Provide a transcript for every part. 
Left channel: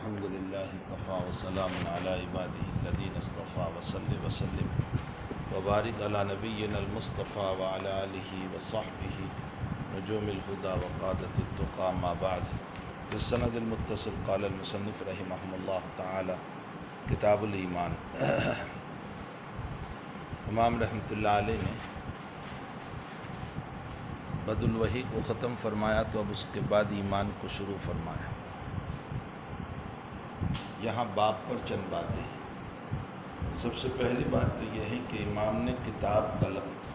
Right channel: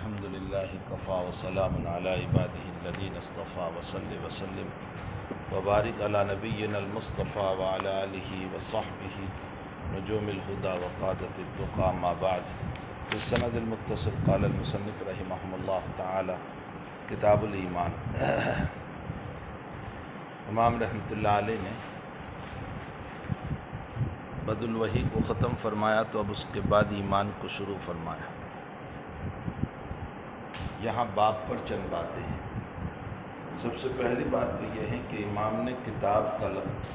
الحمد لله كفى وسلام على عباده الذين اصطفى وصل وسلم وبارك على نبينا المصطفى وعلى آله وصحبه نجوم الهدى وقادة التقى. ما بعد، في السند المتصل قال المصنف رحمه الله تعالى کتاب الایمان. امام رحمۃ اللہ علیہ نے بد الوحی کو ختم فرمایا تو اب اس کے بعد ایمان کو شروع فرمایا. یہاں باب پر چند باتیں ہیں. سب سے پہلی بات تو یہ ہے کہ امام نے کتاب کا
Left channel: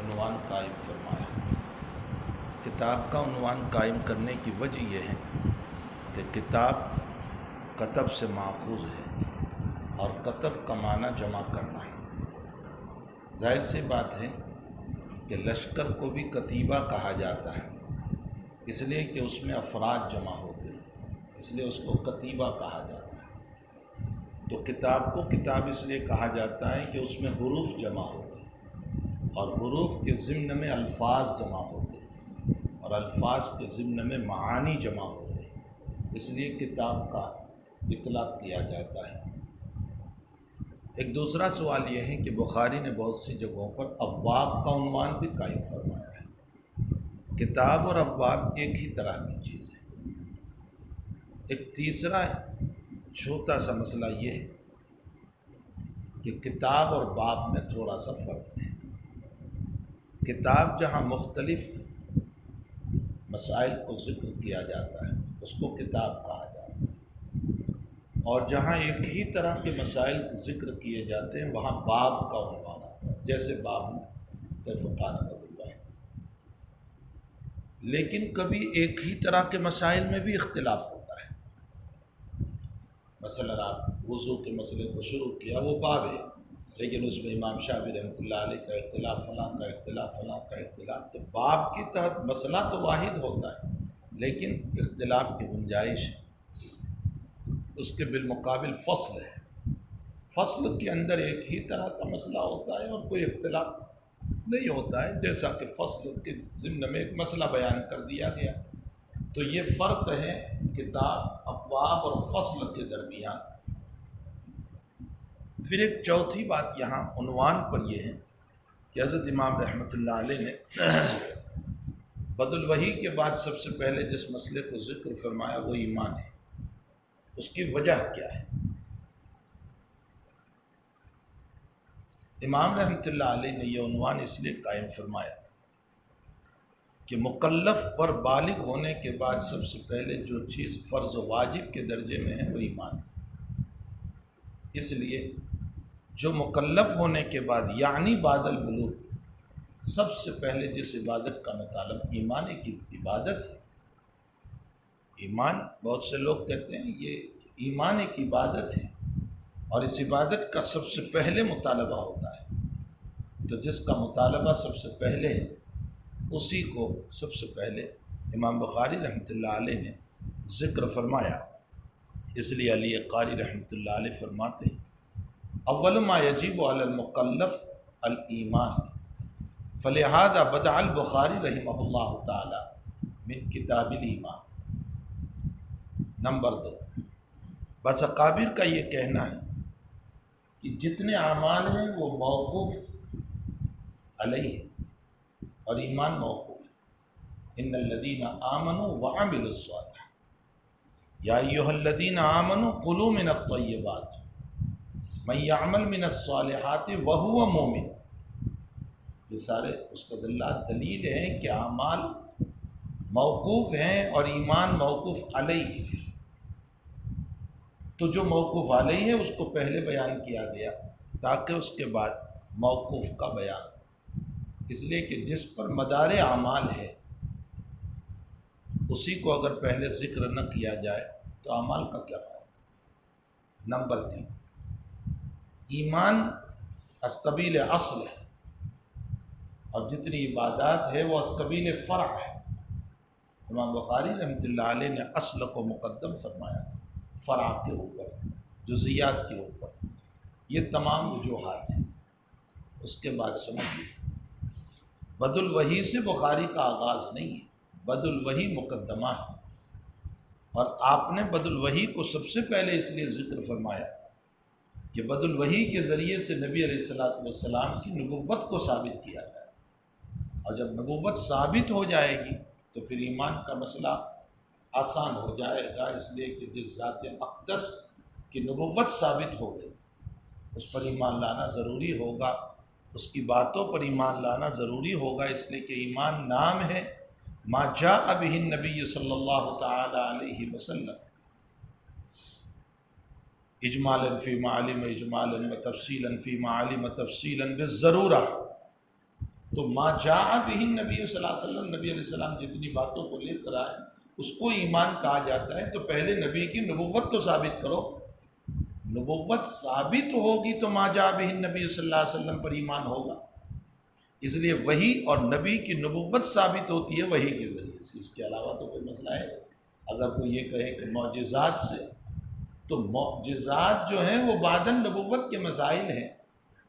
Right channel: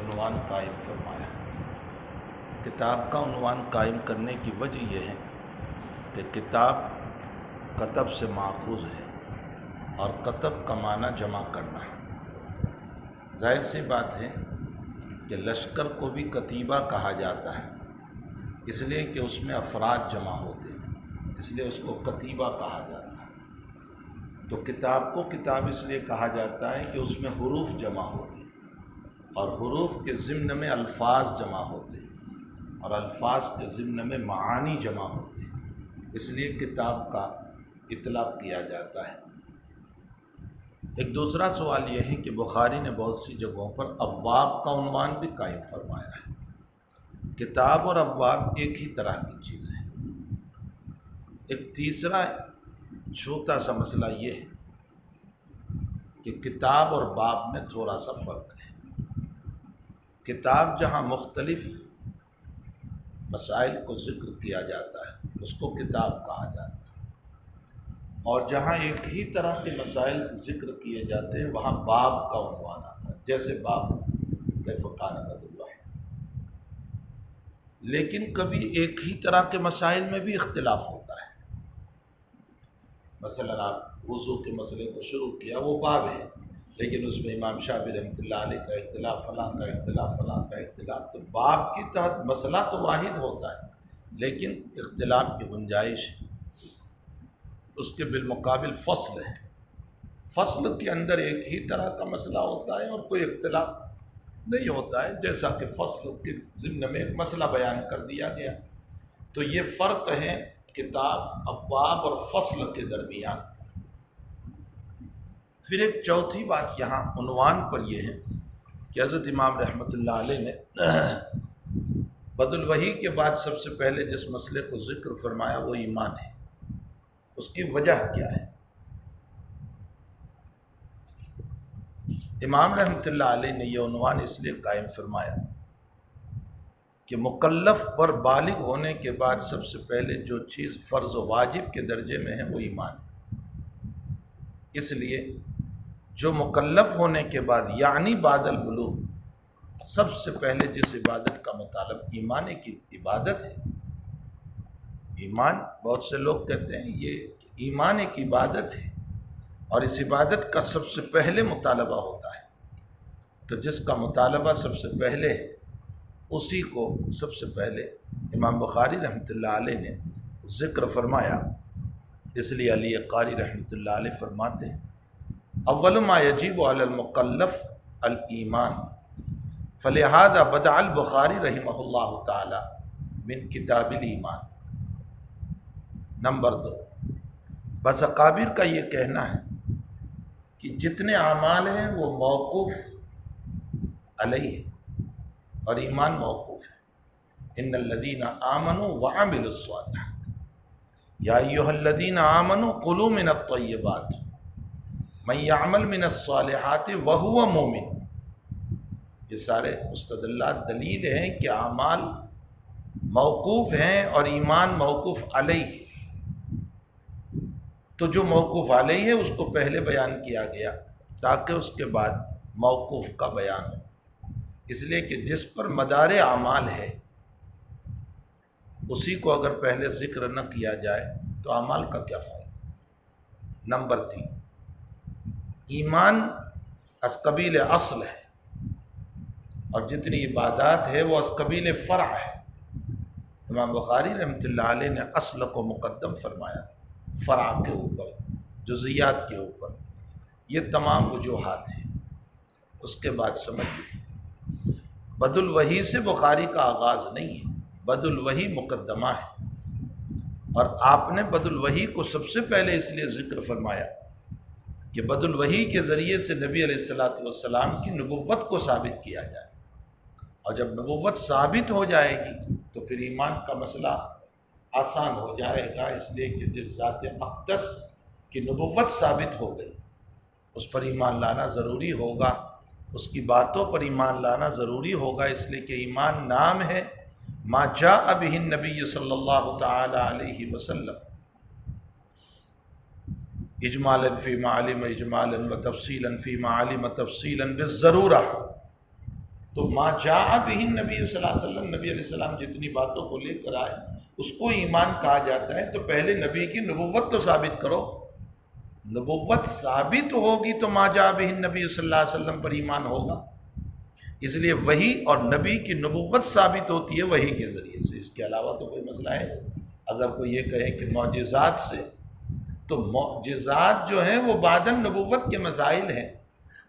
عنوان قائم فرمایا. کتاب کا عنوان قائم کرنے کی وجہ یہ ہے کہ کتاب کتب سے ماخوذ ہے اور کتب کا معنی جمع کرنا ہے. ظاہر سی بات ہے کہ لشکر کو بھی کتیبہ کہا جاتا ہے، اس لیے کہ اس میں افراد جمع ہوتے ہیں، اس لیے اس کو کتیبہ کہا جاتا ہے. تو کتاب کو کتاب اس لیے کہا جاتا ہے کہ اس میں حروف جمع ہوتے ہیں اور حروف کے ضمن میں الفاظ جمع ہوتے ہیں اور الفاظ کے ضمن میں معانی جمع ہوتے ہیں، اس لیے کتاب کا اطلاق کیا جاتا ہے. ایک دوسرا سوال یہ ہے کہ بخاری نے بہت سی جگہوں پر ابواب کا عنوان بھی قائم فرمایا ہے. کتاب اور ابواب ایک ہی طرح کی چیز ہے. ایک تیسرا چھوٹا سا مسئلہ یہ ہے کہ کتاب اور باب میں تھوڑا سا فرق ہے. کتاب جہاں مختلف مسائل کو ذکر کیا جاتا ہے اس کو کتاب کہا جاتا ہے، اور جہاں ایک ہی طرح کے مسائل ذکر کیے جاتے ہیں وہاں باب کا عنوان آتا ہے، جیسے باب کیف کان بد الوحی. لیکن کبھی ایک ہی طرح کے مسائل میں بھی اختلاف ہوتا ہے. مثلا آپ وضو کے مسئلے کو شروع کیا، وہ باب ہے، لیکن اس میں امام شافعی رحمۃ اللہ علیہ کا اختلاف، فلاں کا اختلاف، فلاں کا اختلاف. تو باب کی تحت مسئلہ تو واحد ہوتا ہے لیکن اختلاف کی گنجائش ہے. اس کے بالمقابل فصل ہے. فصل کے اندر ایک ہی طرح کا مسئلہ ہوتا ہے اور کوئی اختلاف نہیں ہوتا ہے، جیسا کہ فصل کے ضمن میں ایک مسئلہ بیان کر دیا گیا. تو یہ فرق ہے کتاب، ابواب اور فصل کے درمیان. پھر ایک چوتھی بات یہاں عنوان پر یہ ہے کہ حضرت امام رحمۃ اللہ علیہ نے بد الوحی کے بعد سب سے پہلے جس مسئلے کو ذکر فرمایا وہ ایمان ہے. اس کی وجہ کیا ہے؟ امام رحمۃ اللہ علیہ نے یہ عنوان اس لیے قائم فرمایا کہ مکلف پر بالغ ہونے کے بعد سب سے پہلے جو چیز فرض و واجب کے درجے میں ہے وہ ایمان ہے. اس لیے جو مکلف ہونے کے بعد یعنی بعد البلوغ سب سے پہلے جس عبادت کا مطالبہ ایمان کی عبادت ہے. ایمان، بہت سے لوگ کہتے ہیں یہ ایمان ایک عبادت ہے اور اس عبادت کا سب سے پہلے مطالبہ ہوتا ہے. تو جس کا مطالبہ سب سے پہلے ہے اسی کو سب سے پہلے امام بخاری رحمۃ اللہ علیہ نے ذکر فرمایا. اس لیے علی قاری رحمۃ اللہ علیہ فرماتے ہیں اول ما یجب علی المکلف الایمان، فلہذا بدأ البخاری رحمہ اللہ تعالی من کتاب الایمان. نمبر 2، بس اکابر کا یہ کہنا ہے کہ جتنے اعمال ہیں وہ موقوف علیہ اور ایمان موقوف ہے. ان الذین آمنوا وعملوا الصالحات یا ایھا الذین آمنوا کلوا من الطیبات من یعمل من الصالحات وہو مومن. یہ سارے مستدلات دلیل ہیں کہ اعمال موقوف ہیں اور ایمان موقوف علیہ. تو جو موقوف علیہ ہے اس کو پہلے بیان کیا گیا تاکہ اس کے بعد موقوف کا بیان ہو. اس لیے کہ جس پر مدار اعمال ہے اسی کو اگر پہلے ذکر نہ کیا جائے تو اعمال کا کیا فائدہ. نمبر 3، ایمان از قبیل اصل ہے اور جتنی عبادات ہے وہ از قبیل فرع ہے. امام بخاری رحمۃ اللہ علیہ نے اصل کو مقدم فرمایا فرع کے اوپر، جزیات کے اوپر. یہ تمام وجوہات ہیں. اس کے بعد سمجھیے بد الوحی سے بخاری کا آغاز نہیں ہے، بد الوحی مقدمہ ہے. اور آپ نے بد الوحی کو سب سے پہلے اس لیے ذکر فرمایا کہ بد الوحی کے ذریعے سے نبی علیہ السلام کی نبوت کو ثابت کیا جائے، اور جب نبوت ثابت ہو جائے گی تو پھر ایمان کا مسئلہ آسان ہو جائے گا، اس لیے کہ جس ذات اقدس کی نبوت ثابت ہو گئی اس پر ایمان لانا ضروری ہوگا، اس کی باتوں پر ایمان لانا ضروری ہوگا، اس لیے کہ ایمان نام ہے ما جاء به النبی صلی اللہ تعالی علیہ وسلم اجمالا فی معالم اجمالا و تفصیلا فی معالم تفصیلا بالضرورہ۔ تو ما جاء به النبی صلی اللہ علیہ وسلم، نبی علیہ السلام جتنی باتوں کو لے کر آئے اس کو ایمان کہا جاتا ہے۔ تو پہلے نبی کی نبوت تو ثابت کرو، نبوت ثابت ہوگی تو ما جاء به النبی صلی اللہ علیہ وسلم پر ایمان ہوگا۔ اس لیے وحی اور نبی کی نبوت ثابت ہوتی ہے وحی کے ذریعے سے، اس کے علاوہ تو کوئی مسئلہ ہے۔ اگر کوئی یہ کہے کہ معجزات سے، تو معجزات جو ہیں وہ بعد نبوت کے مسائل ہیں،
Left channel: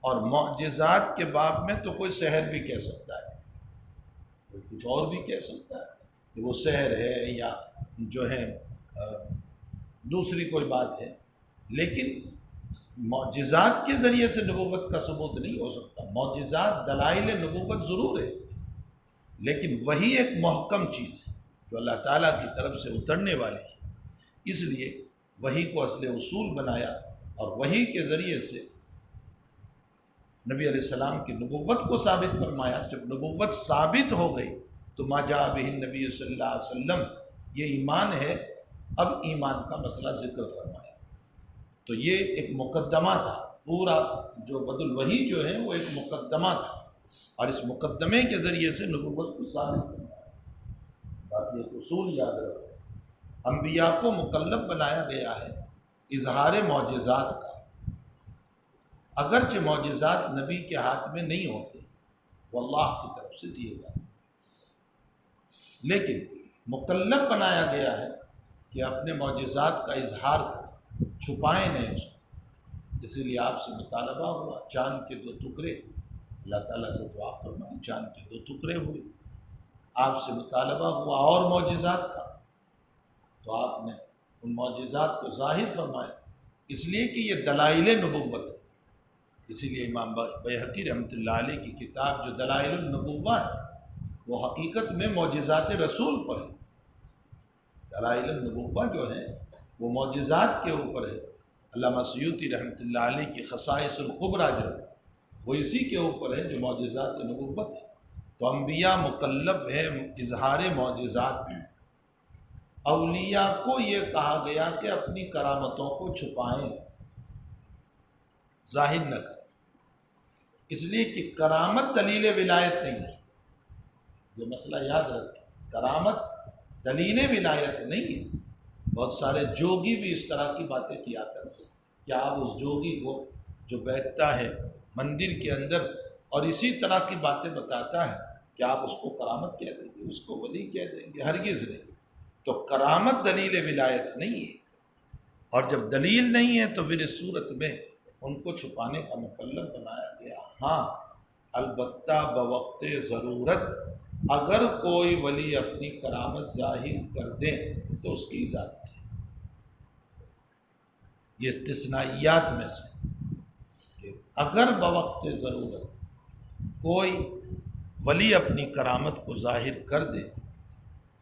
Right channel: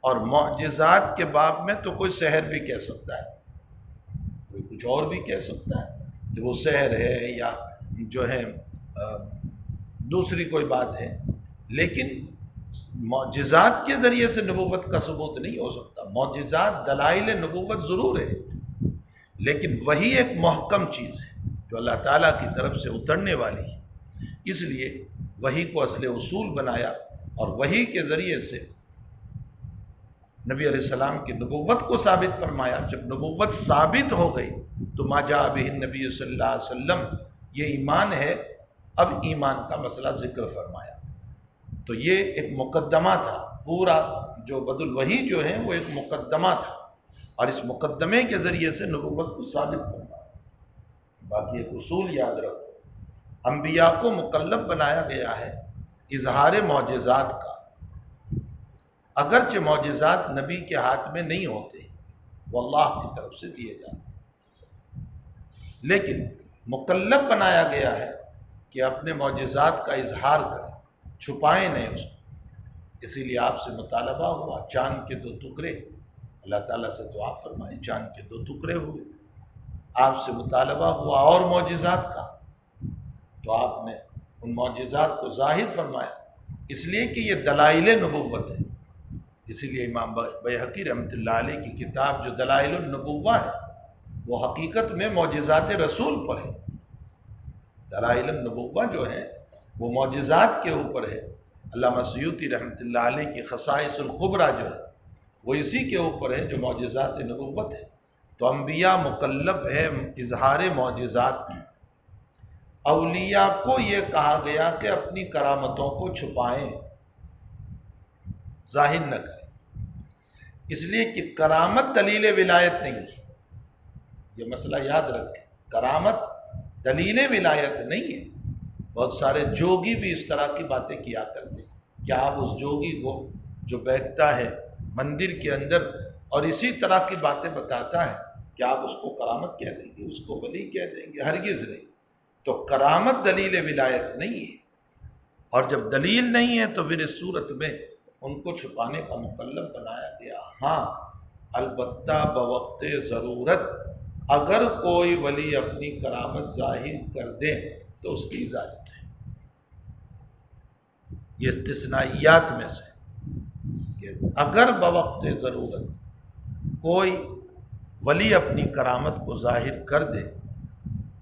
اور معجزات کے باب میں تو کوئی سحر بھی کہہ سکتا ہے، کوئی کچھ اور بھی کہہ سکتا ہے کہ وہ سحر ہے یا جو ہے دوسری کوئی بات ہے، لیکن معجزات کے ذریعے سے نبوت کا ثبوت نہیں ہو سکتا۔ معجزات دلائل نبوت ضرور ہے، لیکن وہی ایک محکم چیز ہے جو اللہ تعالیٰ کی طرف سے اترنے والی ہے، اس لیے وحی کو اصل اصول بنایا، اور وحی کے ذریعے سے نبی علیہ السلام کی نبوت کو ثابت فرمایا۔ جب نبوت ثابت ہو گئی تو ما جاء به النبی صلی اللہ علیہ وسلم، یہ ایمان ہے۔ اب ایمان کا مسئلہ ذکر فرمایا، تو یہ ایک مقدمہ تھا، پورا جو بد الوحی جو ہے وہ ایک مقدمہ تھا، اور اس مقدمے کے ذریعے سے نبوت کو ثابت فرمایا۔ باقی ایک اصول یاد رکھو، انبیاء کو مکلف بنایا گیا ہے اظہار معجزات کا، اگرچہ معجزات نبی کے ہاتھ میں نہیں ہوتے، وہ اللہ کی طرف سے دیے جاتے، لیکن مکلف بنایا گیا ہے کہ اپنے معجزات کا اظہار کریں، چھپائیں نہیں اس کو۔ اسی لیے آپ سے مطالبہ ہوا چاند کے 2 ٹکڑے، اللہ تعالیٰ سے دعا فرمائی، چاند کے 2 ٹکڑے ہوئے۔ آپ سے مطالبہ ہوا اور معجزات کا، تو آپ نے ان معجزات کو ظاہر فرمایا، اس لیے کہ یہ دلائل نبوت ہے۔ اسی لیے امام بیہقی رحمۃ اللہ علیہ کی کتاب جو دلائل النبوہ ہے وہ حقیقت میں معجزات رسول پر ہے۔ دلائل النبوہ جو ہے وہ معجزات کے اوپر ہے۔ علامہ سیوطی رحمۃ اللہ علیہ کی خصائص القبریٰ جو ہے وہ اسی کے اوپر ہے جو معجزات نبوت ہے۔ تو انبیاء مکلف ہے اظہار معجزات میں، اولیاء کو یہ کہا گیا کہ اپنی کرامتوں کو چھپائیں، ظاہر نہ کریں، اس لیے کہ کرامت دلیل ولایت نہیں ہے۔ یہ مسئلہ یاد رکھیں، کرامت دلیل ولایت نہیں ہے۔ بہت سارے جوگی بھی اس طرح کی باتیں کیا کرتے ہیں۔ کیا آپ اس جوگی کو جو بیٹھتا ہے مندر کے اندر اور اسی طرح کی باتیں بتاتا ہے، کیا آپ اس کو کرامت کہہ دیں گے، اس کو ولی کہہ دیں گے؟ ہرگز نہیں۔ تو کرامت دلیل ولایت نہیں ہے، اور جب دلیل نہیں ہے تو پھر اس صورت میں ان کو چھپانے کا مکلف بنایا گیا۔ ہاں البتہ بوقت ضرورت اگر کوئی ولی اپنی کرامت ظاہر کر دے تو اس کی اجازت ہے۔ یہ استثنائیات میں سے کہ اگر بوقت ضرورت کوئی ولی اپنی کرامت کو ظاہر کر دے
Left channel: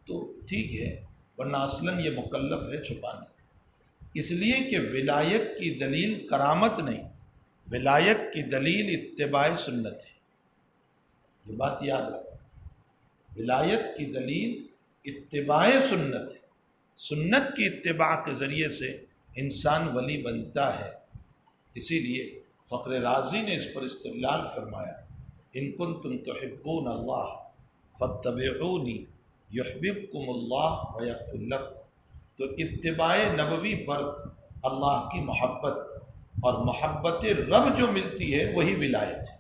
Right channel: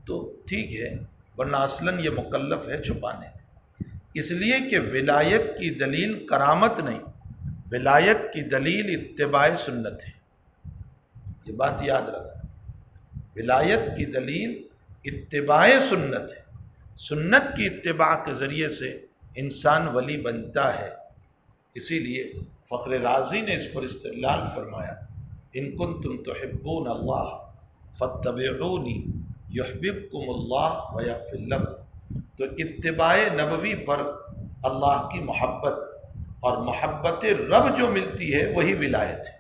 تو ٹھیک ہے، ورنہ اصلاً یہ مکلف ہے چھپانے کا۔ اس لیے کہ ولایت کی دلیل کرامت نہیں، ولایت کی دلیل اتباع سنت ہے۔ یہ بات یاد رکھنا، ولایت کی دلیل اتباع سنت ہے۔ سنت کی اتباع کے ذریعے سے انسان ولی بنتا ہے۔ اسی لیے فخر رازی نے اس پر استدلال فرمایا، ان کنتم تحبون اللہ فاتبعونی یحببکم اللہ ویغفر لکم۔ تو اتباع نبوی پر اللہ کی محبت اور محبت رب جو ملتی ہے وہی ولایت ہے۔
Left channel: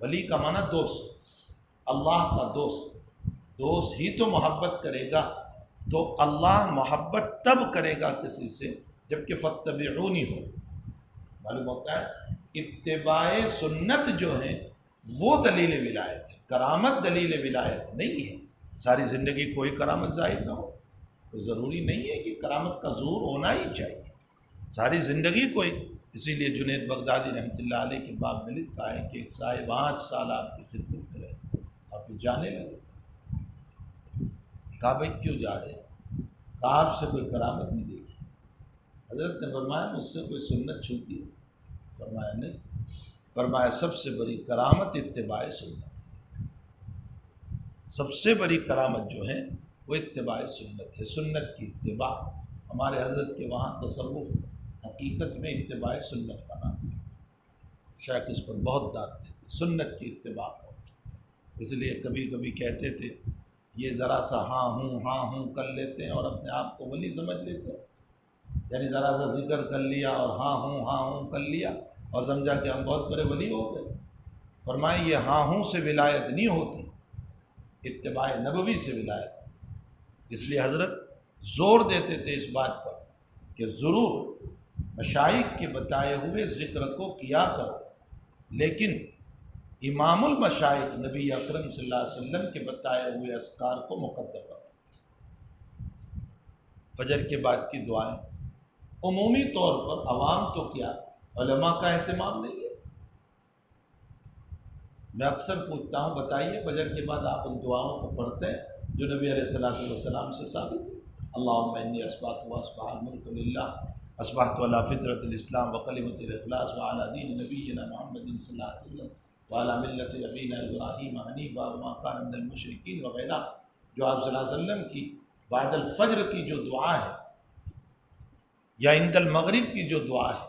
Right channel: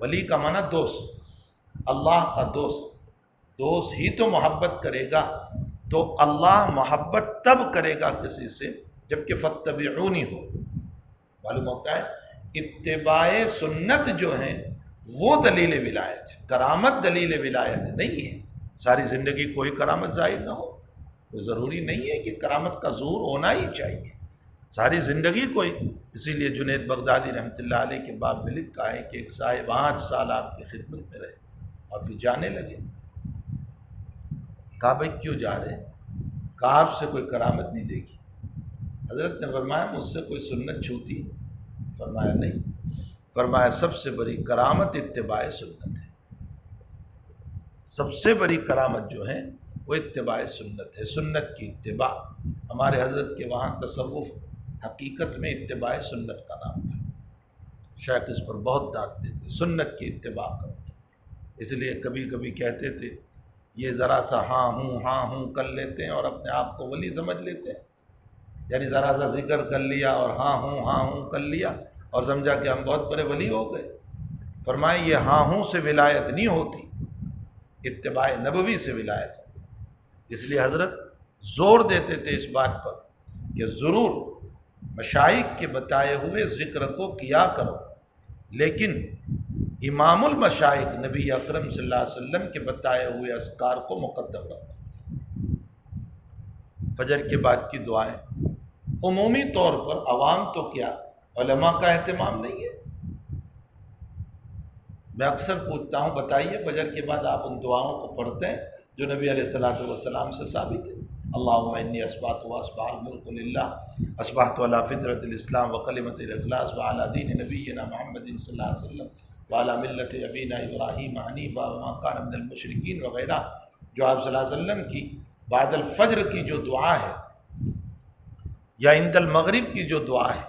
ولی کا معنی دوست، اللہ کا دوست، دوست ہی تو محبت کرے گا، تو اللہ محبت تب کرے گا کسی سے جبکہ فاتبعونی ہو۔ معلوم ہوتا ہے اتباع سنت جو ہیں وہ دلیل ولایت ہے، کرامت دلیل ولایت نہیں ہے۔ ساری زندگی کوئی کرامت ظاہر نہ ہو، تو ضروری نہیں ہے کہ کرامت کا ظہور ہونا ہی چاہیے ساری زندگی کوئی. اسی لیے جنید بغدادی رحمۃ اللہ علیہ کے باب میں لکھا ہے کہ ایک صاحب 8 سال آپ کی خدمت میں رہے اور پھر جانے لگے. کہا بھائی کیوں جا رہے؟ کہا آپ سے کوئی کرامت نہیں دیکھی. حضرت نے فرمایا مجھ سے کوئی سنت چھوتی؟ فرمایا نہیں. فرمایا سب سے بڑی کرامت اتباع سنت ہے. سب سے بڑی کرامت جو ہے وہ اتباع سنت ہے، سنت کی اتباع. ہمارے حضرت کے وہاں تصوف حقیقت میں اتباع سنت کا نام تھا. شیخ اس پر بہت داد دیتے، سنت کی اتباع کرو. اس لیے کبھی کبھی کہتے تھے یہ ذرا سا ہاں ہوں کر لیتے ہیں اور اپنے آپ کو ولی سمجھ لیتے ہیں. یعنی ذرا سا ذکر کر لیا اور ہاں ہوں کر لیا اور سمجھا کہ ہم بہت بڑے ولی ہو گئے. فرمائے یہ ہاں ہوں سے ولایت نہیں ہوتی، اتباع نبوی سے ولایت ہوتی. اس لیے حضرت زور دیتے تھے اس بات پر کہ ضرور مشائخ کے بتائے ہوئے ذکر کو کیا کرو، لیکن امام المشائخ نبی اکرم صلی اللہ علیہ وسلم کے بتائے ہوئے اذکار کو مقدم رکھو. فجر کے بعد کی دعائیں عمومی طور پر عوام تو کیا علماء کا اہتمام نہیں ہے. میں اکثر پوچھتا ہوں بتائیے فجر کے بعد آپ ان دعاؤں کو پڑھتے ہیں جو نبی علیہ الصلوۃ والسلام سے ثابت ہے؟ اللہم انی اصبحت واصبح الملک للہ اصبحت علی فطرۃ الاسلام وکلمۃ الاخلاص وعلی دین نبینا محمد صلی اللہ علیہ وسلم وعلی ملت ابینا ابراہیم حنیفا وما کان من المشرکین وغیرہ، جو آپ صلی اللہ علیہ وسلم کی بعد الفجر کی جو دعا ہے یا عند المغرب کی جو دعا ہے،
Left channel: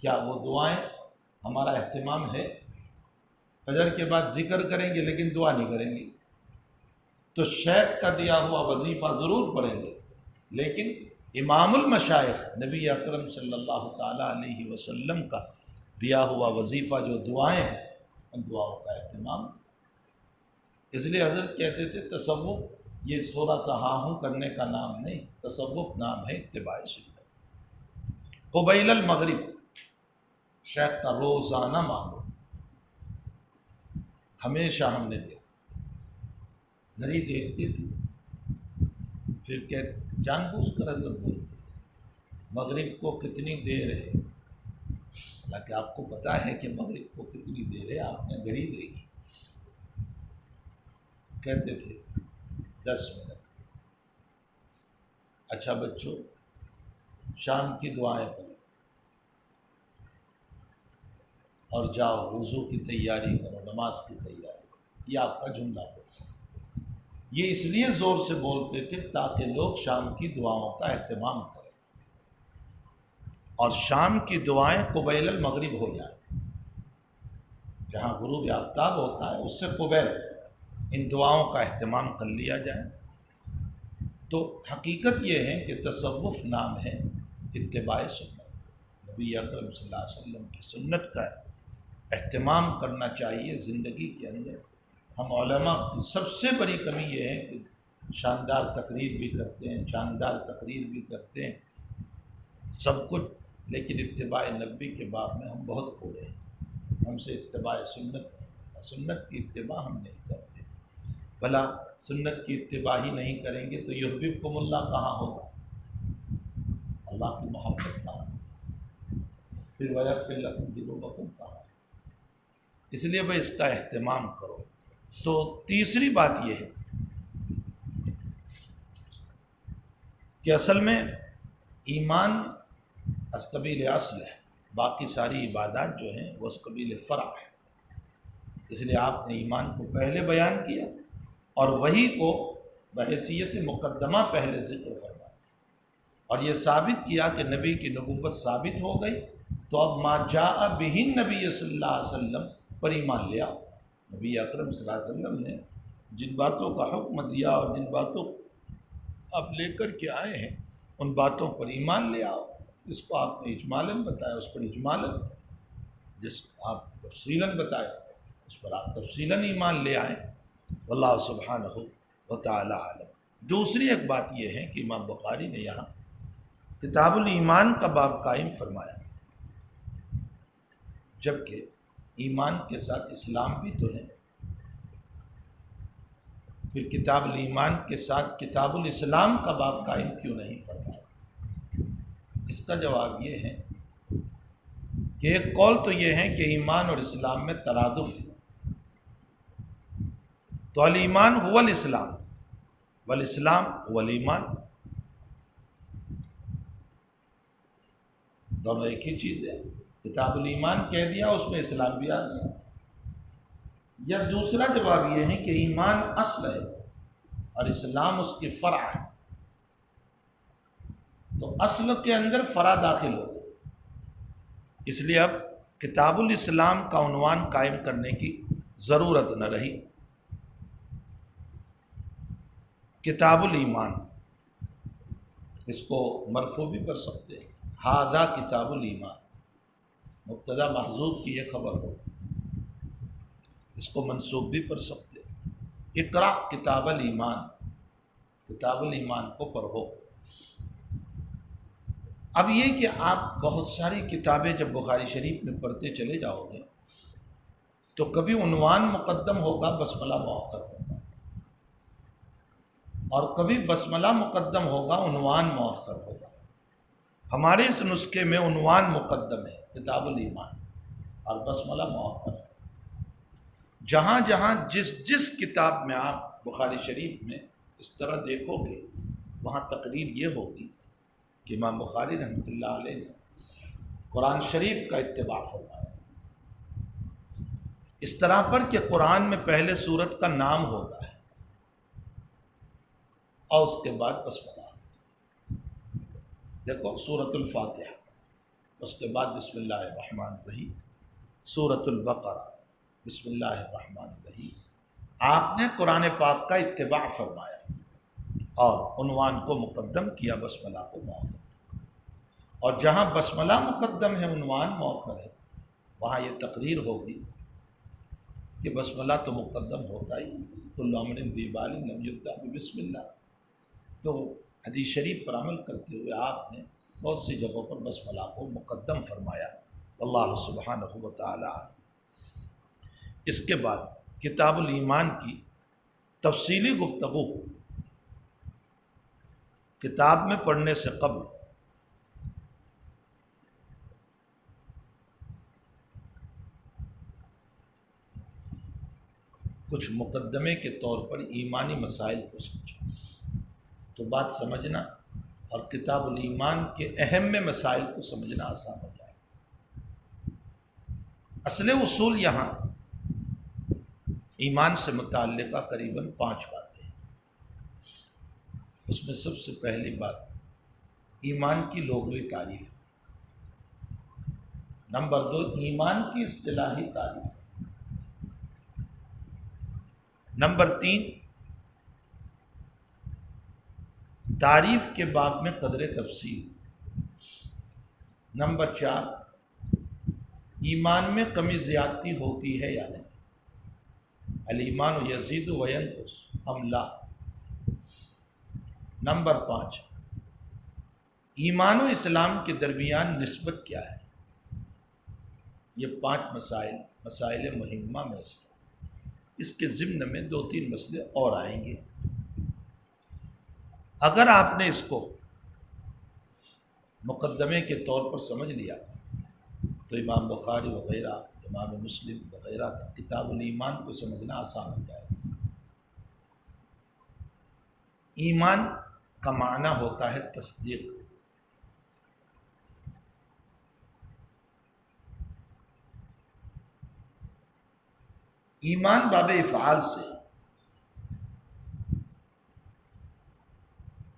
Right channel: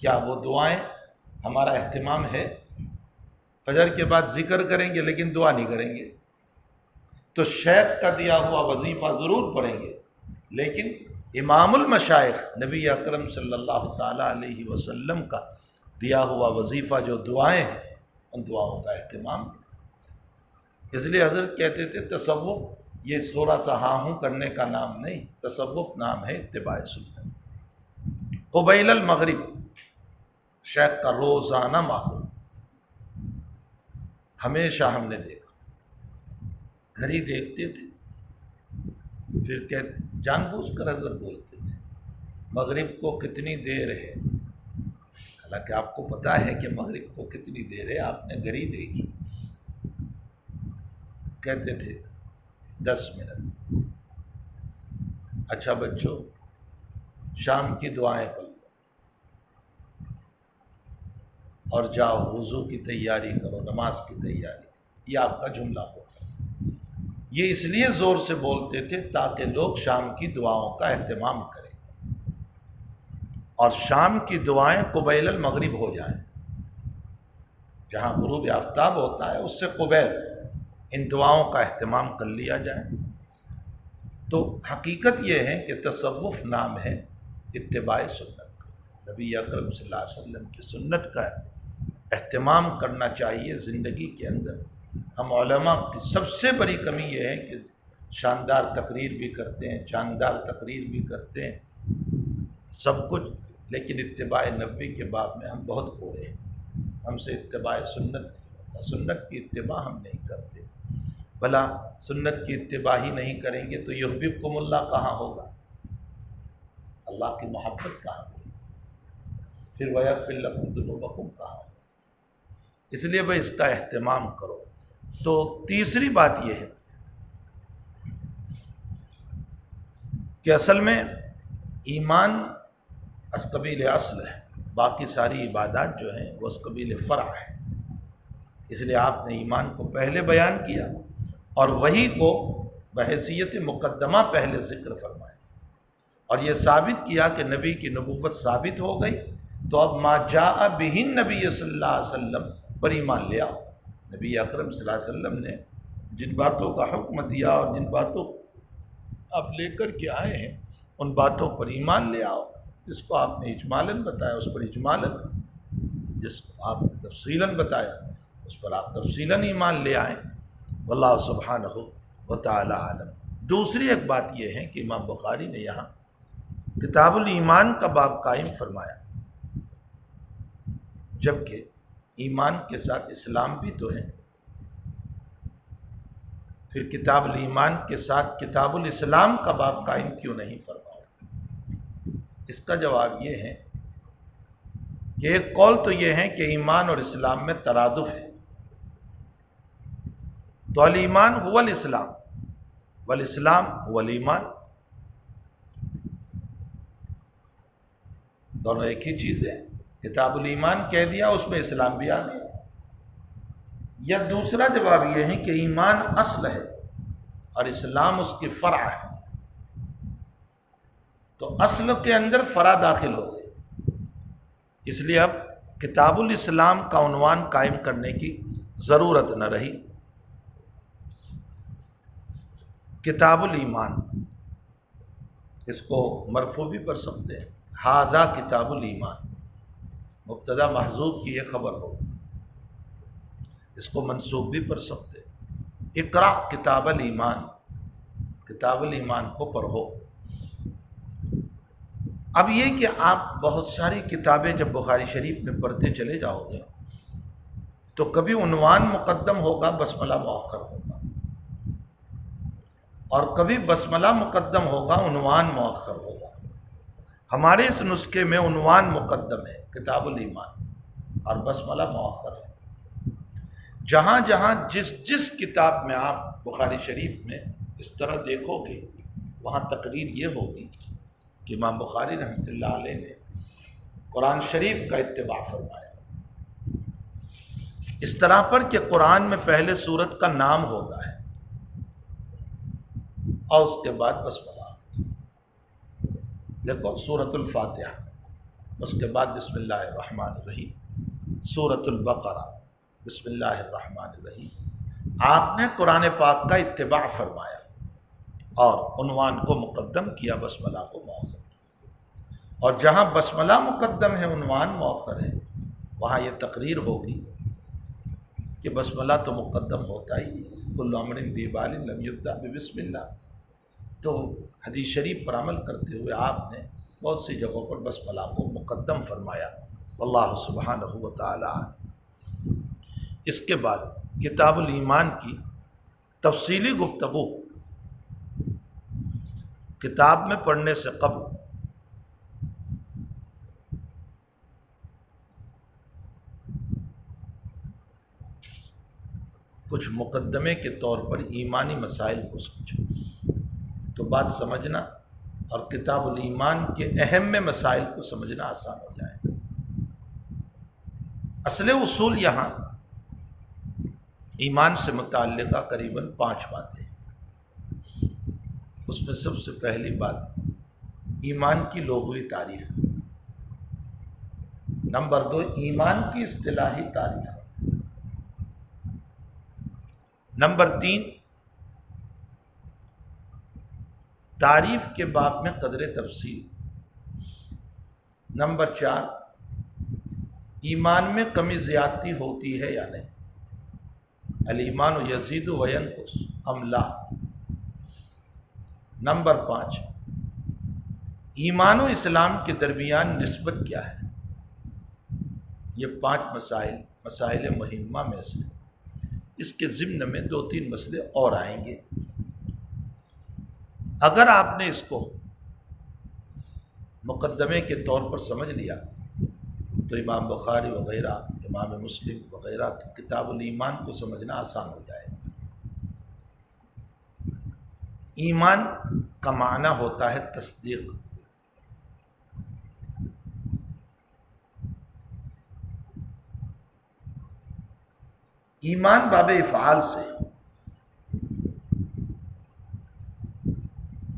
کیا وہ دعائیں ہمارا اہتمام ہے؟ فجر کے بعد ذکر کریں گے لیکن دعا نہیں کریں گے. تو شیخ کا دیا ہوا وظیفہ ضرور پڑھیں گے، لیکن امام المشائخ نبی اکرم صلی اللہ تعالیٰ علیہ وسلم کا دیا ہوا وظیفہ جو دعائیں ہیں ان دعاؤں کا اہتمام. اس لیے حضرت کہتے تھے تصوف یہ تھوڑا سا ہاں ہوں کرنے کا نام نہیں، تصوف نام ہے اتباع سنت. قبیل المغرب شیخ کا روزانہ معمول ہمیشہ ہم نے دیکھا. گھڑی دیکھتے تھے پھر جان بوجھ کر حضرت بولتے تھے مغرب کو کتنی دیر ہے. حالانکہ آپ کو پتا ہے کہ مغرب کو کتنی دیر ہے، آپ نے گھڑی دیکھی. کہتے تھے 10 منٹ. اچھا بچوں شام کی دعائیں پڑھو اور جاؤ وضو کی تیاری کرو، نماز کی تیاری. یہ آپ کا جملہ ہوگا. یہ اس لیے زور سے بولتے تھے تاکہ لوگ شام کی دعاؤں کا اہتمام کریں اور شام کی دعائیں قبیل المغرب ہو جائیں. جہاں غروب آفتاب ہوتا ہے اس سے قبیل ان دعاؤں کا اہتمام کر لیا جائے. تو حقیقت یہ ہے کہ تصوف نام ہے اتباع سنت کا. نبی اکرم صلی اللہ علیہ وسلم کی سنت کا اہتمام کرنا چاہیے زندگی کے اندر. ہم علماء کی سب سے بڑی کمی یہ ہے کہ شاندار تقریر بھی کرتے ہیں، جاندار تقریر بھی کرتے ہیں سب کچھ، لیکن اتباع نبوی کے باب میں ہم بہت کوڑے ہیں. ہم سے اتباع سنت نہیں ہوتا، سنت کی اتباع ہم نہیں کرتے. بھلا سنت کی اتباع ہی نہیں کریں گے تو یحببکم اللہ کہاں ہوگا؟ اللہ کی محبت کہاں ہوگی؟ پھر ویغفر لکم ذنوبکم کہاں ہوگا؟ اس لیے بھائی اس کا اہتمام کرو. تو تیسری بات یہ ہے کہ اصل میں ایمان از قبیل اصل ہے، باقی ساری عبادات جو ہیں وہ از قبیل فرع ہے. اس لیے آپ نے ایمان کو پہلے بیان کیا اور وحی کو بحیثیت مقدمہ پہلے ذکر فرمایا اور یہ ثابت کیا کہ نبی کی نبوت ثابت ہو گئی. تو اب ما جاء بہ النبی صلی اللہ علیہ وسلم پر ایمان لے آؤ. نبی اکرم صلی اللہ علیہ وسلم نے جن باتوں کا حکم دیا اور جن باتوں آپ لے کر کے آئے ہیں ان باتوں پر ایمان لے آؤ. جس کو آپ نے اجمالاً بتایا اس پر اجمالاً، جس کو آپ نے تفصیلاً بتایا اس پر آپ تفصیلاً ایمان لے آئیں. واللہ سبحانہ و تعالی عالم. دوسری ایک بات یہ ہے کہ امام بخاری نے یہاں کتاب الایمان کا باب قائم فرمایا، جبکہ ایمان کے ساتھ اسلام بھی تو ہے. پھر کتاب الایمان کے ساتھ کتاب الاسلام کا باب قائم کیوں نہیں فرمایا؟ اس کا جواب یہ ہے کہ ایک قول تو یہ ہے کہ ایمان اور اسلام میں ترادف ہے، تو الایمان هو الاسلام والاسلام هو الایمان، دونوں ایک ہی چیز ہے۔ کتاب الایمان کہہ دیا، اس میں اسلام بھی آ گیا۔ یا دوسرا جواب یہ ہے کہ ایمان اصل ہے اور اسلام اس کی فرع ہے، تو اصل کے اندر فرع داخل ہو گئے، اس لیے اب کتاب الاسلام کا عنوان قائم کرنے کی ضرورت نہ رہی۔ کتاب الایمان، اس کو مرفوع بھی پڑھ سکتے ہیں، ھذا کتاب الایمان، مبتدا محذوف کی یہ خبر ہو، اس کو منصوب بھی پڑھ سکتے ہیں، اقرأ کتاب الایمان، کتاب الایمان کو پڑھو۔ اب یہ کہ آپ بہت ساری کتابیں جب بخاری شریف میں پڑھتے چلے جاؤ گے تو کبھی عنوان مقدم ہوگا، بسملہ مؤخر ہوگا، اور کبھی بسملہ مقدم ہوگا، عنوان مؤخر ہوگا۔ ہمارے اس نسخے میں عنوان مقدم ہے کتاب الایمان اور بسملہ مؤخر ہے۔ جہاں جہاں جس کتاب میں آپ بخاری شریف میں اس طرح دیکھو گے، وہاں تقریر یہ ہوگی کہ امام بخاری رحمۃ اللہ علیہ نے قرآن شریف کا اتباع فرمایا، اس طرح پر کہ قرآن میں پہلے سورت کا نام ہوتا ہے اور اس کے بعد بسملہ۔ دیکھو سورۃ الفاتحہ، اس کے بعد بسم اللہ الرحمن الرحیم، سورۃ البقرہ، بسم اللہ الرحمن الرحیم۔ آپ نے قرآن پاک کا اتباع فرمایا اور عنوان کو مقدم کیا، بسملہ کو مؤخر کیا، اور جہاں بسملہ مقدم ہے عنوان مؤخر ہے، وہاں یہ تقریر ہوگی کہ بسملہ تو مقدم ہوتا ہی، کل امر ذی بال لم یبدأ بسم اللہ۔ تو حدیث شریف پر عمل کرتے ہوئے آپ نے بہت سی جگہوں پر بسملہ کو مقدم فرمایا، اللہ سبحانہ و تعالی۔ اس کے بعد کتاب الایمان کی تفصیلی گفتگو کتاب میں پڑھنے سے قبل کچھ مقدمے کے طور پر ایمانی مسائل کو سمجھو، تو بات سمجھنا اور کتاب الایمان کے اہم مسائل کو سمجھنا آسان ہو جائے گا۔ اصل اصول یہاں ایمان سے متعلقہ قریباً 5 باتیں ہیں۔ اس میں سب سے پہلی بات ایمان کی لغوی تعریف، نمبر 2 ایمان کی اصطلاحی تعریف، نمبر 3 تعریف کے باب میں قدر تفصیل، نمبر 4 ایمان میں کمی زیادتی ہوتی ہے یا نہیں، الایمان یزید و ینقص ام لا، نمبر 5 ایمان و اسلام کے درمیان نسبت کیا ہے۔ یہ 5 مسائل مہمہ میں سے، اس کے ضمن میں 2-3 مسئلے اور آئیں گے۔ اگر آپ نے اس کو مقدمے کے طور پر سمجھ لیا تو امام بخاری وغیرہ، امام مسلم وغیرہ کتاب الایمان کو سمجھنا آسان ہو جائے گا۔ ایمان کا معنی ہوتا ہے تصدیق، ایمان باب افعال سے،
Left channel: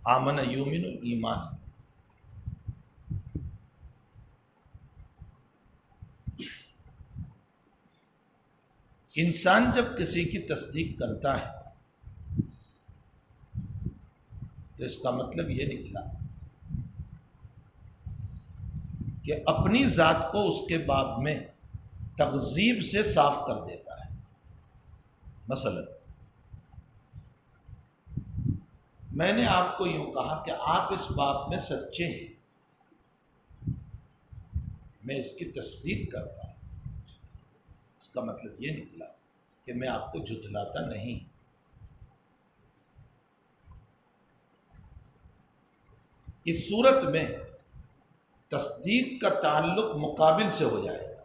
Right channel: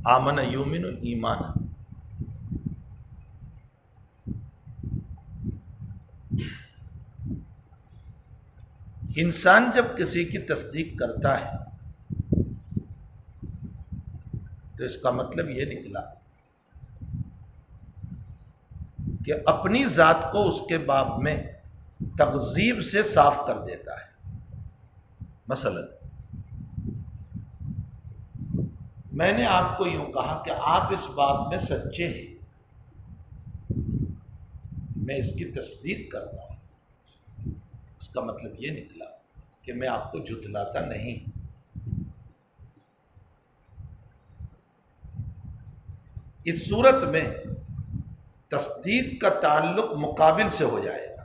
آمن یومن ایمان، انسان جب کسی کی تصدیق کرتا ہے تو اس کا مطلب یہ نکلا کہ اپنی ذات کو اس کے باب میں تکذیب سے صاف کر دیتا ہے۔ مثلا میں نے آپ کو یوں کہا کہ آپ اس بات میں سچے ہیں، میں اس کی تصدیق کرتا ہوں، اس کا مطلب یہ نکلا کہ میں آپ کو جھٹلاتا نہیں۔ اس صورت میں تصدیق کا تعلق مقابل سے ہو جائے گا.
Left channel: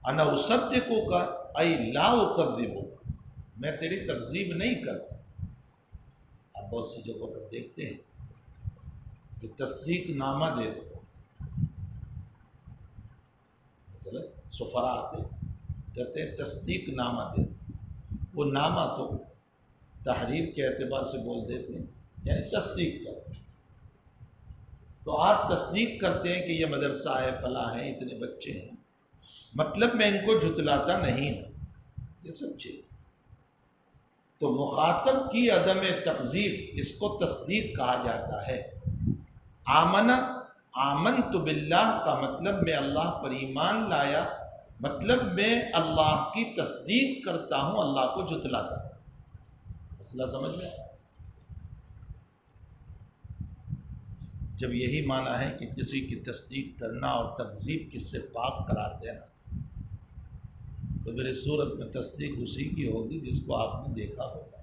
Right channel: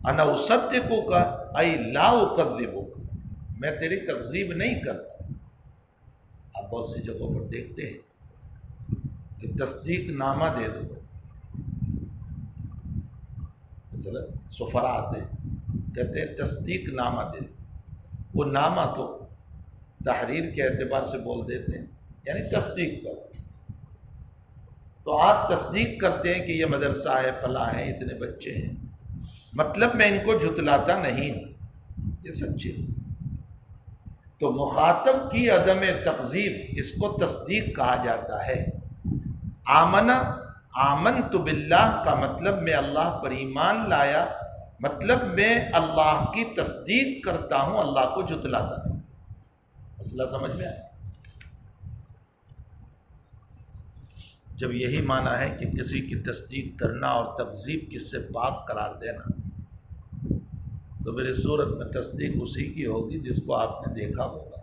انا اصدقک ای لا اکذبک، میں تیری تکذیب نہیں کرتا. آپ بہت سی جگہوں پر دیکھتے ہیں کہ تصدیق نامہ دے دو. مثلا سفراء آتے کہتے ہیں تصدیق نامہ دے دو. وہ نامہ تو تحریر کے اعتبار سے بول دیتے ہیں، یعنی تصدیق کرو. تو آپ تصدیق کرتے ہیں کہ یہ مدرسہ ہے، فلاں ہے، اتنے بچے ہیں، مطلب میں ان کو جھٹلاتا نہیں ہوں، یہ سچی. تو مخاطب کی عدم تکذیب، اس کو تصدیق کہا جاتا ہے. آمنت باللہ کا مطلب میں اللہ پر ایمان لایا، مطلب میں اللہ کی تصدیق کرتا ہوں، اللہ کو جھٹلاتا نہیں. مسئلہ سمجھ میں آیا؟ جب یہی معنی ہے کہ کسی کی تصدیق کرنا اور تکذیب کس سے پاک قرار دینا، تو پھر اس صورت میں تصدیق اسی کی ہوگی جس کو آپ نے دیکھا ہوگا.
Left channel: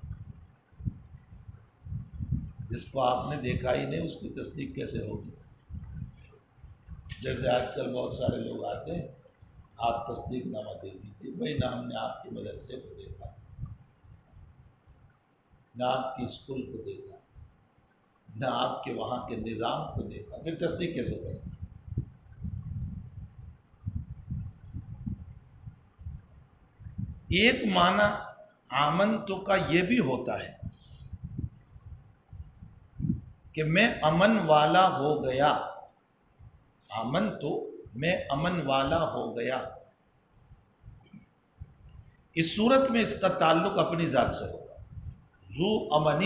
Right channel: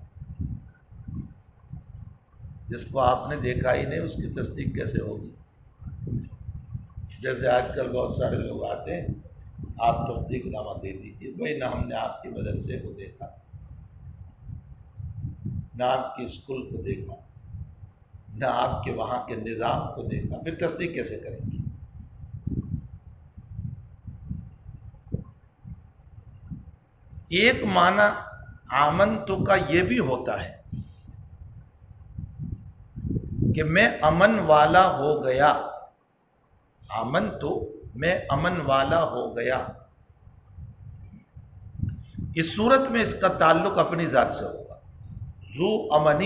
جس کو آپ نے دیکھا ہی نہیں اس کی تصدیق کیسے ہوگی؟ جیسے آج کل بہت سارے لوگ آتے ہیں، آپ تصدیق نامہ دے دیجیے. بھائی نہ ہم نے آپ کے مدرسے کو دیکھا، نہ آپ کی اسکول کو دیکھا، نہ آپ کے وہاں کے نظام کو دیکھا، پھر تصدیق کیسے کریں گے؟ ایک معنی آمنتو کا یہ بھی ہوتا ہے کہ میں امن والا ہو گیا. آمنتو میں امن والا ہو گیا. اس صورت میں اس کا تعلق اپنی ذات سے ہوگا. ذو امن،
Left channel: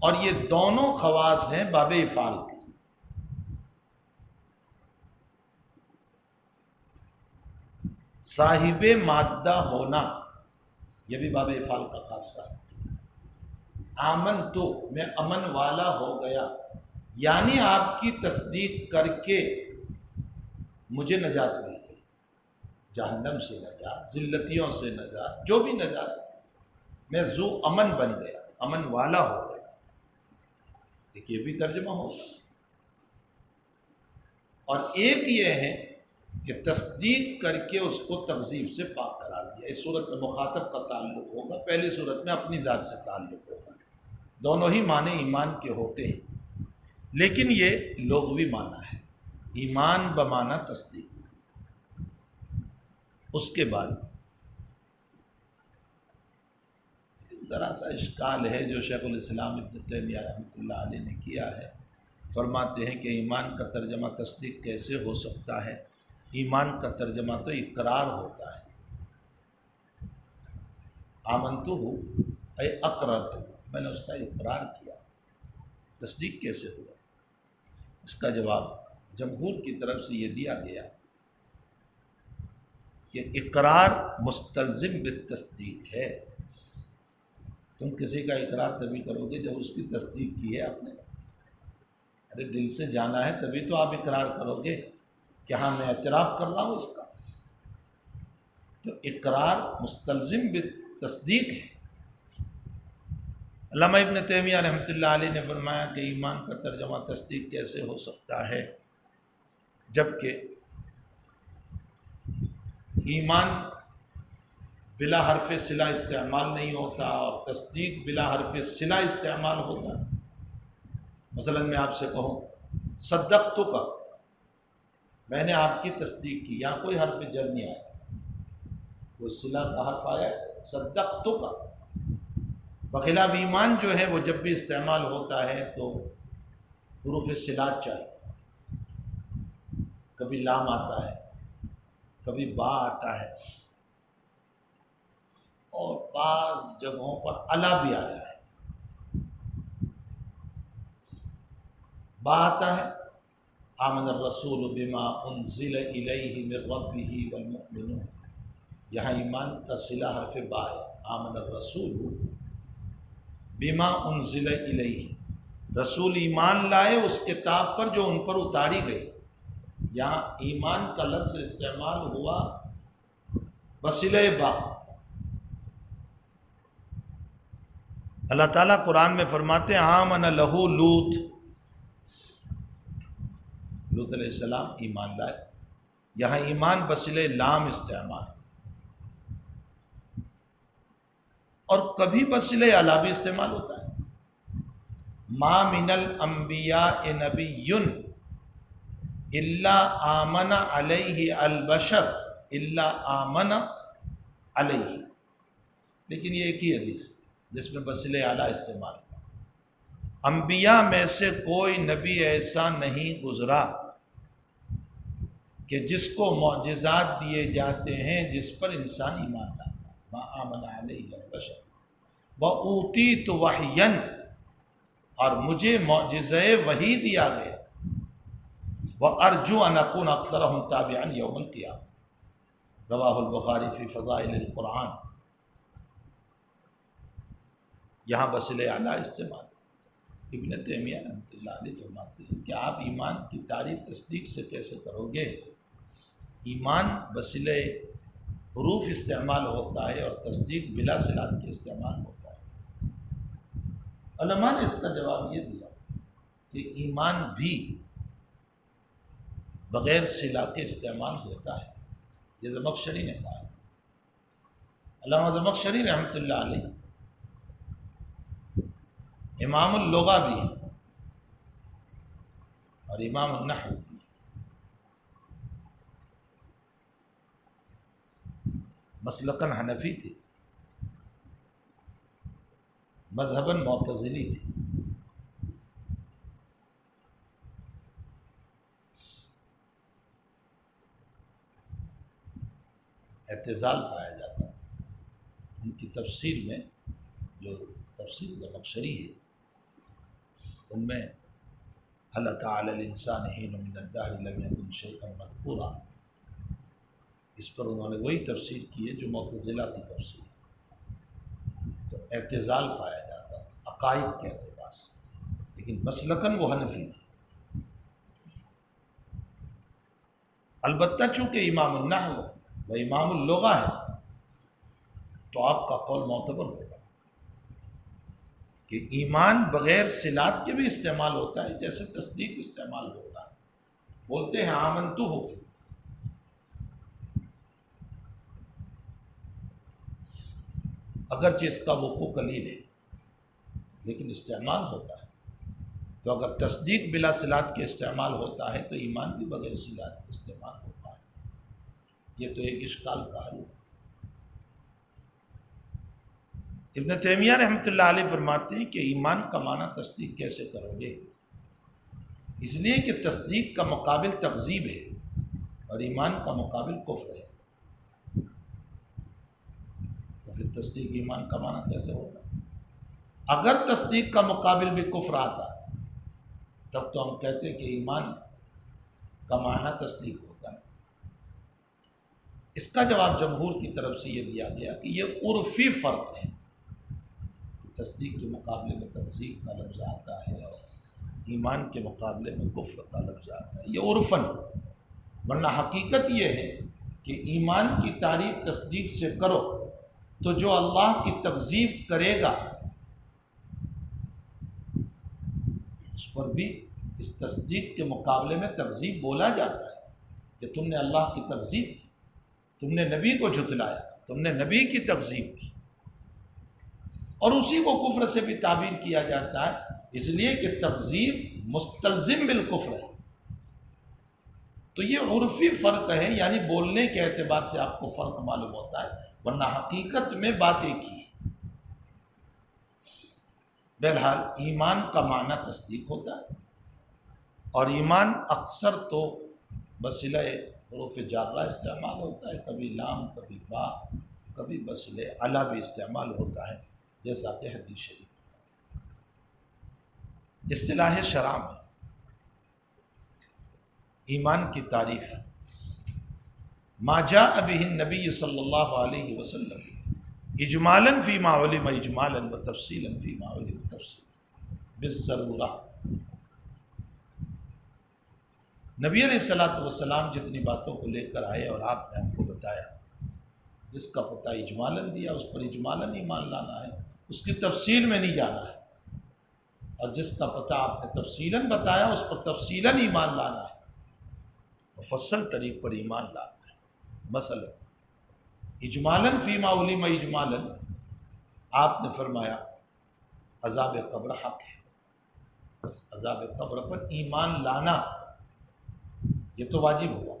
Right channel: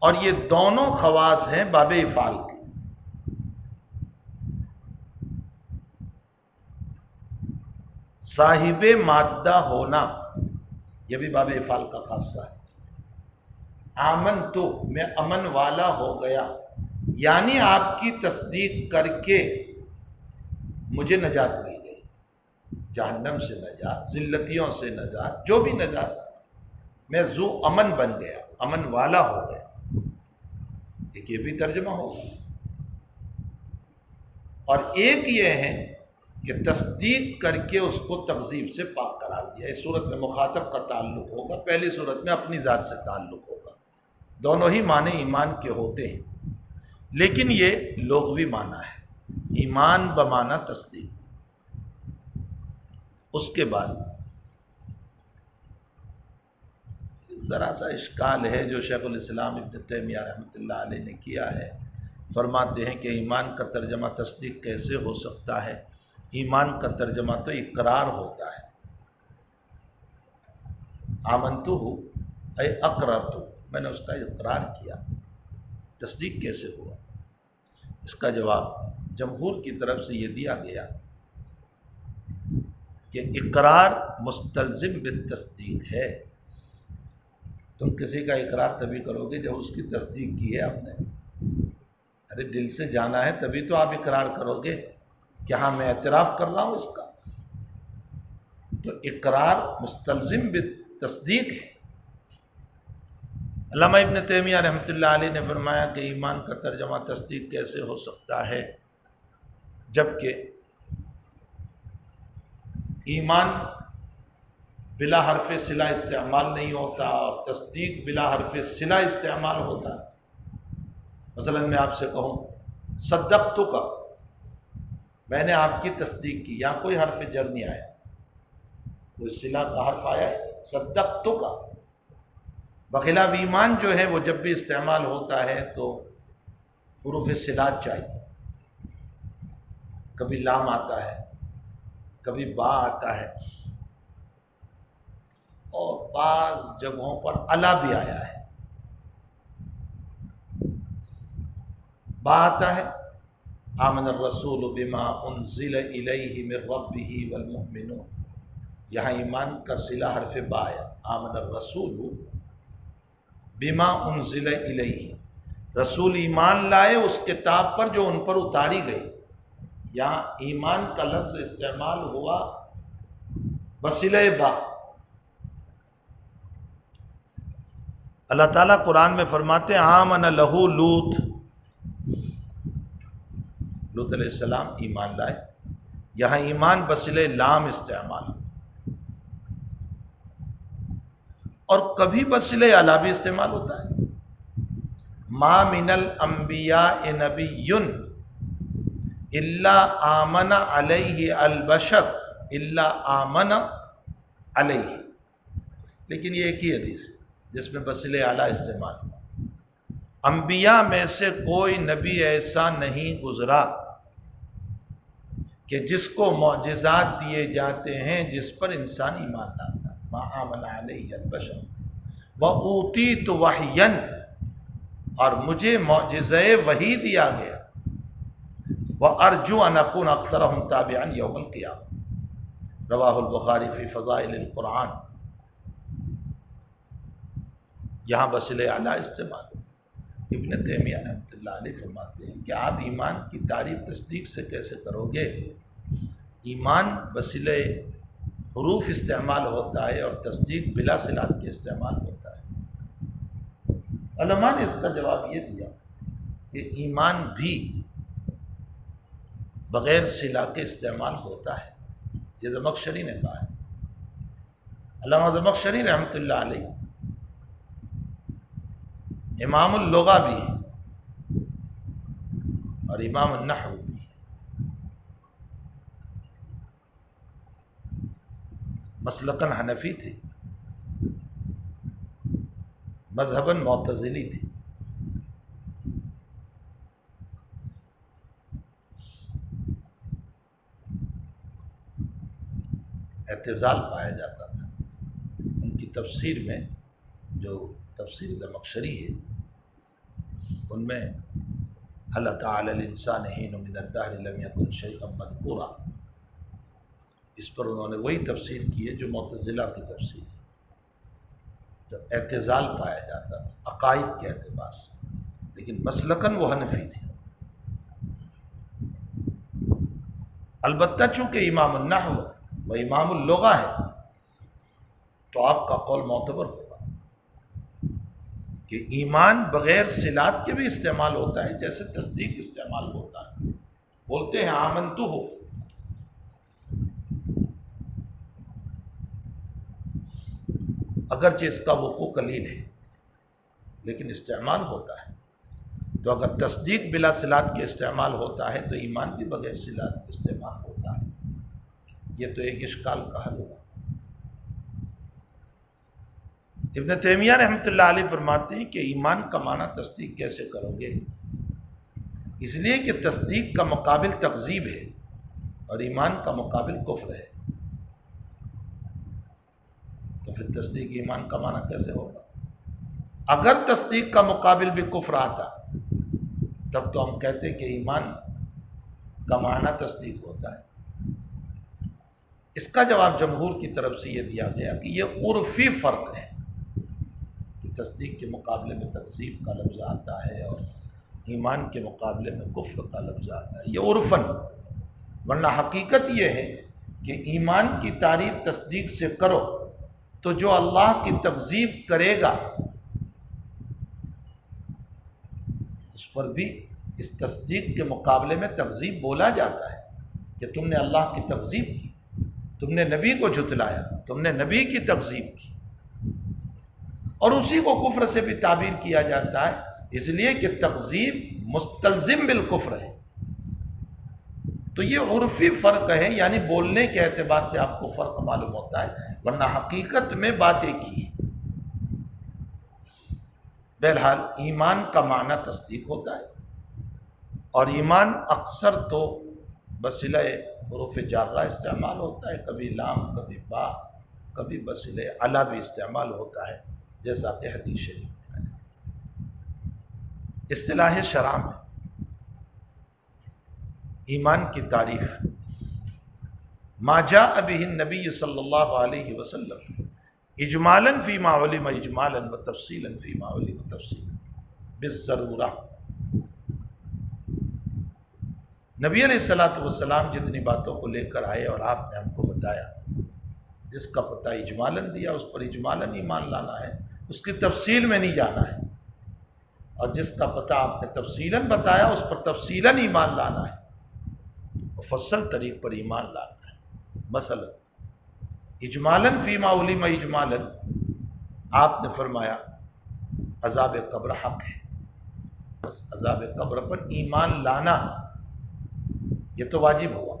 اور یہ دونوں خواص ہیں باب افعال کی. صاحب مادہ ہونا یہ بھی باب افعال کا خاصہ ہے. آمن تو میں امن والا ہو گیا، یعنی آپ کی تصدیق کر کے مجھے نجات مل گئی. جہنم سے نجات، ذلتیوں سے نجات، جو بھی نجات، میں ذو امن بن گیا، امن والا ہو گیا. ایک یہ بھی ترجمہ ہوگا. اور ایک یہ ہے کہ تصدیق کر کے اس کو تکذیب سے پاک قرار دیا. اس صورت میں مخاطب کا تعلق ہوگا، پہلی صورت میں اپنی ذات سے تعلق ہوگا. دونوں ہی معنی ایمان کے ہوتے ہیں، لیکن یہ لغوی معنی ہے، ایمان بمعنی تصدیق. اس کے بعد ذرا سا اشکال ہے جو شیخ الاسلام ابن تیمیہ رحمۃ اللہ علیہ نے کیا ہے. فرماتے ہیں کہ ایمان کا ترجمہ تصدیق کیسے ہو سکتا ہے؟ ایمان کا ترجمہ تو اقرار ہوتا ہے. آمنتو اے اقررتو، میں نے اس کا اقرار کیا. تصدیق کیسے ہوا؟ اس کا جواب جمہور کی طرف سے یہ دیا گیا کہ اقرار مستلزم بالتصدیق ہے. تم کسی کا اقرار تبھی کرو گے جب اس کی تصدیق کی ہے آپ نے. ارے دل سے جانا ہے تبھی تو آپ اقرار کرو گے کہ ہاں میں اعتراف کر رہا ہوں اس کا. تو اقرار مستلزم بالتصدیق ہے. علامہ ابن تیمیہ رحمۃ اللہ علیہ نے فرمایا کہ ایمان کا ترجمہ تصدیق کیسے ہو سکتا ہے جبکہ ایمان بلا حرف صلہ استعمال نہیں ہوتا اور تصدیق بلا حرف صلہ استعمال ہوتا ہے. مثلا میں آپ سے کہوں صدقتک، میں نے آپ کی تصدیق کی، یہاں کوئی حرف جر نہیں آیا، کوئی صلہ کا حرف آیا ہے صدقتک. بخلاف ایمان جو ہے وہ جب بھی استعمال ہوتا ہے تو حروف صلات چاہیے. کبھی لام آتا ہے، کبھی با آتا ہے، اور بعض جگہوں پر الا بھی آیا ہے. با آتا ہے آمن الرسول بما انزل الیہ من ربہ والمؤمنون، یہاں ایمان کا صلہ حرف با ہے. آمن الرسول بما انزل الیہ، رسول ایمان لائے اس کتاب پر جو ان پر اتاری گئی. یہاں ایمان کا لفظ استعمال ہوا بصلہ با. اللہ تعالیٰ قرآن میں فرماتے ہیں آمن لہو لوط علیہ السلام ایمان لائے. یہاں ایمان بصلہ لام استعمال اور کبھی بصلہ اعلیٰ بھی استعمال ہوتا ہے. ما من الانبیاء نبی الا آمن علیہ البشر الا آمن علیہ، لیکن یہ ایک ہی حدیث ہے جس میں بصلہ اعلیٰ استعمال ہوا. انبیاء میں سے کوئی نبی ایسا نہیں گزرا کہ جس کو معجزات دیے جاتے ہیں جس پر انسان ایمان لاتا. ما آمن علیہ البشر وَأُوتِيتُ وَحْيًا، اور مجھے معجزہ وحی دیا گیا. وَأَرْجُو أَنْ أَكُونَ أَكْثَرَهُمْ تَابِعًا يَوْمَ الْقِيَامَةِ، رواہ البخاری فی فضائل القرآن. یہاں بصلہ اعلیٰ استعمال. ابن تیمیہ رحمۃ اللہ علیہ فرماتے ہیں کہ آپ ایمان کی تعریف تصدیق سے کیسے کرو گے؟ ایمان بصلہ حروف استعمال ہوتا ہے اور تصدیق بلا صلات کے استعمال ہوتا ہے. علماء نے اس کا جواب یہ دیا کہ ایمان بھی بغیر صلہ کے استعمال ہوتا ہے. یہ زمخشری نے کہا ہے. علامہ زمخشری رحمۃ اللہ علیہ امام اللغہ بھی ہیں اور امام النحو بھی ہیں. مسلکاً حنفی تھے، مذہباً معتزلی تھے. اعتزال پایا جاتا تھا. ان کی تفسیر میں جو تفسیر زمخشری ہے ان میں هل أتى على الإنسان حين من الدهر لم يكن شيئا مذكورا، اس پر انہوں نے وہی تفسیر کی ہے جو معتزلہ کی تفسیر ہے. تو اعتزال پایا جاتا تھا عقائد کے اعتبار سے، لیکن مسلکاً وہ حنفی تھے. البتہ چونکہ امام النحو و امام اللغہ ہے تو آپ کا قول معتبر ہوگا کہ ایمان بغیر صلات کے بھی استعمال ہوتا ہے جیسے تصدیق استعمال ہوتا ہے. بولتے ہیں آمنتو ہو، اگرچہ اس کا وقوع قلیل ہے لیکن استعمال ہوتا ہے. تو اگر تصدیق بلا صلات کے استعمال ہوتا ہے تو ایمان بھی بغیر صلات کے استعمال ہوتا ہے. یہ تو ایک اشکال کا حل ہوا. ابن تیمیہ رحمۃ اللہ علیہ فرماتے ہیں کہ ایمان کا معنی تصدیق کیسے کرو گے؟ اس لیے کہ تصدیق کا مقابل تکذیب ہے اور ایمان کا مقابل کفر ہے. تو پھر تصدیق ایمان کا معنی کیسے ہوگا؟ اگر تصدیق کا مقابل بھی کفر آتا تب تو ہم کہتے کہ ایمان کا معنی تصدیق ہوتا ہے. اس کا جواب جمہور کی طرف سے یہ دیا گیا کہ یہ عرفی فرق ہے. تصدیق کے مقابلے میں تکذیب کا لفظ آتا ہے اور ایمان کے مقابلے میں کفر کا لفظ آتا ہے، یہ عرفاً. ورنہ حقیقت یہ ہے کہ ایمان کی تعریف تصدیق سے کرو تو جو اللہ کی تکذیب کرے گا اس پر بھی اس تصدیق کے مقابلے میں تکذیب بولا جاتا ہے کہ تم نے اللہ کی تکذیب کی، تم نے نبی کو جھٹلایا، تم نے نبی کی تکذیب کی. اور اسی کو کفر سے بھی تعبیر کیا جاتا ہے اس لیے کہ تکذیب مستلزم بالکفر ہے. تو یہ عرفی فرق ہے، یعنی بولنے کے اعتبار سے آپ کو فرق معلوم ہوتا ہے، ورنہ حقیقت میں بات ایک ہی ہے. بہرحال ایمان کا معنی تصدیق ہوتا ہے اور ایمان اکثر تو بصلہ حروف جارہ استعمال ہوتا ہے، کبھی لام، کبھی با، کبھی بصلہ اعلیٰ بھی استعمال ہوتا ہے جیسا کہ حدیث شریف ہے. اصطلاح شرع میں ایمان کی تعریف ما جاء به النبی صلی اللہ علیہ وسلم اجمالا فیما علم اجمالا و تفصیلا فیما علم تفصیلا بالضرورہ. نبی علیہ السلام جتنی باتوں کو لے کر آئے اور آپ نے ہم کو بتایا، جس کا پتہ اجمالاً دیا اس پر اجمالاً ایمان لانا ہے، اس کی تفصیل میں نہیں جانا ہے، اور جس کا پتہ آپ نے تفصیلاً بتایا اس پر تفصیلاً ایمان لانا ہے، مفصل طریق پر ایمان لانا ہے۔ مثلا اجمالاً فیما علم اجمالاً آپ نے فرمایا عذاب قبر حق ہے، بس عذاب قبر پر ایمان لانا یہ تو واجب ہوا۔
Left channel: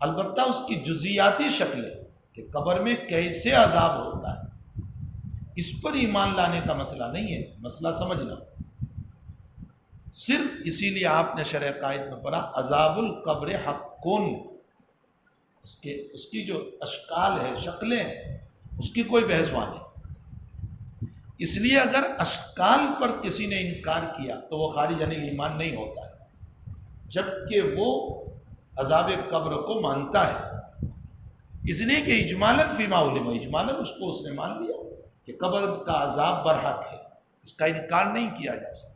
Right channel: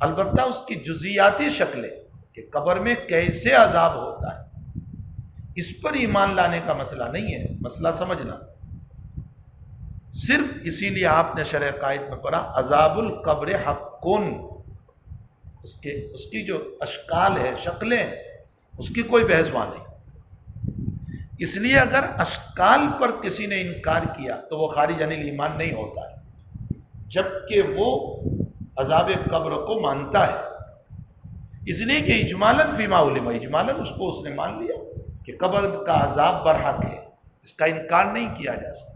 البتہ اس کی جزیاتی شکلیں کہ قبر میں کیسے عذاب ہوتا ہے اس پر ایمان لانے کا مسئلہ نہیں ہے، مسئلہ سمجھنا۔ صرف اسی لیے آپ نے شرح قائد میں پڑھا عذاب القبر حقن، اس کی جو اشکال ہے، شکلیں ہیں، اس کی کوئی بحث نہیں۔ اس لیے اگر اشکال پر کسی نے انکار کیا تو وہ خارج عن ایمان نہیں ہوتا ہے، جبکہ وہ عذاب قبر کو مانتا ہے۔ اس لیے کہ اجمالاً فیما علم، اجمالاً اس نے مان لیا کہ قبر کا عذاب برحق ہے، اس کا انکار نہیں کیا جا سکتا۔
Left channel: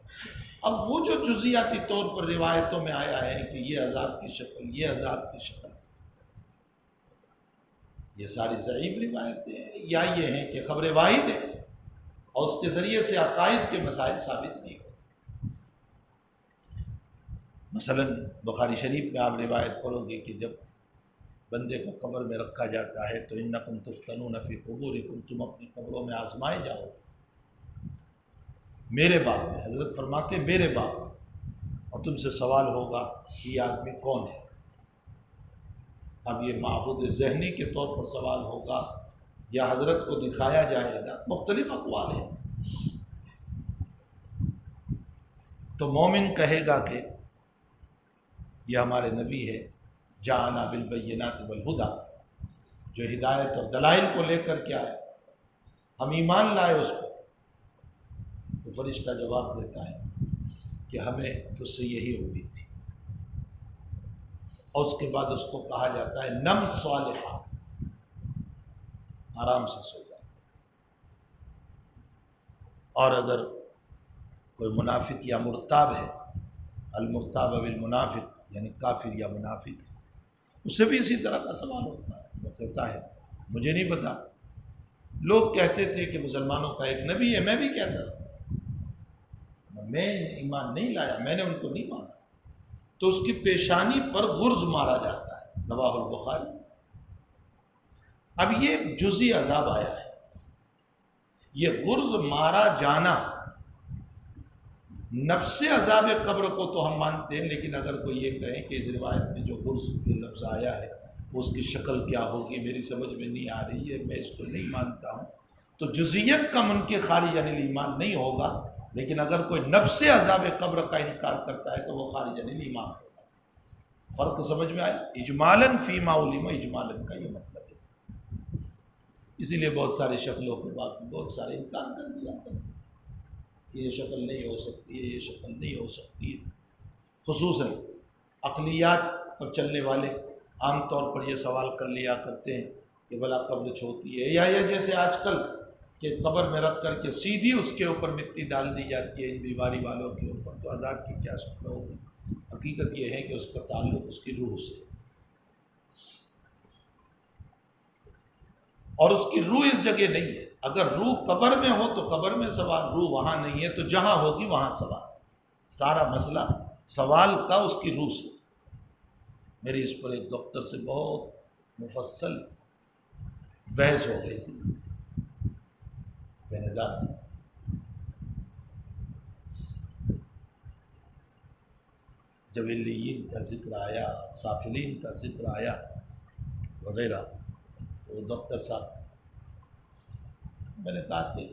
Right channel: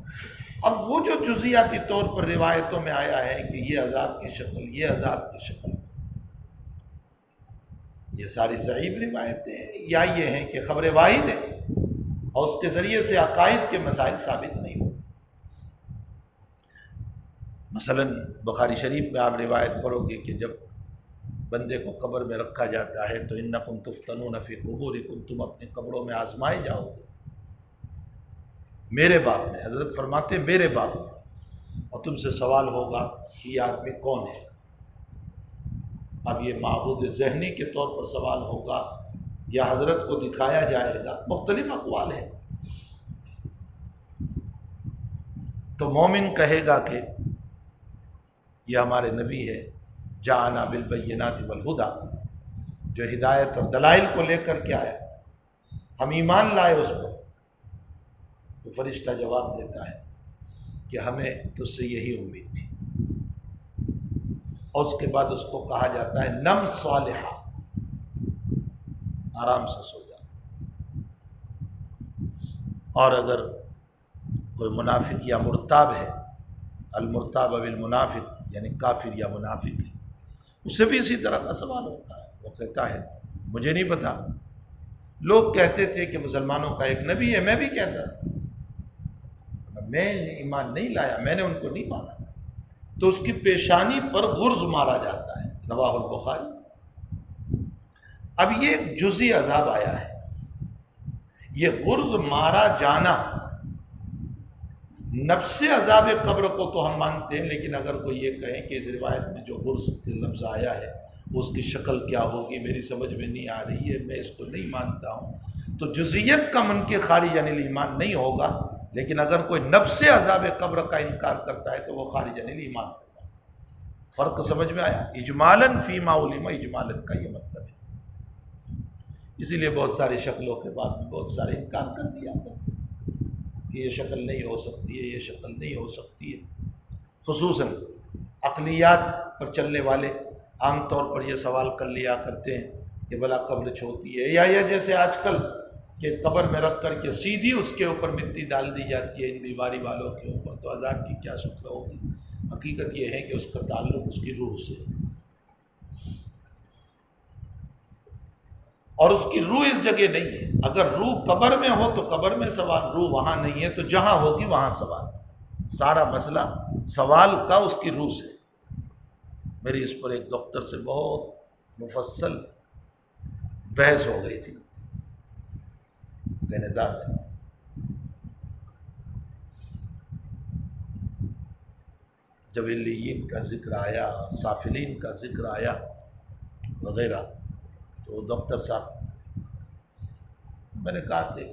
اب وہ جو جزیاتی طور پر روایتوں میں آیا ہے کہ یہ عذاب کی شکل، یہ عذاب کی شکل، یہ ساری ضعیف روایتیں ہیں، یا یہ ہیں کہ خبر واحد ہے اور اس کے ذریعے سے عقائد کے مسائل ثابت نہیں ہوتے۔ مثلا بخاری شریف میں آپ روایت پڑھو گے کہ جب بندے کو قبر میں رکھا جاتا ہے تو انکم تفتنون فی قبورکم، تم اپنی قبروں میں آزمائے جاؤ گے۔ میرے باب میں حضرت فرماتے میرے باب میں، اور تم سے سوال ہوگا کہ یہ آدمی کون ہے۔ اب یہ معہود ذہنی کے طور پر سوال ہوگا یا حضرت کو دکھایا جائے گا، مختلف اقوال ہیں۔ تو مومن کہے گا کہ یہ ہمارے نبی ہے، جاءنا بالبینات والہدی، جو ہدایت اور دلائل کو لے کر کے آیا، ہم ایمان لائے اس پر۔ تو فرشتہ جواب دیتا ہے کہ ہمیں تجھ سے یہی امید تھی، اور اس کے بعد اس کو کہا جاتا ہے نم صالحہ، آرام سے سو جا۔ اور اگر کوئی منافق یا مرتاب ہے، المرتاب بالمنافق یعنی کافر یا منافق ہے، اس سے بھی اسی طرح کا سوال ہوتا ہے۔ وہ کہتا ہے مجھے نہیں پتا، لوگ کہتے تھے کہ مسلمانوں کا ایک نبی ہے، میں بھی کہتا تھا، میں ایمان نہیں لایا، میں نے ان کو نہیں مانا۔ تو اس کی پیشانی پر غرز مارا جاتا ہے، رواہ البخاری۔ اب یہ جزئی عذاب آیا ہے، یہ غرز مارا جانا نفس عذاب قبر کو تو ہم مانتے ہیں، لیکن اگر کوئی یہ کہے کہ اس روایت میں جو غرز کے لفظ آیا ہے اس کی شکل کیا ہوگی میری سمجھ میں نہیں آ رہی ہے، میں اس کو نہیں مانتا ہوں، تو جزئیت کا منکر خارج عن الایمان نہیں ہوگا۔ لیکن اگر کوئی نفس عذاب قبر کا انکار کرتا ہے تو وہ خارج عن الایمان ہوگا۔ فرق سمجھ میں آیا؟ اجمالاً فیما علم، اجمالاً کا یہ مطلب ہے۔ اسی لیے بہت ساری شکلوں کے بعد میں بہت سارے انکار کر دیا تھا کہ یہ شکل نہیں ہو سکتی ہے، یہ شکل نہیں ہو سکتی ہے۔ خصوصاً عقلیات پر چلنے والے عام طور پر یہ سوال کر لیا کرتے ہیں کہ بھلا قبر چھوٹی ہے، یا یہ جیسے آج کل کہ قبر میں رکھ کر کے سیدھی اس کے اوپر مٹی ڈال دی جاتی ہے ان بیماری والوں کے اوپر، تو عذاب کی کیا شکل ہوگی؟ حقیقت یہ ہے کہ اس کا تعلق اس کی روح سے، اور اس کی روح اس جگہ نہیں ہے۔ اگر روح قبر میں ہو تو قبر میں سوال، روح وہاں نہیں ہے تو جہاں ہوگی وہاں سوال۔ سارا مسئلہ سوال کا اس کی روح سے۔ میری اس پر ایک ڈاکٹر سے بہت مفصل بحث ہو گئی تھی کینیڈا میں۔ جب علیین کا ذکر آیا، سافلین کا ذکر آیا وغیرہ، تو ڈاکٹر صاحب، میں نے کہا کہ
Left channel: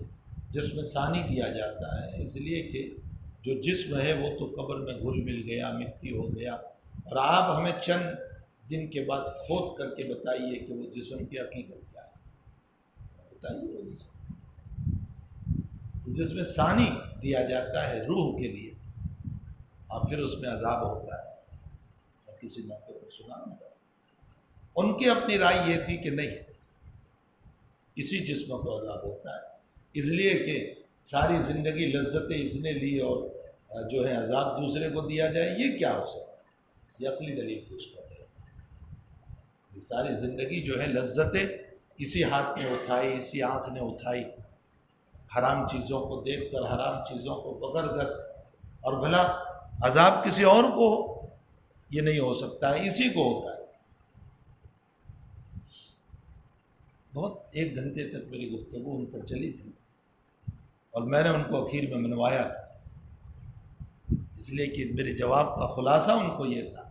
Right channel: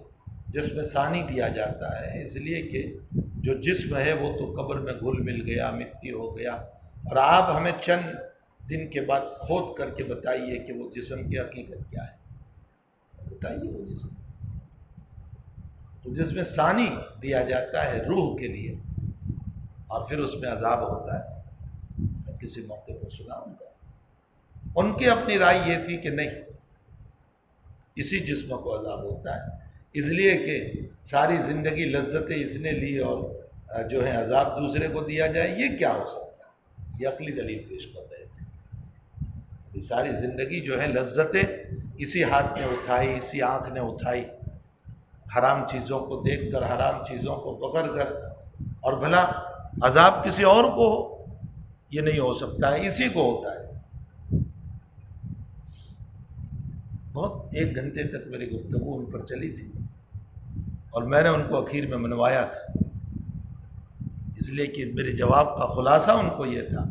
جسم ثانی دیا جاتا ہے اس لیے کہ جو جسم ہے وہ تو قبر میں گھل مل گیا، مٹی ہو گیا، اور آپ ہمیں چند دن کے بعد کھود کر کے بتائیے کہ وہ جسم کی حقیقت کیا ہے، بتائیے وہ جسم۔ تو جسم ثانی دیا جاتا ہے روح کے لیے، اور پھر اس میں عذاب ہوتا ہے۔ میں کسی موقع پر سناؤں گا، ان کی اپنی رائے یہ تھی کہ نہیں، اسی جسم کو عذاب ہوتا ہے، اس لیے کہ ساری زندگی لذتیں اس نے لی اور جو ہے عذاب دوسرے کو دیا جائے، یہ کیا ہو سکتا ہے؟ یہ عقلی دلیل پیش کر رہے تھے۔ یہ ساری زندگی جو ہے لذتیں اسی ہاتھ نے اٹھائی، اسی آنکھ نے اٹھائی، حرام چیزوں کو دیکھ کر، حرام چیزوں کو پکڑ کر، اور بھلا عذاب کسی اور کو ہو، یہ نہیں ہو سکتا ہے، اسی کو ہوتا ہے۔ بہت 1 گھنٹے تک میری گفتگو ان پر چلی تھی، اور میں نے ان کو اخیر میں منوایا تھا، اس لیے کہ میرے جواب کا خلاصہ ان کو یہ تھا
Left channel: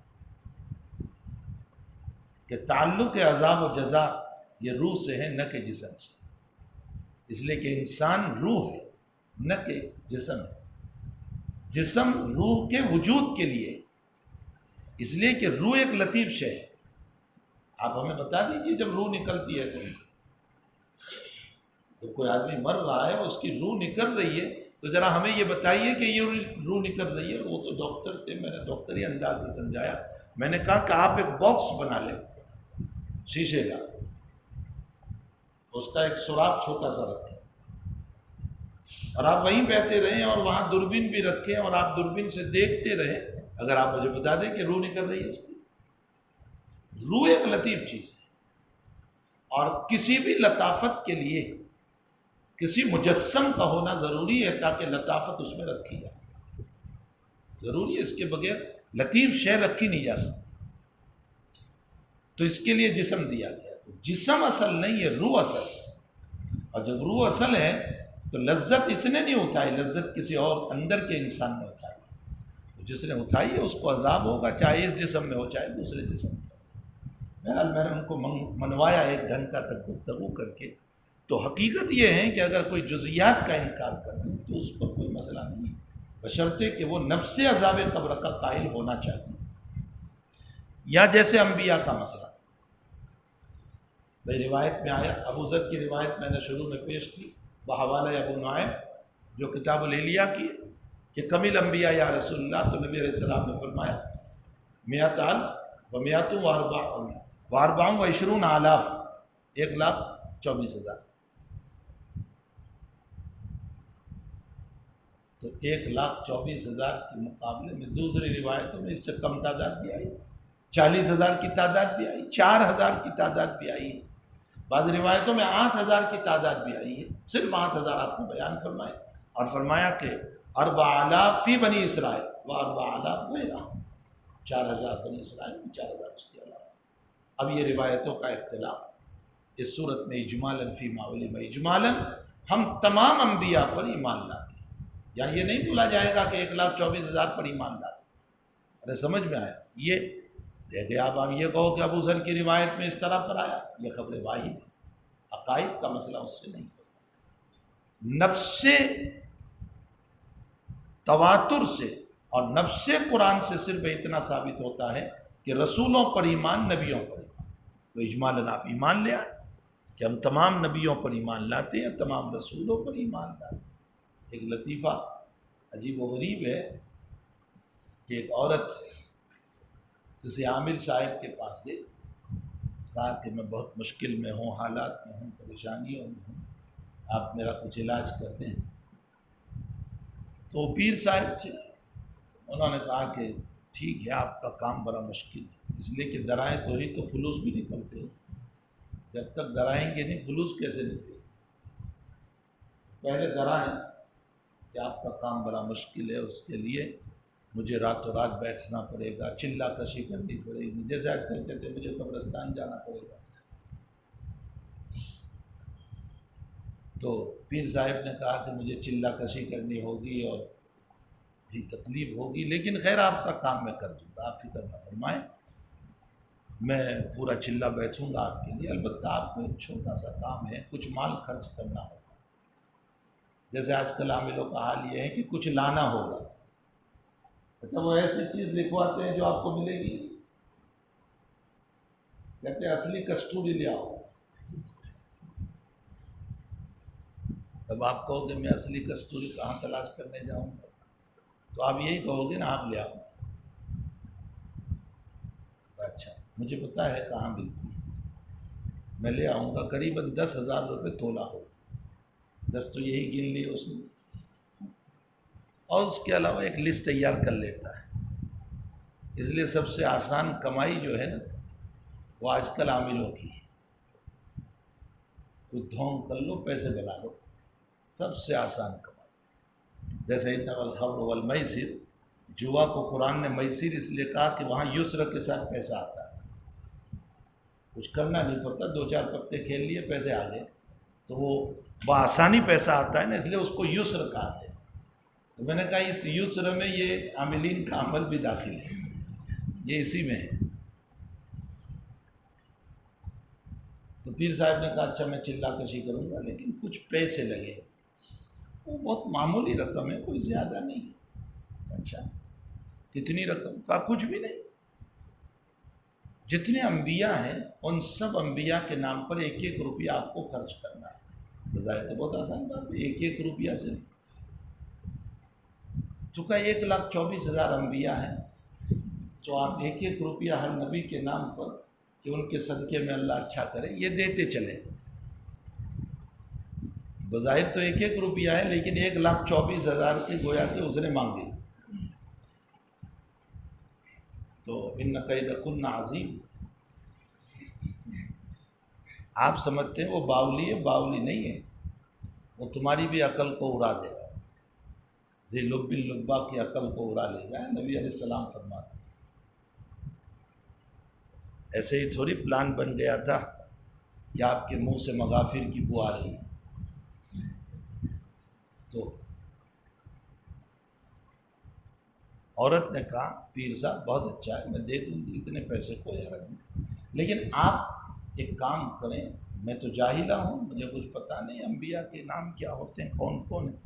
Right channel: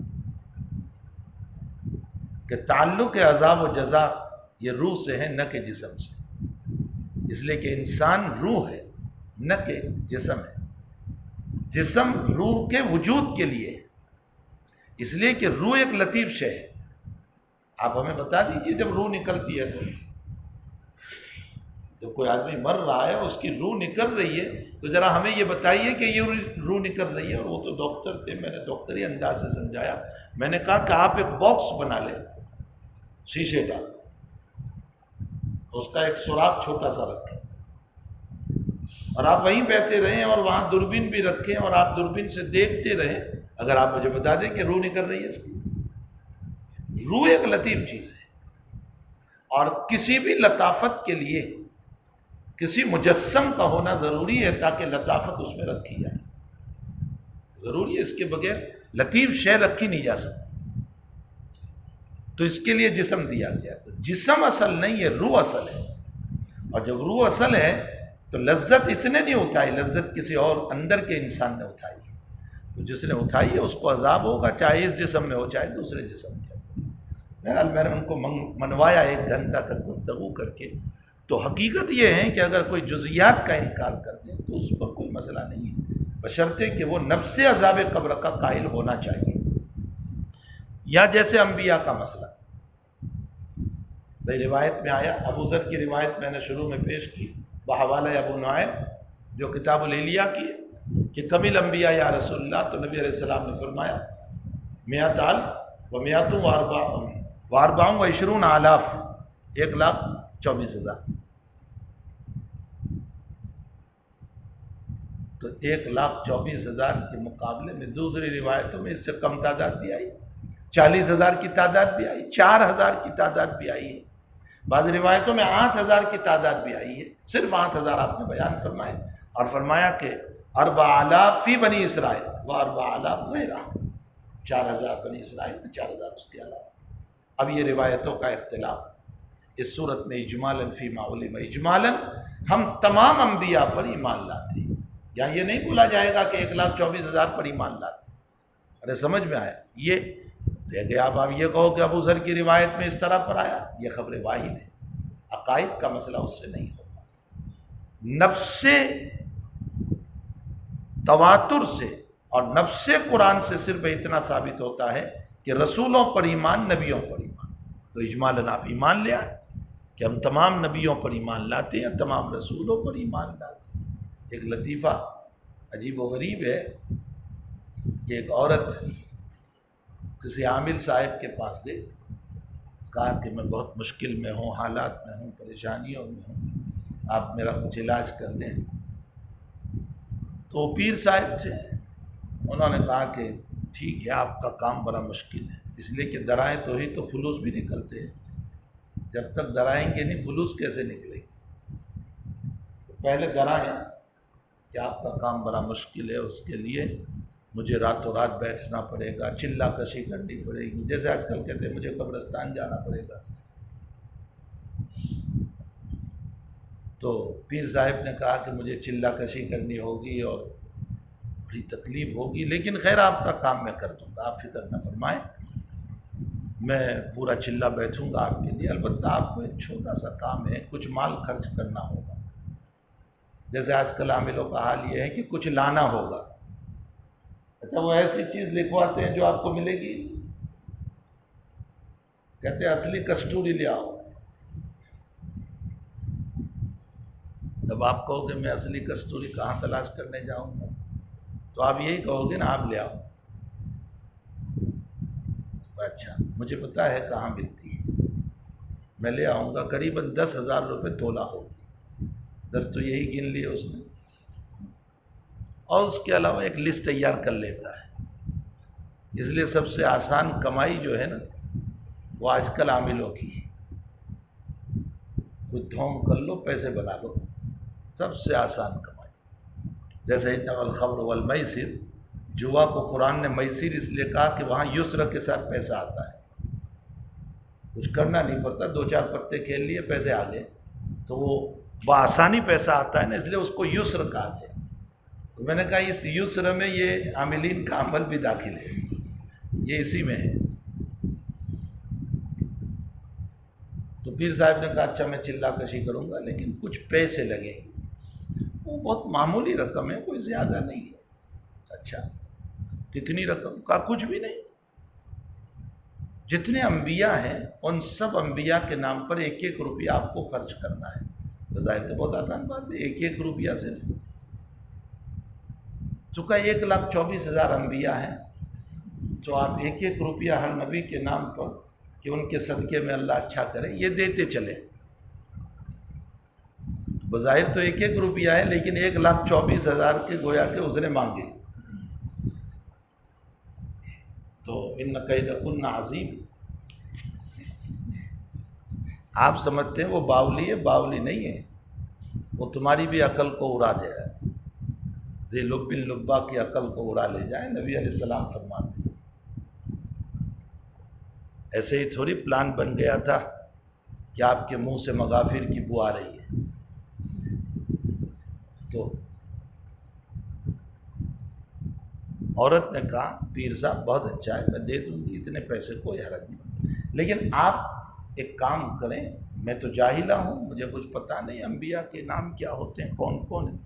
کہ تعلق عذاب و جزا یہ روح سے ہے، نہ کہ جسم سے، اس لیے کہ انسان روح ہے نہ کہ جسم ہے۔ جسم روح کے وجود کے لیے، اس لیے کہ روح ایک لطیف شے ہے۔ آپ ہمیں بتا دیجیے جب روح نکلتی ہے تو جب کوئی آدمی مر رہا ہے اور اس کی روح نکل رہی ہے تو ذرا ہمیں یہ بتائیے کہ یہ روح نکل رہی ہے۔ وہ تو ڈاکٹر تھے، میں نے ڈاکٹری انداز سے سمجھایا، میں نے کہا کہ آپ ایک باکس بنا لیں شیشے کا، اس کا ایک سوراخ چھوٹا سا رکھیں، اور آپ وہیں بیٹھے رہیں اور وہاں دوربین بھی رکھیں، اور آپ دوربین سے دیکھتے رہیں۔ اگر آپ مجھے بتا دیں کہ روح نکل رہی ہے اس کی۔ روح ایک لطیف چیز ہے، اور کسی بھی لطافت کے لیے کسی مجسم کا ہونا ضروری ہے تاکہ لطافت اس میں رکھی جائے، ضروری ہے، اس کے بغیر لطیف شے رکھی نہیں جا سکتی۔ تو اس کے لیے جسم دیا گیا، تو جسم اصل نہیں ہے، روح اصل ہے، اور جب روح اصل ہے تو لذت اس نے نہیں اٹھائی، لذت کسی اور اندر کے انسان نے اٹھائی، تو جس نے اٹھائی ہے اس کو عذاب ہوگا، چاہے اس جسم میں ہو چاہے دوسرے جسم میں ہو۔ بہرحال میں نے ان کو منوایا 1 گھنٹہ تک گفتگو کر کے۔ تو حقیقت یہ ہے کہ اگر کوئی جزیات کا انکار کر دے تو اس پر کوئی مسئلہ نہیں ہے، بشرطے کہ وہ نفس عذاب قبر کا قائل ہونا چاہیے، یا جیسے انبیاء کا مسئلہ بھئی روایت میں آیا، ابو ذر کی روایت میں نے شروع میں پیش کی بحوالہ ابو نعیم جو کتاب الحلیہ کی ہے کہ کمل انبیاء یا رسول اللہ، تو نبی علیہ السلام نے فرمایا 100,000 و 124 و 20,000، 1,24,000۔ تو 1,24,000 کے مقابلے میں دوسری روایتوں میں اس سے کم تعداد بھی آئی، 40,000 کی تعداد بھی آئی، 4,000 کی تعداد بھی آئی ہے، بعض روایتوں میں 8,000 کی تعداد بھی آئی ہے۔ صرف 8,000 آپ نے بیان فرمائے، اور فرمایا کہ 4,000 فی بنی اسرائیل و 4,000 غیرہ، 4,000 بنی اسرائیل میں، 4,000 اس کے علاوہ۔ اب یہ روایتوں کا اختلاف اس صورت میں اجمالاً فیما علم، اجمالاً ہم تمام انبیاء پر ایمان لاتے ہیں، یا یہ نہیں بولا جائے گا کہ 1,24,000 پر ایمان لاتے۔ ارے سمجھ میں آیا؟ یہ دیکھیں، آپ یہ کہو کہ ابو ذر کی روایت میں اس طرح پر آیا، یہ خبر واحد ہے، عقائد کا مسئلہ اس سے نہیں ہوگا۔ نفس تواتر سے اور نفس قرآن سے صرف اتنا ثابت ہوتا ہے کہ رسولوں پر ایمان، نبیوں پر ایمان۔ تو اجمالاً آپ ایمان لے آئے کہ ہم تمام نبیوں پر ایمان لاتے ہیں، تمام رسولوں پر ایمان لاتے ہیں۔ ایک لطیفہ عجیب و غریب ہے کہ ایک عورت کسی عامل صاحب کے پاس گئی، کہا کہ میں بہت مشکل میں ہوں، حالات میں ہوں، پریشانیوں میں ہوں، آپ میرا کچھ علاج کر دیں۔ تو پیر صاحب تھے، انہوں نے کہا کہ ٹھیک ہے، آپ کا کام بڑا مشکل ہے، اس لیے کہ درائیں تو ہی تو فلوس بھی نکلتے ہیں، جب تک درائیں گے نہیں فلوس کیسے نکلے گی؟ تو پہلے درائیں کہ آپ کا کام بڑا مشکل ہے، اس کے لیے مجھے راتوں رات بیٹھنا پڑے گا، چلہ کشی کرنی پڑے گی، جیسے آج کل کہتے ہیں مجھے قبرستان جانا پڑے گا۔ تو پیر صاحب نے کہا کہ مجھے چلہ کشی کرنی ہوگی اور بڑی تکلیف ہوگی، لیکن خیر آپ کا کام میں کر دوں گا، آپ فکر نہ فرمائیں، میں پورا چلہ بیٹھوں گا آپ کے لیے، البتہ آپ کو ایک چھوٹا سا کام ہے، کچھ مال خرچ کرنا ہوگا۔ جیسے آج کل عاملوں کا حال یہ ہے کہ کچھ لانا ہوگا، اچھا وہ ایسی چیز لکھواتے ہیں جو آپ کو ملے گی، کہتے ہیں اصلی کستوری لے آؤ۔ جب آپ کہو کہ میں اصلی کستوری کہاں تلاش کرنے جاؤں گا، تو آپ یہی کہو گے نا آپ لے آؤ۔ اچھا مجھے پتا ہے کہاں ملتی ہے، میں لے آؤں گا، قریباً 10,000 روپے تولہ ہوگی، 10 تو یہی گن لیے اس نے، اور اس کے علاوہ ایک لسٹ تیار کر لیتا ہے۔ اس لیے سب سے آسان کمائی جو ہے نا وہ آج کل عاملوں کی ہے، کوئی ڈھونگ کر لو، پیسے بنا لو، سب سے آسان کمائی. جیسے انما الخمر والمیسر، جوا کو قرآن نے میسر اس لیے کہا کہ وہاں یسر کے ساتھ پیسہ آتا ہے، کچھ کرنا نہیں پڑتا، 2-4 پتے کھیل لیے پیسے آ گئے، تو وہ بآسانی پیسہ آتا ہے نا، اس لیے اس کو یسر کہا گیا. تو میں نے کہا اس یسر میں یہ عاملین کا عمل بھی داخل ہے، یہ اسی میں ہے. تو پیر صاحب نے کہا اچھا میں چلا کشی کروں گا لیکن کچھ پیسے لگیں گے. وہ بہت معمولی رقم ہے، کوئی زیادہ نہیں ہے. اچھا کتنی رقم؟ کہا کچھ بھی نہیں، جتنے انبیاء ہیں ان سب انبیاء کے نام پر 1-1 روپیہ آپ کو خرچ کرنا ہے. بظاہر تو بہت آسان بات ہے، 1-1 روپیہ صرف. چونکہ 1,24,000 انبیاء ہیں تو آپ 1-1 روپیہ ہر نبی کے نام پر کہ ان کے صدقے میں اللہ اچھا کرے یہ دیتے چلے. بظاہر تو 1-1 روپیہ ہے لیکن 1,24,000 کے گویا کہ اس نے مانگے. تو ان کیدکن عظیم. آپ سمجھتے ہیں وہ باولی ہے، باولی نہیں ہے، وہ تمہاری بھی عقل کو اڑا دے رہا ہے. ذی لب لبا کی عقل کو اڑا لے جائے، نبی علیہ السلام فرماتے ہیں. ایسے ہی تھوڑی پلان بن گیا تھا کہ آپ کے منہ سے مغافر کی بو آ رہی ہے تو عورت نے کہا پیر صاحب بہت اچھا ہے، میں دے دوں گی اتنے پیسے، کوئی حرج نہیں، لیکن آپ ایک کام کریں، میں تو جاہلہ ہوں، مجھے کچھ پتہ نہیں انبیاء کے نام کیا ہوتے ہیں، کون کون ہیں.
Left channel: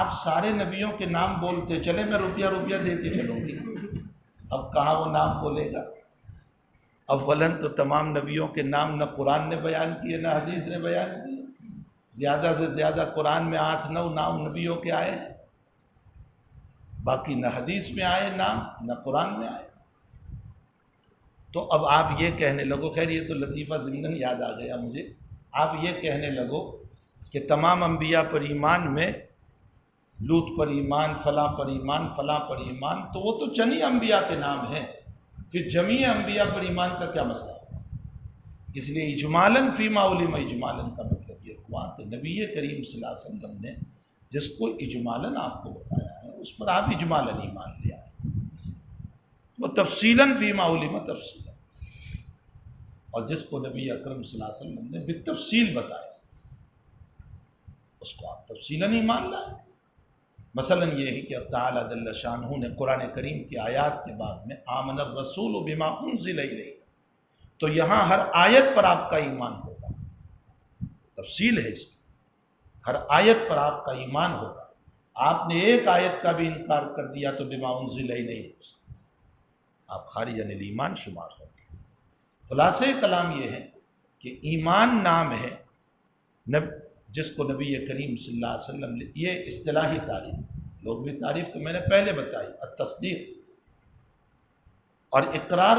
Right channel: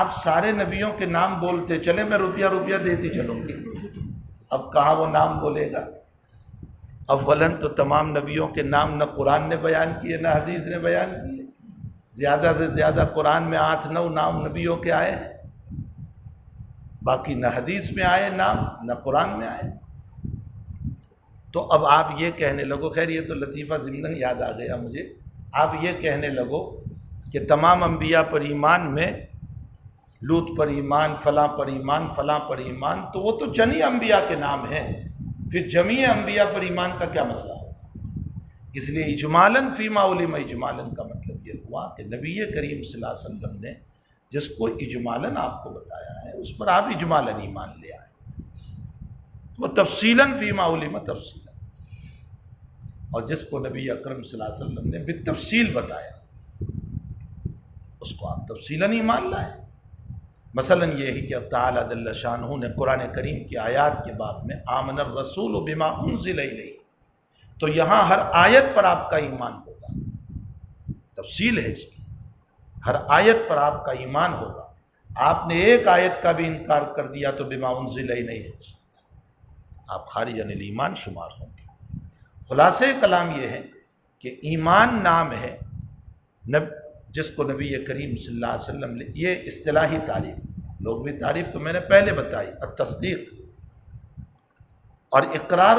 آپ سارے نبیوں کے نام بولتے چلے، میں روپیہ روپیہ دیتی چلوں گی. اب کہاں وہ نام بولے گا؟ اولاً تو تمام نبیوں کے نام نہ قرآن نے بیان کیے نہ حدیث نے بیان کیے. زیادہ سے زیادہ قرآن میں 8-9 نام نبیوں کے آئے ہیں، باقی نہ حدیث میں آئے نام نہ قرآن میں آئے. تو اب آپ یہ کہنے لگو، خیر یہ تو لطیفہ ضمناً یاد آ گیا مجھے، آپ یہ کہنے لگو کہ تمام انبیاء پر ایمان میں لوط پر ایمان، فلاں پر ایمان، فلاں پر ایمان، تو وہ تو چند ہی انبیاء کے نام ہیں، پھر جمیع انبیاء پر ایمان کا کیا مسئلہ ہے؟ اس لیے اجمالاً فیما علم، اجمالاً کا مطلب یہ ہوا کہ نبی کریم صلی اللہ علیہ وسلم نے جس کو اجمالاً آپ کو بتایا ہے اس پر آپ اجمالاً ایمان لے آئے، وہ تفصیلاً فیما علم تفصیلاً، اور جس کو نبی اکرم صلی اللہ علیہ وسلم نے بالتفصیل بتایا اس کو آپ تفصیلاً ایمان لائے. مثلا یہ ہے کہ اب تعالیٰ جل شانہ نے قرآن کریم کی آیات کے بعد میں آمن الرسول بما انزل الیہ، تو یہاں ہر آیت پر آپ کا ایمان ہوگا، تفصیل ہے اس کی، ہر آیت پر آپ کا ایمان ہوگا. آپ نے ایک آیت کا بھی انکار کر دیا تو بما انزل الیہ نہیں ہو سکتا، آپ خارج عن الایمان شمار ہوں گے. خلاصہ کلام یہ ہے کہ ایمان نام ہے جس کو نبی کریم صلی اللہ علیہ وسلم نے، یہ اصطلاحی تعریف، لوگ بھی تعریف تو میں نے پہلے بتائی، التصدیق اور اقرار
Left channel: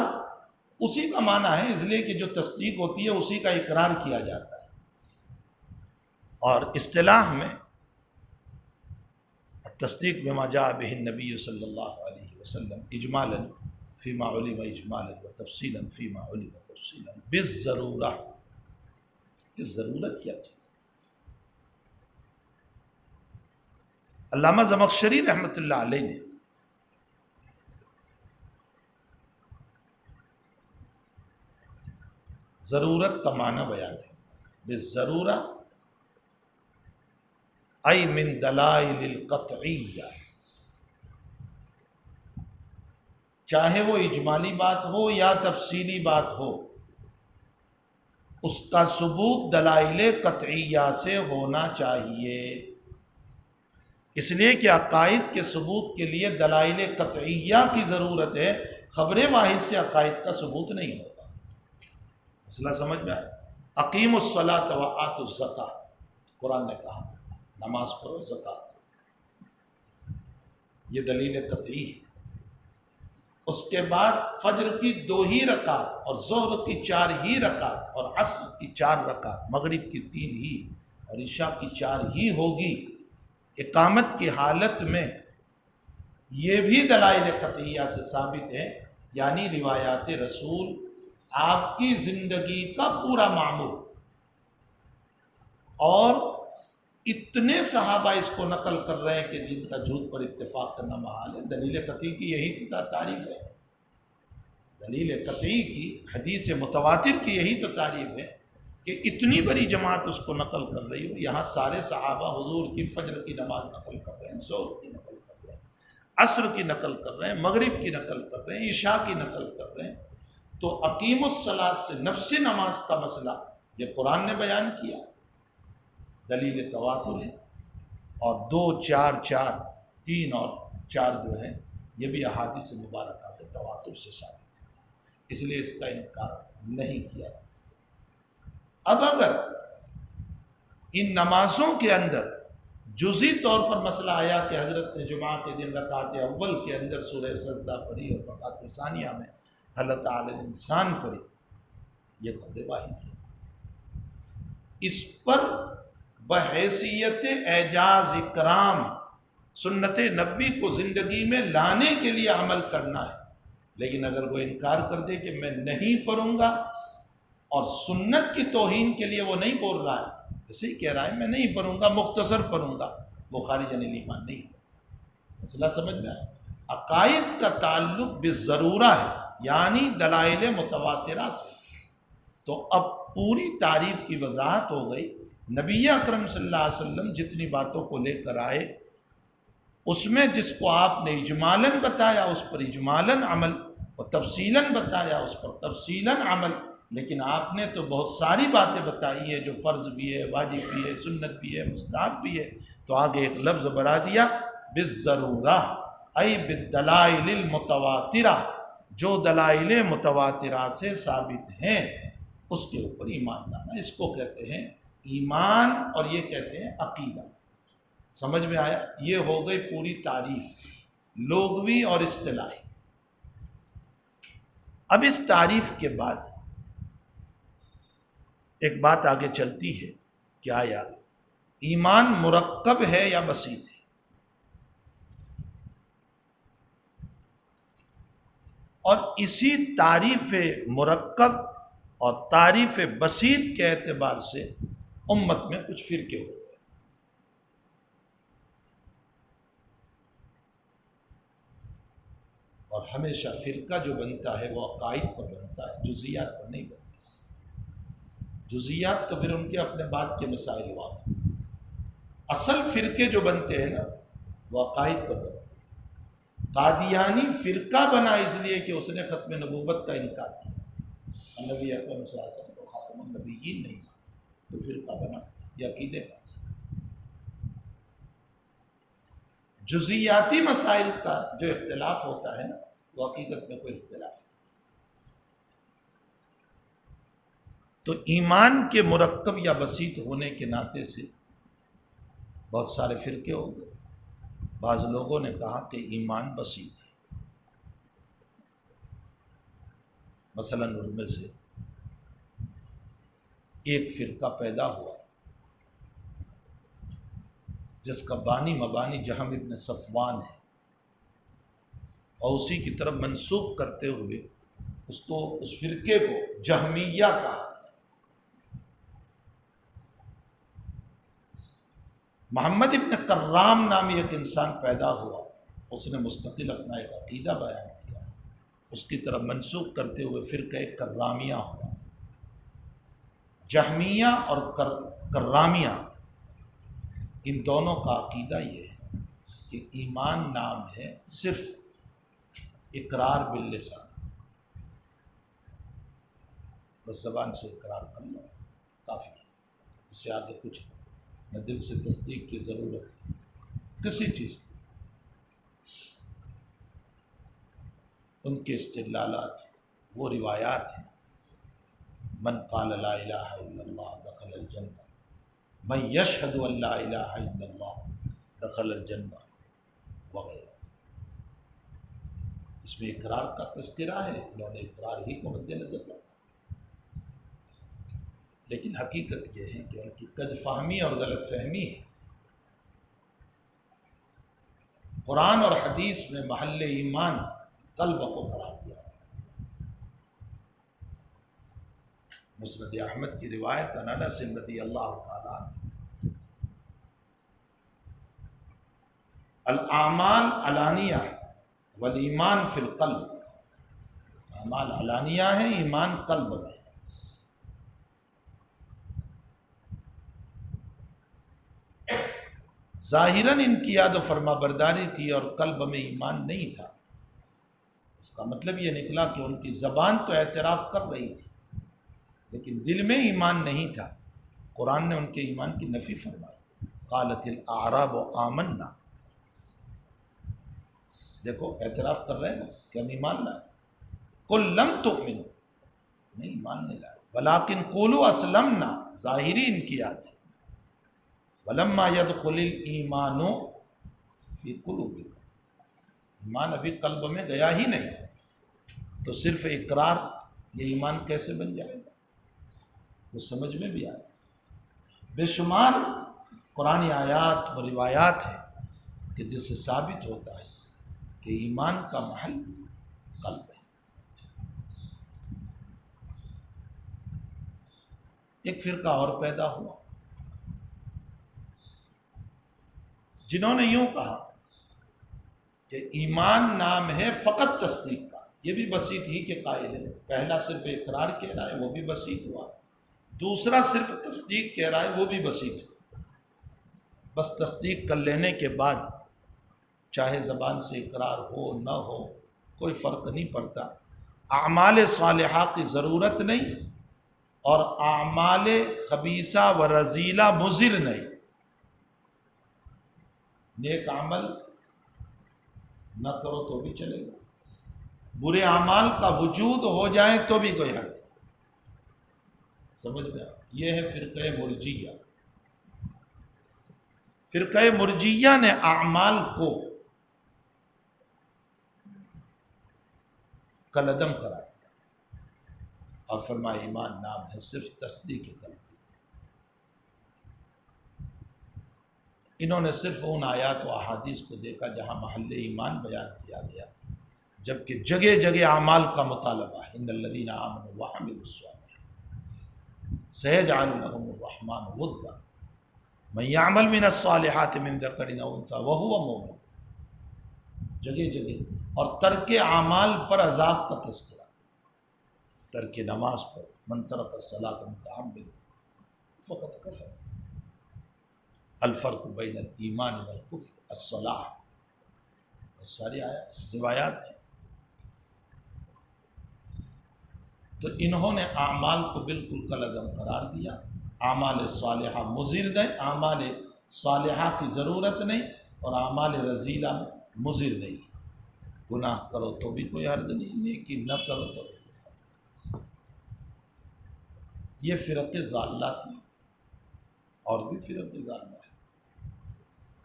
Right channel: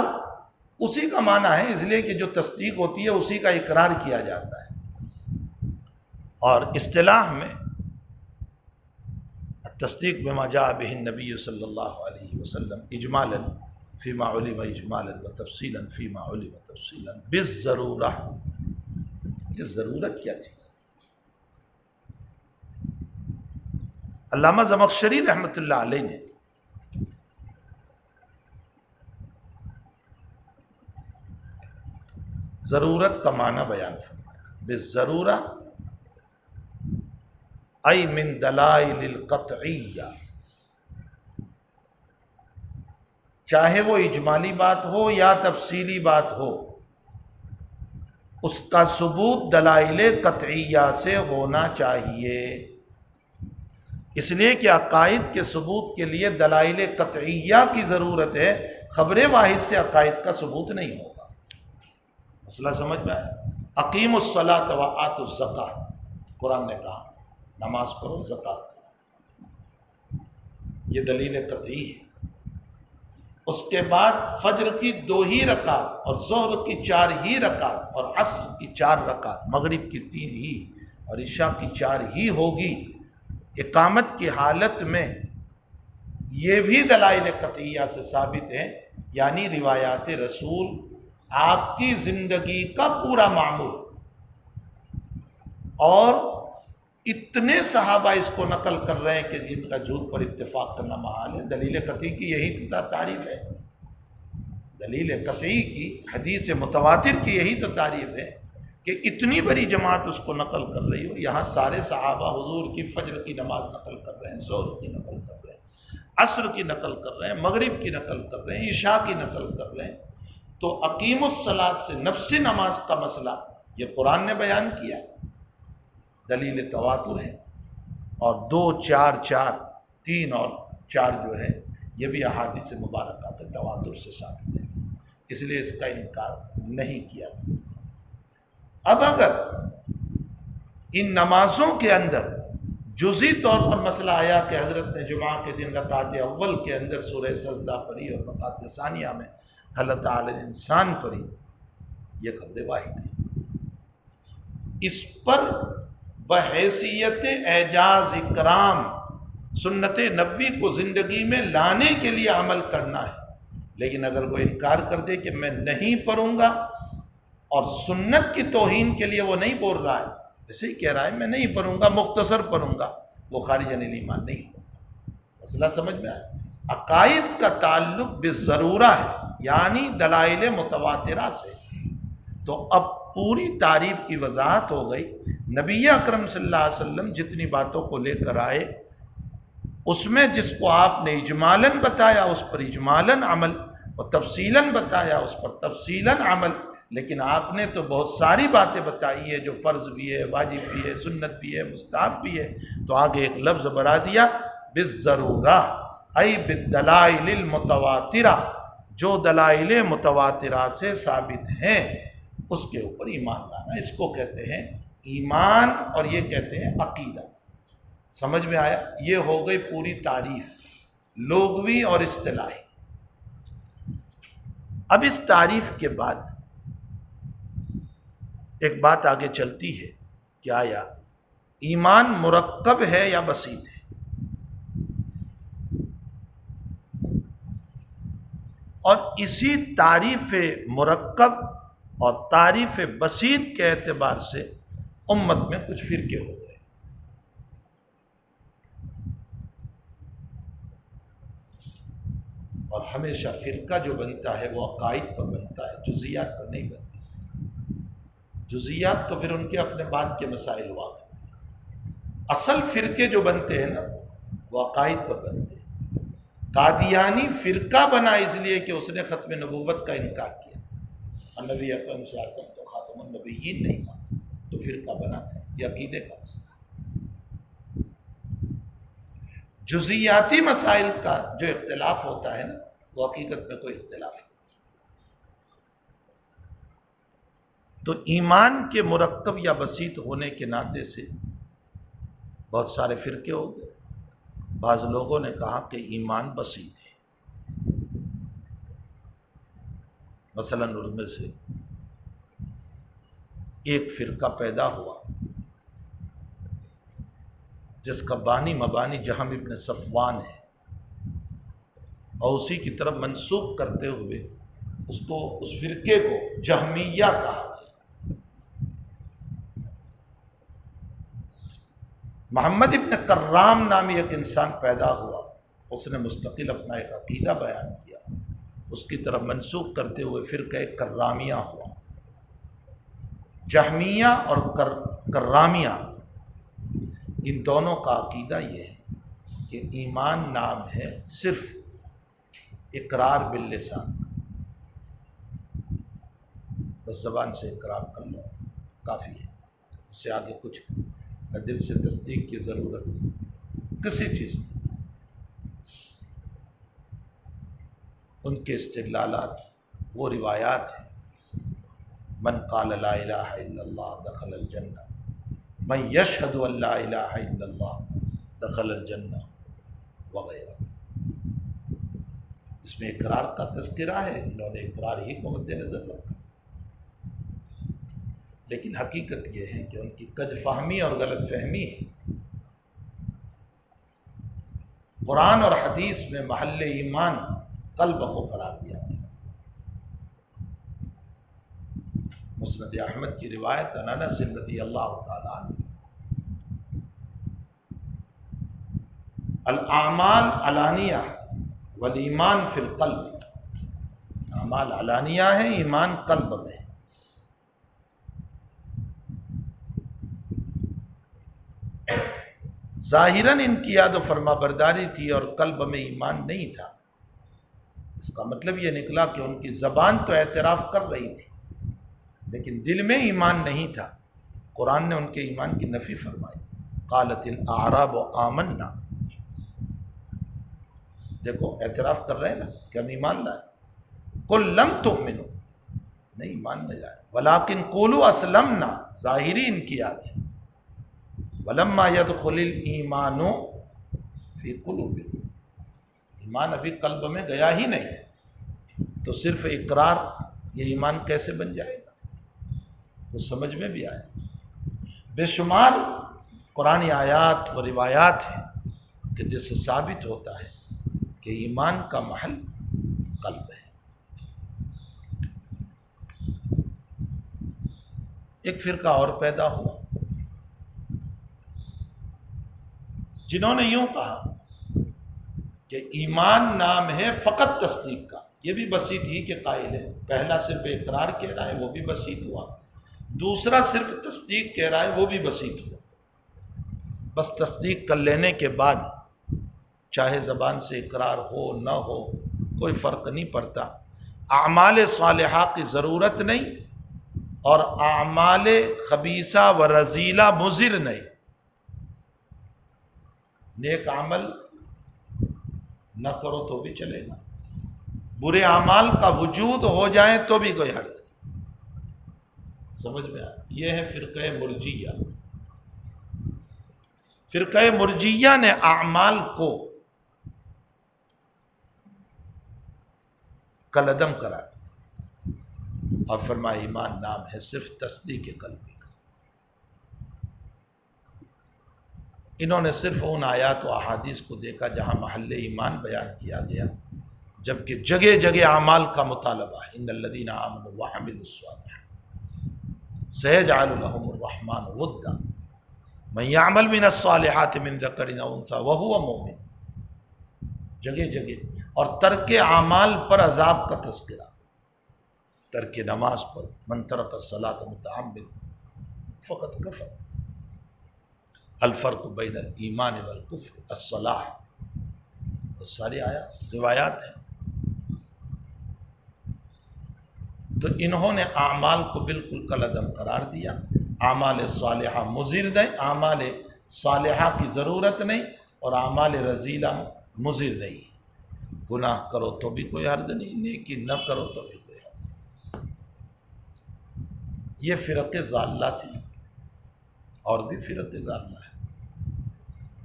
اسی کا معنی ہے، اس لیے کہ جو تصدیق ہوتی ہے اسی کا اقرار کیا جاتا ہے. اور اصطلاح میں التصدیق بما جاء به النبی صلی اللہ علیہ وسلم اجمالا فیما علم اجمالا و تفصیلا فیما علم تفصیلا بالضرورہ. یہ ضرورت کیا چیز؟ علامہ زمخشری رحمۃ اللہ علیہ نے ضرورت کا معنی بیان فرمایا، بالضرورہ ای من دلائل القطعیہ، چاہے وہ اجمالی بات ہو یا تفصیلی بات ہو، اس کا ثبوت دلائل قطعیہ سے ہونا چاہیے. اس لیے کہ عقائد کے ثبوت کے لیے دلائل قطعیہ کی ضرورت ہے، خبر واحد سے عقائد کا ثبوت نہیں ہوگا. مسئلہ سمجھ میں آئے؟ اقیموا الصلاۃ وآتوا الزکاۃ، قرآن نے کہا نماز پڑھو زکوٰۃ، یہ دلیل قطعی ہے. اس کے بعد فجر کی 2 ہی رکعت اور ظہر کی 4 ہی رکعت اور عصر کی 4 رکعت، مغرب کی 3 ہی اور عشاء کی 4 ہی ہوگی اقامت کی حالت میں. یہ بھی دلائل قطعیہ سے ثابت ہے، یعنی روایات رسول، آپ کی زندگی کا پورا معمول اور اتنے صحابہ اس کو نقل کر رہے ہیں کہ جن کا جھوٹ پر اتفاق کرنا محال ہے۔ دلیل قطعی کی یہی تو تعریف ہے، دلیل قطعی کی، حدیث متواتر کی یہی تو تعریف ہے کہ اتنی بڑی جماعت اس کو نقل کر رہی ہو۔ یہاں سارے صحابہ حضور کی فجر کی نماز نقل کر رہے ہیں، ظہر کی نقل کر رہے ہیں، عصر کی نقل کر رہے ہیں، مغرب کی نقل کر رہے ہیں، عشاء کی نقل کر رہے ہیں۔ تو اقیم الصلاۃ سے نفس نماز کا مسئلہ یہ قرآن نے بیان کیا، دلیل تواتر ہے، اور 2 4 4 3 اور 4 جو ہے یہ بھی احادیث مبارکہ کے تواتر سے ثابت ہے، اس لیے اس کا انکار نہیں کیا جا سکتا۔ اب اگر ان نمازوں کے اندر جزئی طور پر مسئلہ آیا کہ حضرت نے جمعہ کے دن رکعت اول کے اندر سورہ سجدہ پڑھی اور رکعت ثانیہ میں حل تعالی الانسان پڑھی، یہ خبر واحد ہے۔ اس پر بحیثیت اعجاز اکرام سنت نبوی کو زندگی میں لانے کے لیے عمل کرنا ہے، لیکن اگر وہ انکار کر دے کہ میں نہیں پڑھوں گا اور سنت کی توہین کے لیے وہ نہیں بول رہا ہے، ایسے ہی کہہ رہا ہے میں نہیں پڑھوں گا، مختصر پڑھوں گا، وہ خارج عن الایمان نہیں ہے۔ مسئلہ سمجھ میں آیا؟ عقائد کا تعلق بالضرورہ ہے، یعنی دلائل متواترہ سے۔ تو اب پوری تعریف کی وضاحت ہو گئی۔ نبی اکرم صلی اللہ علیہ وسلم جتنی باتوں کو لے کر آئے، اس میں جس کو آپ نے اجمالاً بتایا اس پر اجمالاً عمل، اور تفصیلاً بتایا اس پر تفصیلاً عمل، لیکن آپ نے تو بہت ساری باتیں بتائی ہے جو فرض بھی ہے، واجب بھی ہے، سنت بھی ہے، مستحب بھی ہے۔ تو آگے ایک لفظ بڑھا دیا، بالضرورہ ای بالدلائل المتواترہ، جو دلائل متواترہ سے ثابت ہیں اس کے اوپر ایمان لانا، اس کو کہتے ہیں ایمان، اور یہ کہتے ہیں عقیدہ۔ سمجھ میں آیا؟ یہ ہو گئی پوری تعریف لغوی اور اصطلاحی۔ اب اس تعریف کے بعد ایک بات آگے چلتی ہے کہ آیا ایمان مرکب ہے یا بسیط ہے؟ اور اسی تعریف مرکب اور تعریف بسیط کے اعتبار سے امت میں کچھ فرقے ہو گئے۔ اور ہمیشہ فرقہ جو بنتا ہے وہ عقائد پر بنتا ہے، جزیات پر نہیں بنتا۔ جزیات تو پھر ان کے اپنے بعد کے مسائل ہوا کرتے ہیں۔ اصل فرقے جو بنتے ہیں نا وہ عقائد پر بنتے ہیں۔ قادیانی فرقہ بنا اس لیے کہ اس نے ختم نبوت کا انکار کیا اور نبی اکرم صلی اللہ علیہ وسلم کو خاتم النبیین نہیں مانا، تو فرقہ بنا۔ یہ عقیدے کا مسئلہ۔ جزیاتی مسائل کا جو اختلاف ہوتا ہے نا وہ حقیقت میں کوئی اختلاف نہیں۔ تو ایمان کے مرکب یا بسیط ہونے کے ناطے سے بہت سارے فرقے ہو گئے۔ بعض لوگوں نے کہا کہ ایمان بسیط ہے، مثلا ان میں سے ایک فرقہ پیدا ہوا جس کا بانی مبانی جہم ابن صفوان ہے، اور اسی کی طرف منسوب کرتے ہوئے اس فرقے کو جہمیہ کہا گیا۔ محمد ابن کرام نامی ایک انسان پیدا ہوا، اس نے مستقل اپنا ایک عقیدہ بیان کیا، اس کی طرف منسوب کرتے ہوئے فرقہ کرامیہ ہوا۔ جہمیہ اور کرامیہ ان دونوں کا عقیدہ یہ ہے کہ ایمان نام ہے صرف اقرار باللسان، بس زبان سے اقرار کر لو کافی ہے، اس سے آگے کچھ نہ دل سے تصدیق کی ضرورت ہے کسی چیز کی۔ ان کے استدلالات وہ روایات ہیں، من قال لا الہ الا اللہ دخل الجنہ، من یشہد ان لا الہ الا اللہ دخل الجنہ وغیرہ۔ اس میں اقرار کا تذکرہ ہے، انہوں نے اقرار ہی کو مد نظر رکھا، لیکن حقیقت یہ ہے کہ ان کی کج فہمی اور غلط فہمی ہے۔ قرآن اور حدیث میں محل ایمان قلب کو قرار دیا گیا۔ مسند احمد کی روایت عن انس رضی اللہ تعالیٰ عنہ، الاعمال علانیہ والایمان فی القلب، اعمال علانیہ ہیں، ایمان قلب میں. ظاہراً ان کی یاد و فرما برداری تھی اور قلب میں ایمان نہیں تھا. اس کا مطلب یہ نکلا کہ ان کی زبان تو اعتراف کر رہی تھی لیکن دل میں ایمان نہیں تھا. قرآن نے ان کے ایمان کی نفی فرمائی. قالت الاعراب آمنا، دیکھو اعتراف کر رہے ہیں نا کہ ہم ایمان لائے. قل لم تؤمنوا، نہیں ایمان نہیں لائے، ولکن قولوا اسلمنا، ظاہری ان کی یاد ہے. ولما يدخل الایمان فی قلوبکم، ایمان ابھی قلب میں گیا ہی نہیں تو صرف اقرار یہ ایمان کیسے بن جائے گا؟ وہ سمجھ میں بھی آئے. بے شمار قرآنی آیات و روایات ہیں کہ جس سے ثابت ہوتا ہے کہ ایمان کا محل قلب ہے. ایک فرقہ اور پیدا ہوا جنہوں نے یوں کہا کہ ایمان نام ہے فقط تصدیق کا، یہ بھی بسیط ہی کے قائل ہے. پہلا صرف اقرار کہہ رہا ہے وہ بھی بسیط ہوا، دوسرا صرف تصدیق کہہ رہا ہے وہ بھی بسیط ہوا. بس تصدیق کر لینے کے بعد چاہے زبان سے اقرار ہو نہ ہو کوئی فرق نہیں پڑتا. اعمال صالحہ کی ضرورت نہیں اور اعمال خبیثہ و رذیلہ مضر نہیں. نیک عمل نہ کرو تو بھی چلے گا، برے اعمال کا وجود ہو جائے تو بھی کوئی حرج نہیں. سمجھ میں آیا؟ یہ ہے فرقہ مرجیہ. فرقہ مرجیہ نے اعمال کو کالعدم قرار دیا اور فرمایا ایمان نام ہے صرف تصدیق قلبی کا. انہوں نے صرف ان آیات و احادیث کو دیکھا جہاں محل ایمان بیان کیا گیا، جبکہ جگہ جگہ اعمال کا مطالبہ ہے. ان الذین آمنوا وعملوا الصالحات سیجعل لهم الرحمن ودا من یعمل من الصالحات من ذکر او انثی وهو مؤمن. جگہ جگہ. اور ترک اعمال پر عذاب کا تذکرہ، ترک نماز پر، من ترک الصلاۃ متعمد فقط کفر. الفرق بین الایمان والکفر الصلاح. بہت ساری روایات ہیں. تو انہوں نے اعمال کو بالکل کالعدم قرار دیا. اعمال صالحہ مضر نہیں، اعمال صالحہ کی ضرورت نہیں اور اعمال رذیلہ مضر نہیں. گناہ کرو تو بھی کوئی حرج نہیں، نیکی نہ کرو تو بھی کوئی حرج نہیں. یہ فرقے ضالہ تھی اور بھی فرقے ضالہ ہے.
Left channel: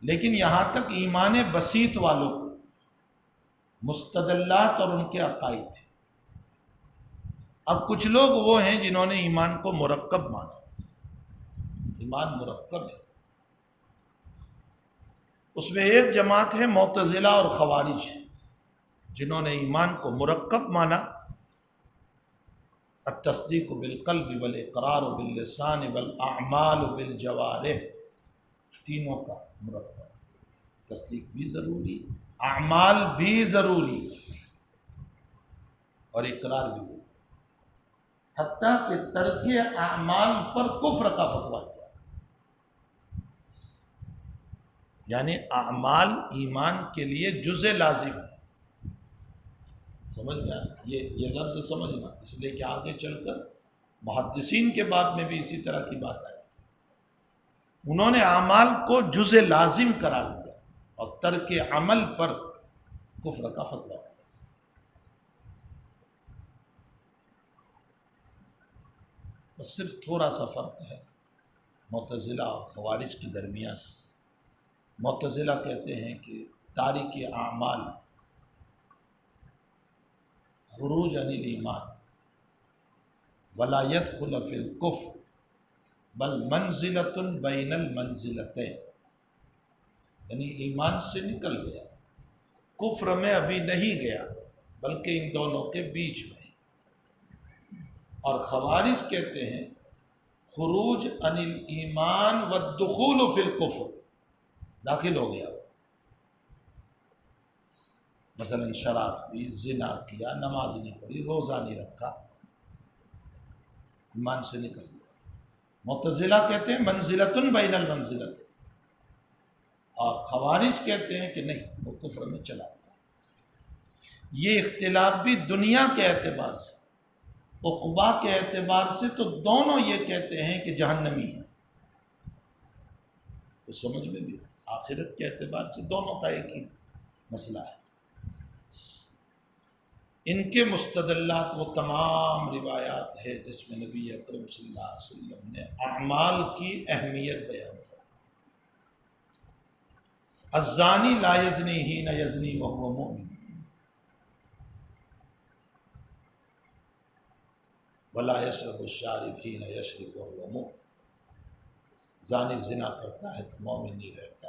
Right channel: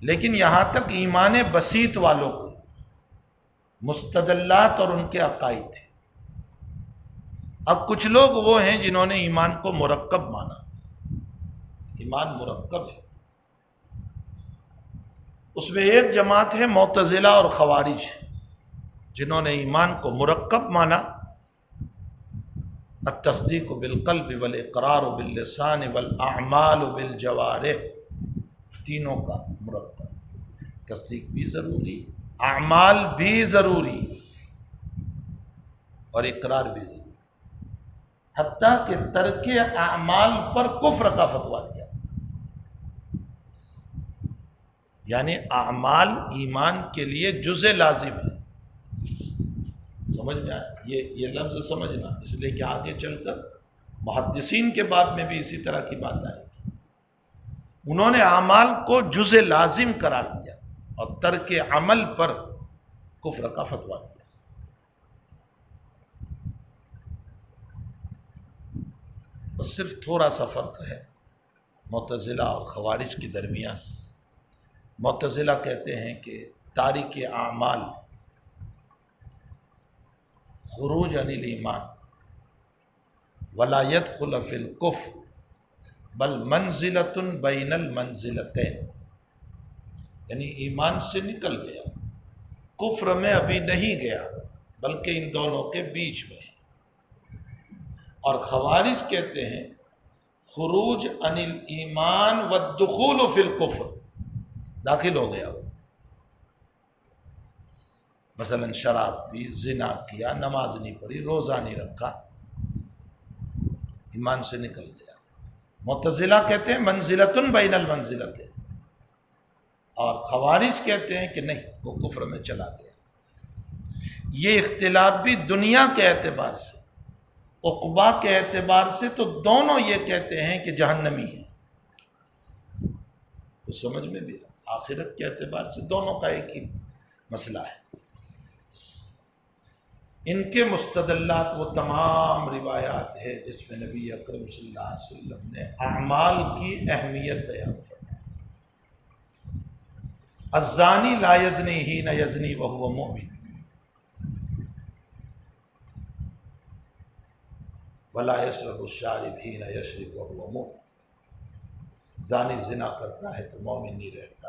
لیکن یہاں تک ایمان بسیط والوں کو مستدلات اور ان کے عقائد تھے. اب کچھ لوگ وہ ہیں جنہوں نے ایمان کو مرکب مانا. ایمان مرکب ہے. اس میں ایک جماعت ہے معتزلہ اور خوارج جنہوں نے ایمان کو مرکب مانا. التصدیق بالقلب والاقرار باللسان والاعمال بالجوارح، تینوں کا مرکب. تصدیق بھی ضروری، اعمال بھی ضروری اور اقرار بھی ضروری. حتیٰ کہ ترک اعمال پر کفر کا فتویٰ دیا. یعنی اعمال ایمان کے لیے جزء لازم ہے. سمجھ میں آیا؟ یہ لفظ سمجھنا، اس لیے کہ آگے چل کر محدثین کے باب میں بھی اسی طرح کی بات آئے گی. انہوں نے اعمال کو جزء لازم قرار دیا اور ترک عمل پر کفر کا فتویٰ دیا. بس صرف تھوڑا سا فرق ہے معتزلہ اور خوارج کے درمیان. معتزلہ کہتے ہیں کہ تارک اعمال خروج عن الایمان ولا يدخل فی الکفر بل منزلۃ بین المنزلتین. یعنی ایمان سے نکل گیا، کفر میں ابھی نہیں گیا بلکہ ان دونوں کے بیچ میں ہے. اور خوارج کہتے ہیں خروج عن الایمان والدخول فی الکفر، داخل ہو گیا وہ. مثلا شراب پی، زنا کیا، نماز نہیں پڑھی، روزہ نہیں رکھا، ایمان سے نکل گیا۔ معتزلہ کہتے ہیں منزلتن بین المنزلتین، اور خوارج کہتے ہیں کہ نہیں، وہ کفر میں چلا گیا۔ یہ اختلاف بھی دنیا کے اعتبار سے، عقبا کے اعتبار سے تو دونوں یہ کہتے ہیں کہ جہنمی ہے، تو سمجھ میں بھی آخرت کے اعتبار سے دونوں کا ایک ہی مسئلہ ہے۔ ان کے مستدلات وہ تمام روایات ہے جس میں نبی اکرم صلی اللہ علیہ وسلم نے اعمال کی اہمیت بیان فرمائی۔ الزانی لا یزنی حین یزنی وہو مؤمن ولا یشرب الشارب حین یشرب وہو مؤمن۔ زانی زنا کرتا ہے تو مومن نہیں رہتا،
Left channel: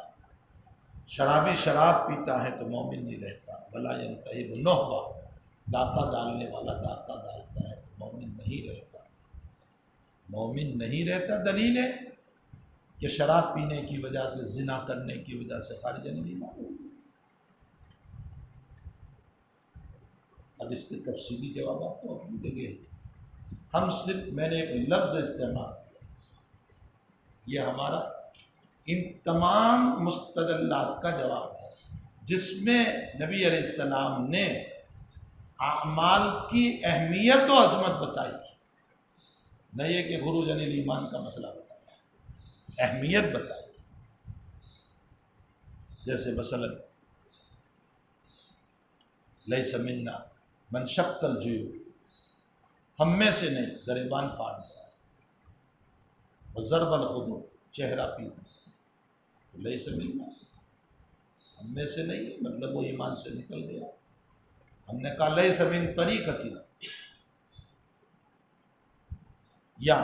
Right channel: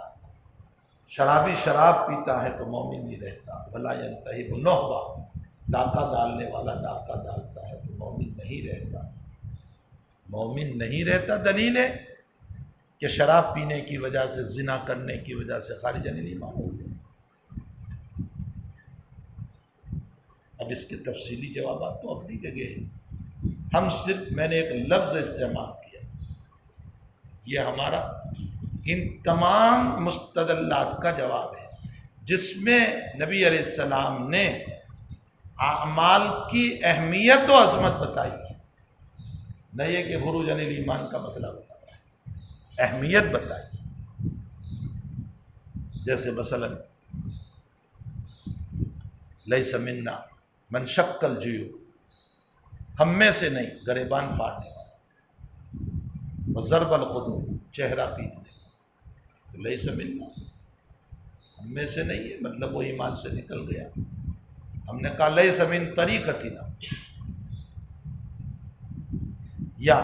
شرابی شراب پیتا ہے تو مومن نہیں رہتا، ولا ینتہب نہبہ، ڈاکہ ڈالنے والا ڈاکہ ڈالتا ہے تو مومن نہیں رہتا۔ مومن نہیں رہتا دلیل ہے کہ شراب پینے کی وجہ سے، زنا کرنے کی وجہ سے خارج عن الایمان ہو گیا۔ اب اس کے تفصیلی جوابات تو اپنی جگہ ہے، ہم صرف میں نے ایک لفظ استعمال کیا، یہ ہمارا ان تمام مستدلات کا جواب ہے جس میں نبی علیہ السلام نے اعمال کی اہمیت و عظمت بتائی، نہ یہ کہ خروج عن الایمان کا مسئلہ بتایا، اہمیت بتائی۔ جیسے مثلا لیس منا من شق الجیوب، ہم میں سے نہیں گریبان پھاڑنے والا، وضرب الخدود، چہرہ پیٹنے، تو لیس منا، ہم میں سے نہیں ہے، مطلب وہ ایمان سے نکل گیا۔ ہم نے کہا لیس من طریقتنا، یا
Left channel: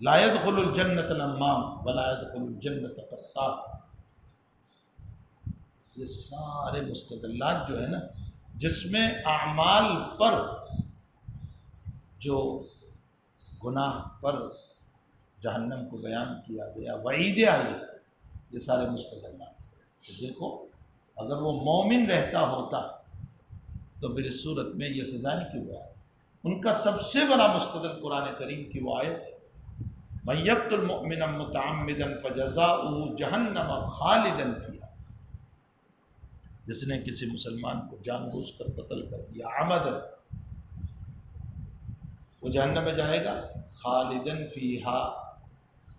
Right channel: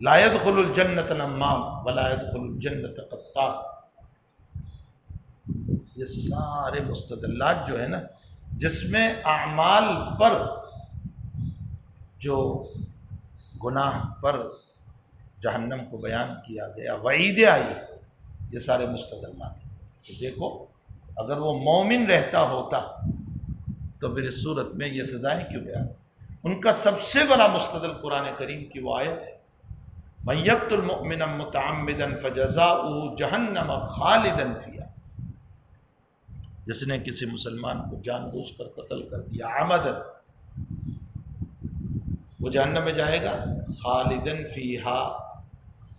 لا يدخل الجنت النمام ولا يدخل الجنت قطات۔ یہ سارے مستدلات جو ہے نا، جس میں اعمال پر، جو گناہ پر جہنم کو بیان کیا گیا، وعیدیں آئی، یہ سارے مستدلات ہیں۔ تو دیکھو اگر وہ مومن رہتا ہوتا تو پھر اس صورت میں یہ سزائیں کیوں بیان؟ ان کا سب سے بڑا مستدل قرآن کریم کی وہ آیت ہے، مَن یقتل مؤمنا متعمدا فجزاؤہ جہنم خالدا فیہا، جس نے کسی مسلمان کو جان بوجھ کر قتل کر دیا عمدن، وہ جہنم میں جائے گا خالدن فیہا۔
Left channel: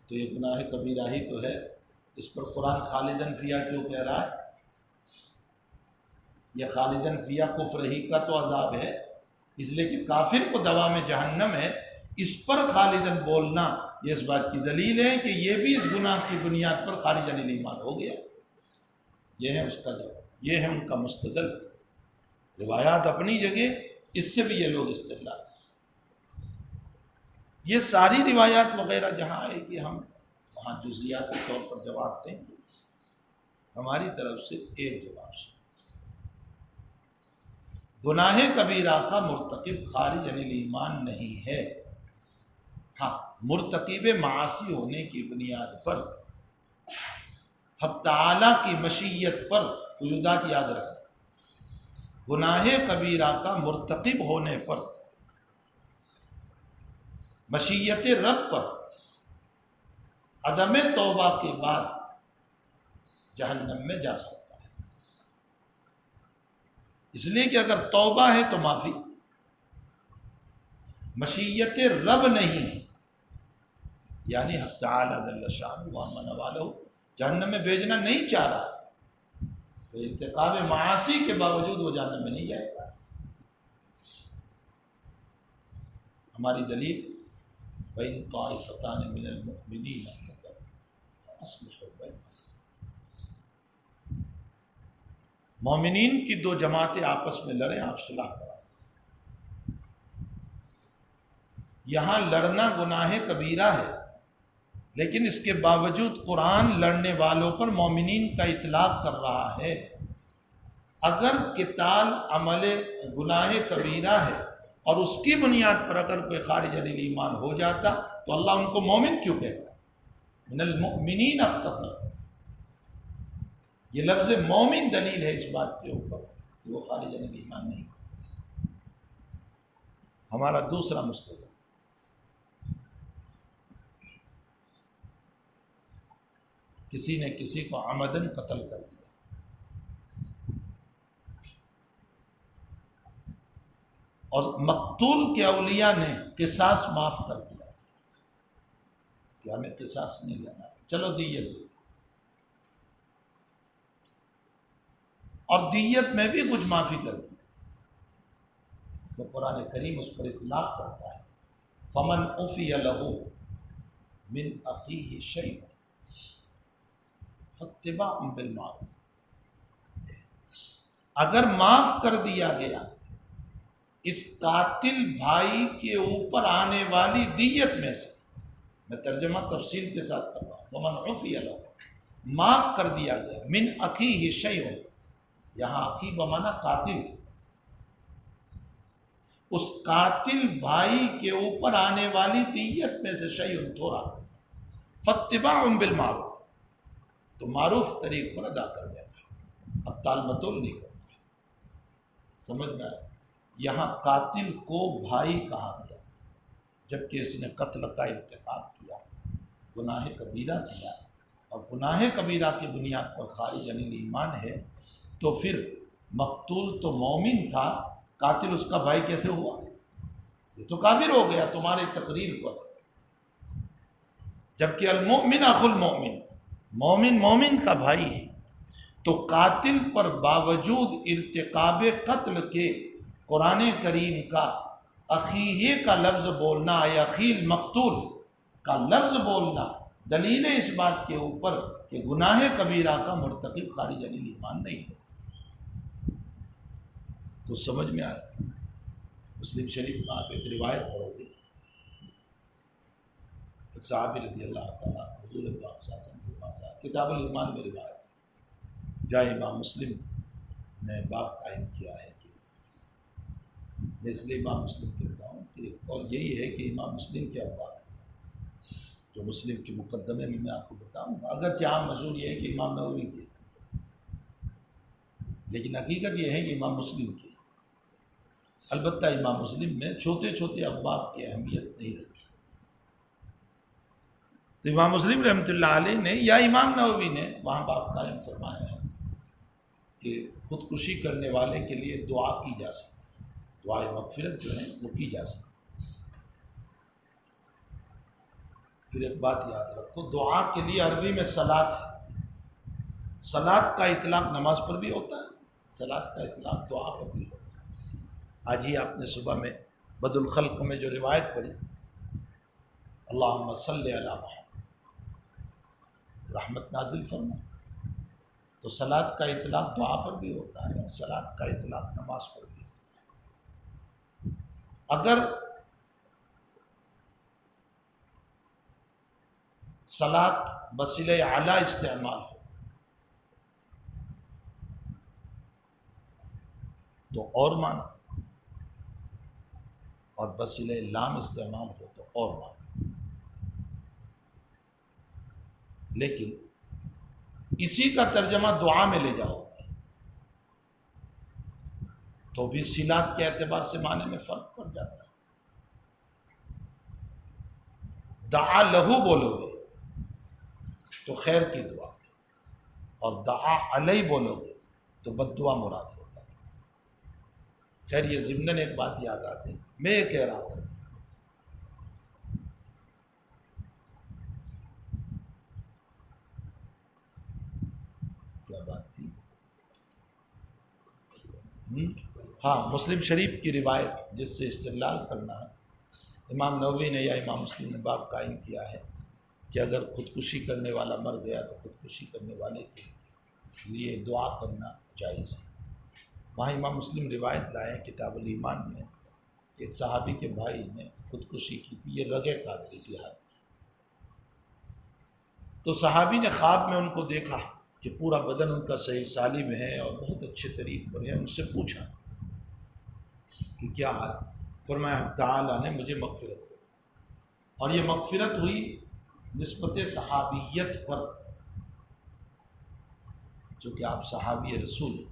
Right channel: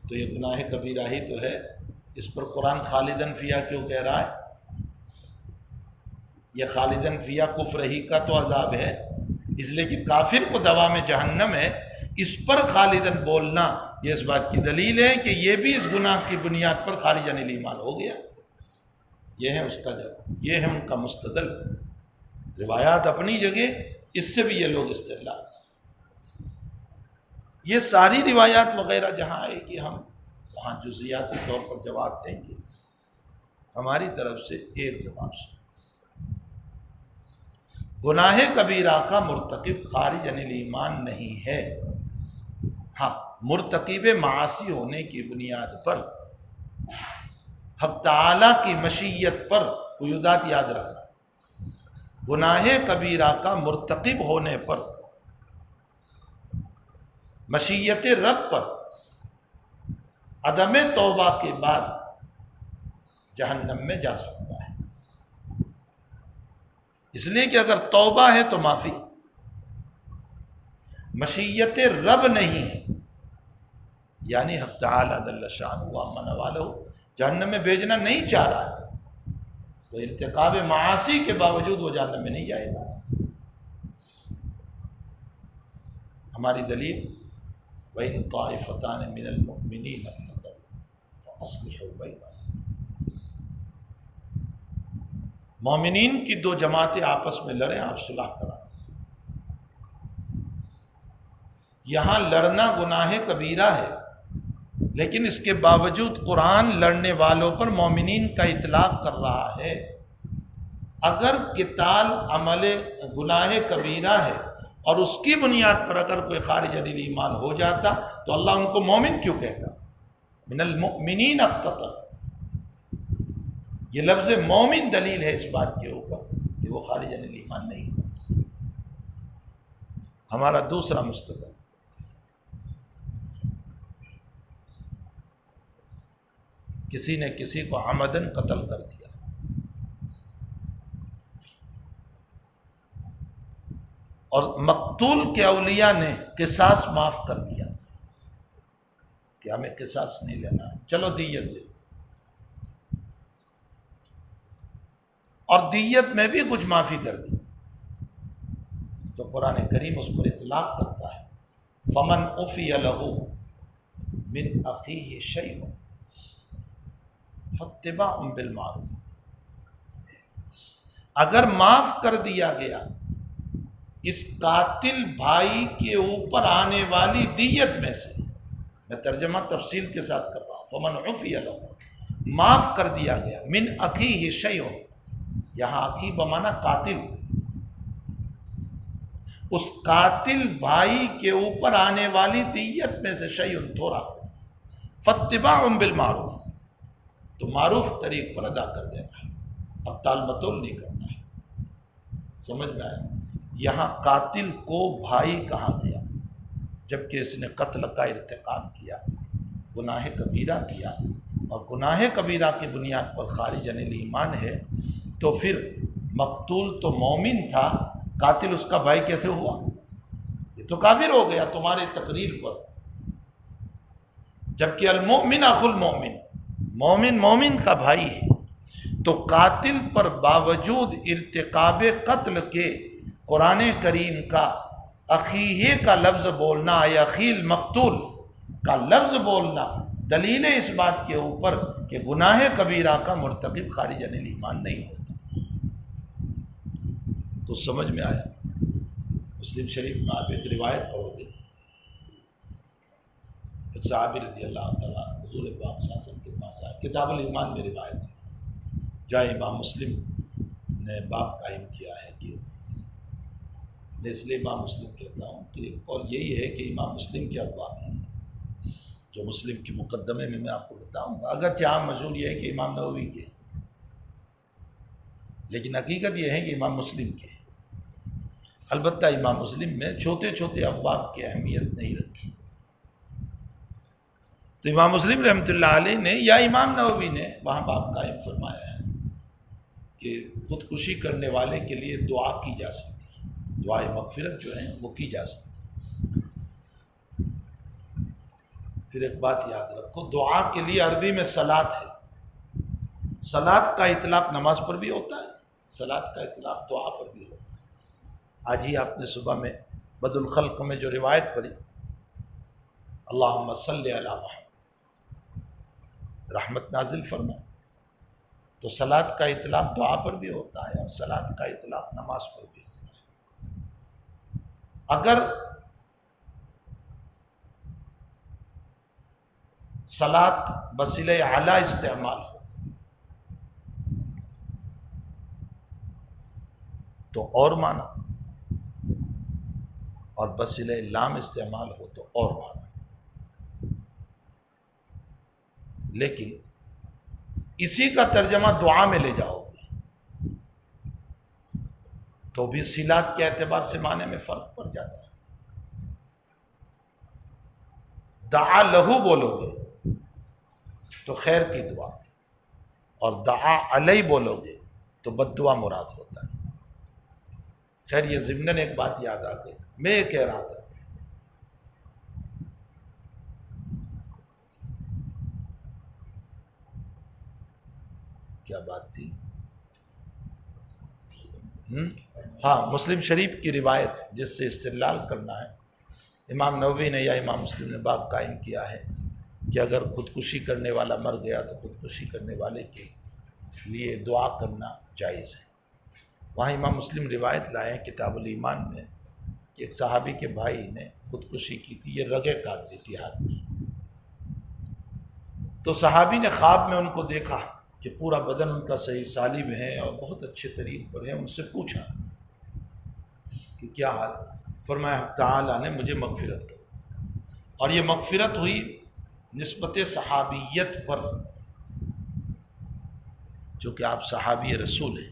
تو یہ گناہ کبیرہ ہی تو ہے، اس پر قرآن خالدن فیہا کیوں کہہ رہا ہے؟ یہ خالدن فیہا کفر ہی کا تو عذاب ہے، اس لیے کہ کافر کو دوام جہنم ہے، اس پر خالدن بولنا یہ اس بات کی دلیل ہے کہ یہ بھی اس گناہ کی بنیاد پر خارج عن الایمان ہو گیا۔ یہ ہے اس کا جواب، یہ ہے ان کا مستدل۔ روایات اپنی جگہ، اس سے بھی یہ لوگ استدلال۔ یہ ساری روایات وغیرہ جہاں آئے گی ہم وہاں جزیاتی طور پر جواب دیں گے۔ ہماری طرف سے ایک جواب سے، گناہ کبیرہ کا مرتکب خارج عن الایمان نہیں ہے، ہاں مرتکب معاصی ہونے کی بنیاد پر حق تعالیٰ کی مشیت پر، قیودات یاد رکھنا، گناہ کبیرہ کا مرتکب ہونے پر مشیت رب پر عدم توبہ کے بعد جہنم میں جا سکتا ہے، اس لیے کہ اگر توبہ ہے تو معافی، مشیت رب نہیں ہے، یعنی حق تعالیٰ جل شانہ وامن والہ جہنم میں بھیجنا نہیں چاہ رہا، تو ارتکاب معاصی کے باوجود وہ جہنم میں نہیں جائے گا۔ ہماری دلیل وَإِن طَائِفَتَانِ مِنَ الْمُؤْمِنِينَ اقْتَتَلُوا فَأَصْلِحُوا بَيْنَهُمَا، مومنین کی دو جماعتیں آپس میں لڑیں، آپ صلح کرا دیں۔ یہاں لڑنا گناہ کبیرہ ہے، لیکن اس کے باوجود قرآن لڑنے والوں پر مومنین کا اطلاق کر رہا ہے۔ اگر قتال عمل گناہ کبیرہ ہے اور اس کی بنیاد پر اگر کوئی خارج عن الایمان ہو جاتا تو اللہ ان کو مومن کیوں کہتا؟ من المؤمنین اقتتل، یہ لفظ مومن دلیل ہے اس بات کے اوپر کہ وہ خارج عن ایمان نہیں ہے۔ ہمارا دوسرا مستدل، کسی نے کسی کو عمدن قتل کر دیا، اور مقتول کے اولیاء نے قصاص معاف کر دیا کہ ہمیں قصاص نہیں لینا ہے، چلو دیت دے، اور دیت میں بھی کچھ معافی کر دی، تو قرآن کریم اس پر اطلاق کرتا ہے فمن عفی لہ من اخیہ شیء فاتباع بالمعروف، اگر معاف کر دیا گیا اس قاتل بھائی کے اوپر آنے والی دیت میں سے، میں ترجمہ تفصیل کے ساتھ کر رہا ہوں، فمن عفی لہ، معاف کر دیا گیا، من اخیہ شیء، یہاں اخی بمانا قاتل، اس قاتل بھائی کے اوپر آنے والی دیت میں سے شیء تھوڑا، فاتباع بالمعروف، تو معروف طریق پر ادا کر دینا ہے، اب تال متول نہیں کرنا ہے، سمجھ میں آیا؟ یہاں قاتل کو بھائی کہا گیا جبکہ اس نے قتل کا ارتکاب کیا، گناہ کبیرہ کیا، اور گناہ کبیرہ کی بنیاد پر خارج عن ایمان ہے، تو پھر مقتول تو مومن تھا، قاتل اس کا بھائی کیسے ہوا؟ یہ تو کافر ہو گیا تمہاری تقریر پر، جبکہ المؤمن اخو المؤمن، مومن مومن کا بھائی ہے، تو قاتل پر باوجود ارتکاب قتل کے قرآن کریم کا اخیہ کا لفظ بولنا یا اخیل مقتول کا لفظ بولنا دلیل ہے اس بات کے اوپر کہ گناہ کبیرہ کا مرتکب خارج عن ایمان نہیں ہوتا۔ تو سمجھ میں آیا؟ مسلم شریف میں آپ ایک روایت پڑھو گے، ایک صحابی رضی اللہ تعالیٰ حضور پاک صلی اللہ علیہ وسلم کے پاس آئے، کتاب الایمان میں روایت ہے، جہاں امام مسلم نے باب قائم کیا ہے کہ میں اس لیے امام مسلم کہتا ہوں کہ قول یہی ہے کہ امام مسلم کے ابواب ہیں جو مسلم کے مقدمے میں آپ کو بتاؤں گا، اگرچہ عام مشہور یہ ہے کہ امام نووی کے، لیکن حقیقت یہ ہے کہ امام مسلم کے، البتہ امام مسلم میں چھوٹے چھوٹے ابواب کی اہمیت نہیں رکھی، تو امام مسلم رحمۃ اللہ علیہ نے یا امام نووی نے وہاں باب قائم فرمایا ہے کہ خودکشی کرنے والے کے لیے دعا کی جا سکتی، دعائے مغفرت جو ہیں وہ کی جا سکتی۔ پھر ایک بات یاد رکھو، دعا کے لیے عربی میں صلاۃ ہے، صلاۃ کا اطلاق نماز پر بھی ہوتا ہے، صلاۃ کا اطلاق دعا پر بھی ہوتا ہے۔ آج ہی آپ نے صبح میں بد الخلق میں جو روایت پڑھی، اللہم صلی علی محمد، رحمت نازل فرما، تو صلاۃ کا اطلاق دعا پر بھی ہوتا ہے اور صلاۃ کا اطلاق نماز پر بھی ہوتا ہے۔ اگر صلاۃ بصیلہ اعلیٰ استعمال ہو تو اور معنی، اور بصیلہ لام استعمال ہو تو اور معنی، لیکن اسی کا ترجمہ دعا میں لے جاؤ تو بھی صلات کے اعتبار سے معنی میں فرق پڑ جاتا ہے۔ دعا لہو بولو گے تو خیر کی دعا، اور دعا علیہ بولو گے تو بد دعا مراد ہوتا ہے۔ خیر یہ ضمناً ایک بات یاد آ گئی، میں یہ کہہ رہا تھا کیا بات تھی، ہاں مسلم شریف کی روایت جس سے استدلال کرنا ہے، امام نووی نے یا امام مسلم نے باب قائم کیا ہے کہ اگر خودکشی کرنے والا مر گیا تو خودکشی کرنے والے کے لیے دعا کرنا جائز ہے۔ وہاں امام مسلم روایت لائے ہیں کتاب الایمان میں کہ ایک صحابی کے بھائی نے خودکشی کی تھی، یہ رگیں کاٹ دی تھی ہاتھ کی، تو صحابی نے خواب میں ان کو دیکھا کہ پورا بدن ان کا صحیح سالم ہے اور بہت اچھے طریق پر ہے، ان سے پوچھا کہ کیا حال، فرمایا تعالیٰ نے مجھے مغفرت کی، اور یہ مغفرت ہوئی نسبت صحابیت پر، چونکہ آپ صحابی رسول ہیں،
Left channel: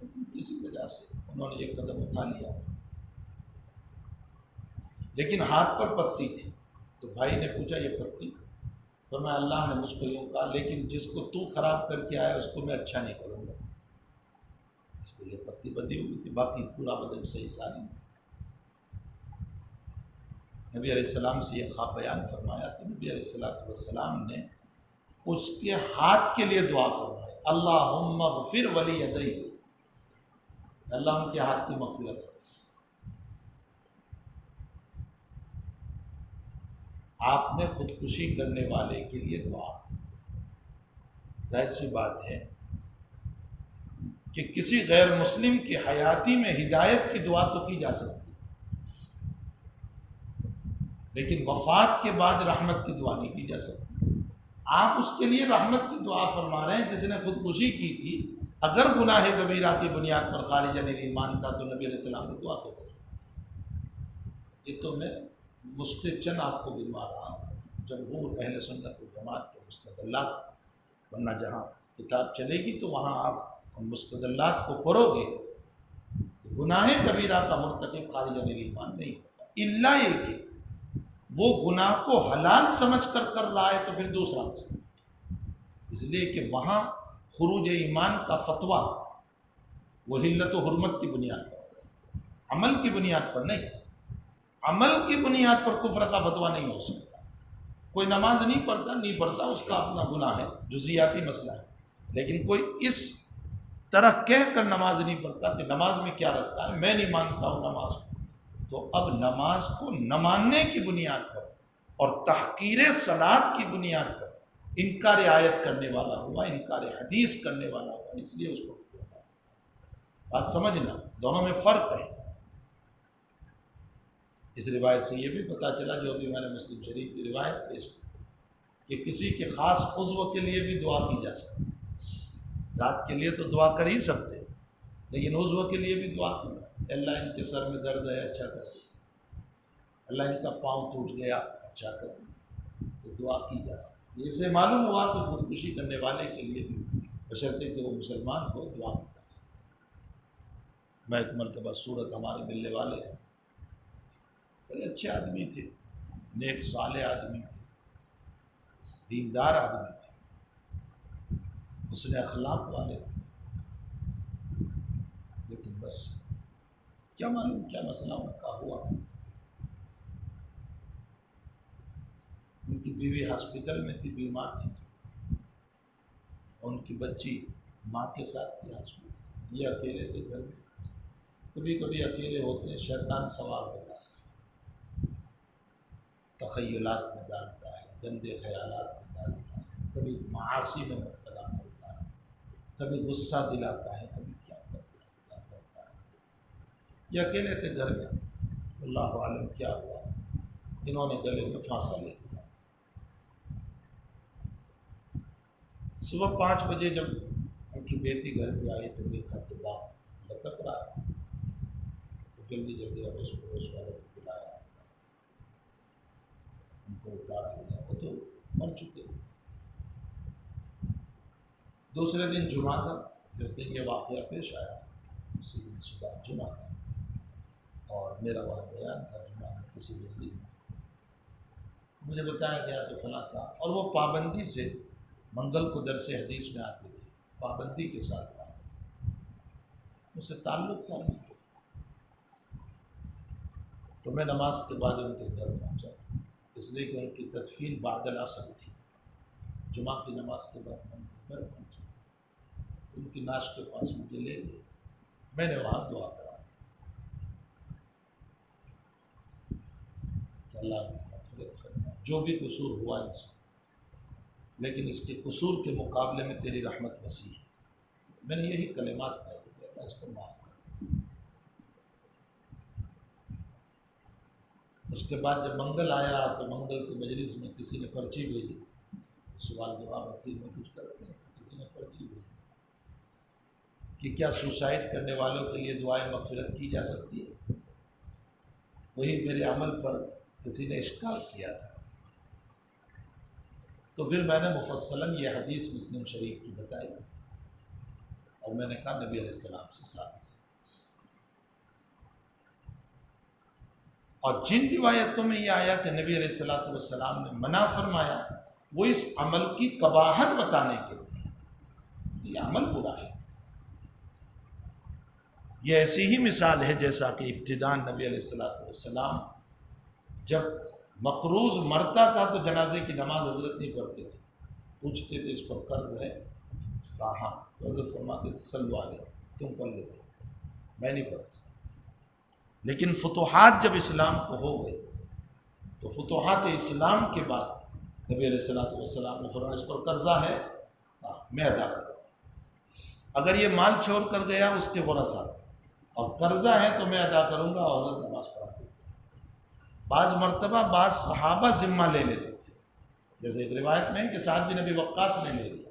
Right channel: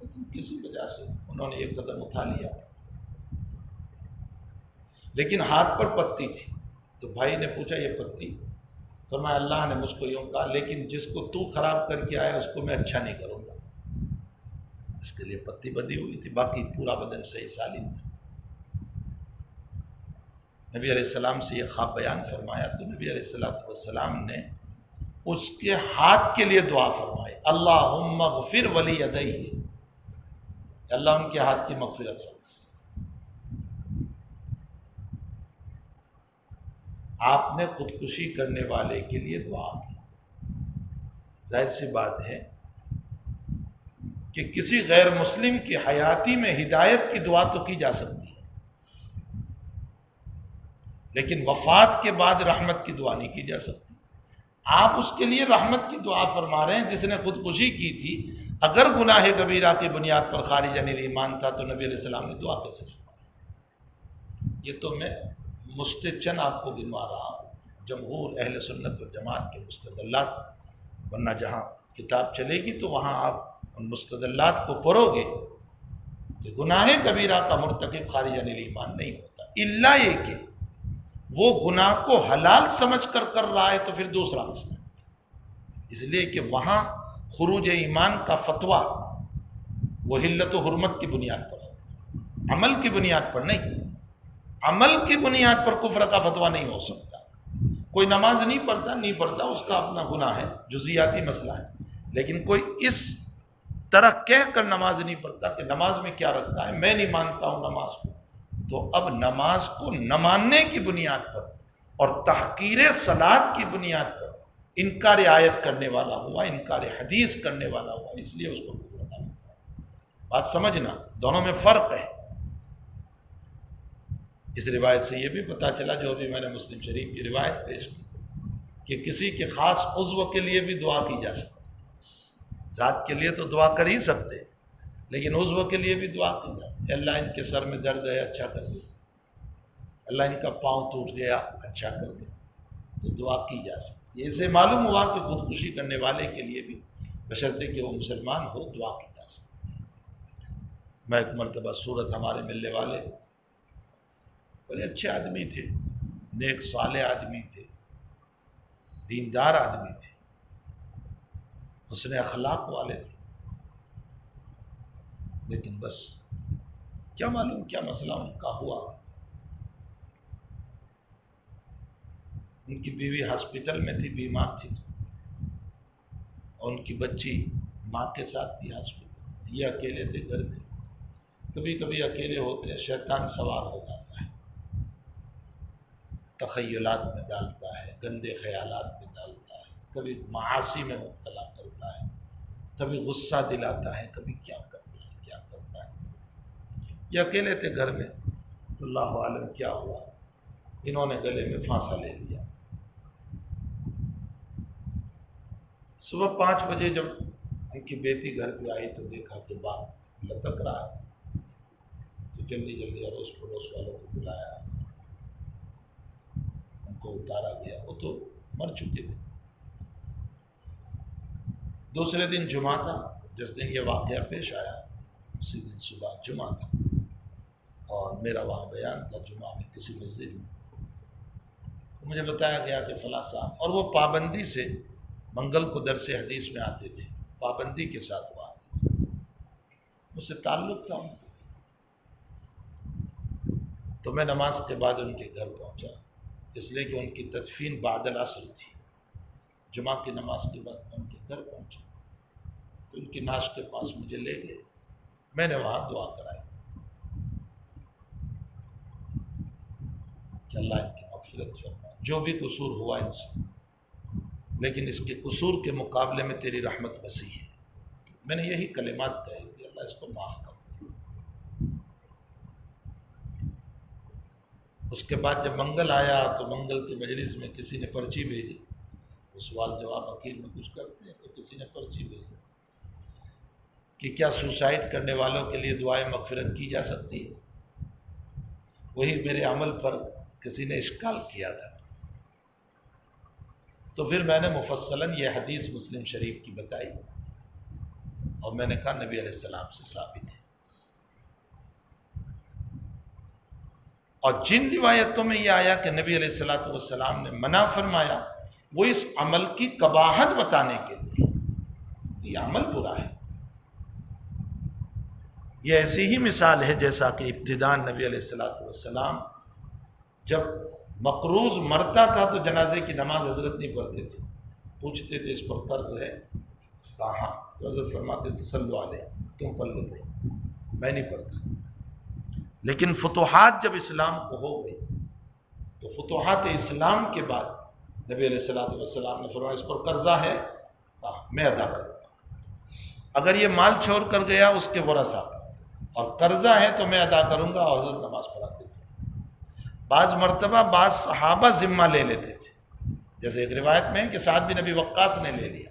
لیکن کسی وجہ سے انہوں نے یہ قدم اٹھا لیا تھا، لیکن ہاتھ پر پتی تھی۔ تو بھائی نے پوچھا یہ پتی؟ فرمایا اللہ نے مجھ کو یوں کہا، لیکن جس کو تو خراب کر کے آیا اس کو میں اچھا نہیں کروں گا۔ اس کے لیے پتی بدی ہوئی تھی، باقی پورا بدن صحیح سالم تھا۔ نبی علیہ السلام سے یہ خواب بیان فرمایا تو نبی علیہ السلام نے اس کے ہاتھ کے لیے دعا فرمائی، اللہم اغفر ولیدیہ، اللہ ان کے ہاتھ کی مغفرت فرما۔ آپ نے خودکشی کرنے والے کے لیے دعا کی۔ ظاہر سی بات ہے کہ کسی غیر مسلم کی حیاتی میں ہدایت کی دعا تو کی جا سکتی ہے، لیکن وفات کے بعد رحمت کی دعا نہیں کی جا سکتی۔ آپ اس کے لیے رحمت کی دعا فرما رہے ہیں جس نے خودکشی کی تھی۔ اگر گناہ کبیرہ کی بنیاد پر خارج عن ایمان تھا تو نبی علیہ السلام نے دعا کیسے فرمائی؟ یہ تو میں مستچن آپ کو گنوا رہا ہوں، جمہور اہل سنت و جماعت کے مستدلات، ورنہ جہاں کتاب چلے گی تو وہاں آپ ان مستدلات کو پڑھو گے کہ گناہ کبیرہ کا مرتکب خارج عن ایمان نہیں ہوتا، الا یہ کہ وہ گناہ کو حلال سمجھ کر رہا ہے تو پھر دوسرا مسئلہ، اس لیے کہ وہاں خروج ایمان کا فتویٰ وہ حلت و حرمت کی بنیاد پر ہے، عمل کی بنیاد پر نہیں۔ عمل کی بنیاد پر کفر کا فتویٰ نہیں ہو سکتا۔ کوئی نماز نہیں پڑھتا اس کا اپنا گناہ ہے، جزیاتی مسئلہ ہے، لیکن کوئی اس طرح کہہ کر نماز نہیں پڑھتا کہ نماز میں کیا رکھتا ہے، میں نہیں مانتا ہوں نماز کو، تو اب نماز کو نہ ماننے کی بنیاد پر اور تحقیر صلاۃ کی بنیاد پر انکار آیت کرنے والا ہوا، انکار حدیث کرنے والا ہوا، اس لیے اس کو کفر بنا۔ بات سمجھنا، دونوں میں فرق ہے۔ اس روایت سے یہ بھی پتہ چلا، جو بھی میں نے مسلم شریف کی روایت پیش کی، کہ کسی کے خاص عضو کے لیے بھی دعا کی جا سکتی، ذات کے لیے تو دعا کر ہی سکتے، لیکن عضو کے لیے بھی دعا کی جائے، اللہ ان کے سر میں درد ہے اچھا کر دے، اللہ ان کا پاؤں ٹوٹ گیا اچھا کر دے، تو دعا کی جا سکتی ہے۔ اسے معلوم ہوا کہ خودکشی کرنے والے کے لیے بھی بشرطے کہ وہ مسلمان ہو دعا کی جا سکتی ہے۔ میں ایک مرتبہ سورت، ہمارے ملنے والے بڑے اچھے آدمی تھے، نیک صالح آدمی تھے، دیندار آدمی تھے، حسن اخلاق والے تھے، لیکن بس کیا معلوم کیا مسئلہ ان کا ہوا۔ ان کی بیوی ہاسپٹل میں تھی، بیمار تھی، اور ان کی بچی ماں کے ساتھ تھی ہاسپٹل، یہ اکیلے تھے گھر میں۔ کبھی کبھی اکیلے ہوتے شیطان سوار ہو جاتا ہے، تخیلات میں ڈالتا ہے، گندے خیالات میں ڈالتا ہے، کبھی معاصی میں مبتلا کرتا ہے، کبھی غصہ دلاتا ہے، کبھی کیا کرتا ہے۔ یہ اکیلے تھے گھر میں، اللہ عالم کیا ہوا، انہوں نے گلے میں پھانسا لے لیا۔ صبح 5 بجے جب ان کی بیٹی گھر پہ آئی تو دیکھا کہ باپ لٹک رہا ہے، تو جلدی اڑوس پڑوس والوں کو بلایا، ان کو اتارا گیا، وہ تو مر چکے تھے۔ دوسرے دن جمعہ تھا، جس دن یہ واقعہ پیش آیا اسی دن صبح جمعہ تھا، اور میرا وہاں بیان تھا جمعہ میں کسی مسجد میں۔ مجھے بتایا گیا کہ فلاں صاحب، اور وہ پابندی سے منگل کو درس حدیث میں آتے تھے، پابندی کے ساتھ وہ آتے تھے، مجھ سے تعلق تھا ان کو۔ تو میں نماز کے بعد ان کے گھر پہنچا، اس لیے کہ ان کی تدفین بعد العصر تھی، جمعہ کی نماز کے بعد میں ان کے گھر پہنچا، تو ان کی ناش کے پاس مجھے لے گئے، میں نے وہاں دعا کرائی کہ اللہ ان کی مغفرت فرما، جو بھی قصور ہوا ان سے، لیکن اس کے قصور کے مقابلے میں تیری رحمت وسیع ہے۔ میں نے یہی کلمات کہے تھے، اللہ اس کو معاف کر دے۔ اس کے بعد جب منگل آیا تو منگل کے مجلس میں کسی نے پرچی بھیجی، سوال جواب وکیل میں کچھ کرتے ہیں، تو کسی نے پرچی بھیجی کہ کیا سوسائڈ کرنے والوں کے لیے دعائیں مغفرت کی جا سکتی ہے۔ وہی میرے عمل پر کسی نے اشکال کیا تھا، تو پھر میں نے مفصلاً یہ حدیث مسلم شریف کی بتائی اور میں نے کہا نبی علیہ السلام سے ثابت ہے۔ اور جن روایتوں میں یہ آیا کہ نبی علیہ السلام نے منع فرمایا، وہ اس عمل کی قباحت بتانے کے لیے، یہ عمل برا ہے۔ یہ ایسی ہی مثال ہے جیسا کہ ابتداء نبی علیہ السلام جب مقروض مرتا تھا تو جنازے کی نماز حضرت نہیں پڑھتے تھے، پوچھتے تھے اس پر قرض ہے کہاں، تو حضرت فرماتے تھے صلو علیہ، تم پڑھ لو، میں نہیں پڑھتا۔ لیکن فتوحات جب اسلام کو ہو گئی تو فتوحات اسلام کے بعد نبی علیہ السلام نے فرمایا اس پر قرضہ ہے، میں ادا کروں گا، اگر یہ مال چھوڑ کر گیا اس کے ورثہ کا، اور قرضہ ہے تو میں ادا کروں گا، اور حضرت نماز پڑھاتے تھے۔ بعض مرتبہ بعض صحابہ ذمہ لے لیتے تھے، جیسے ایک روایت میں ہے کہ سعد بن ابی وقاص نے لے لیا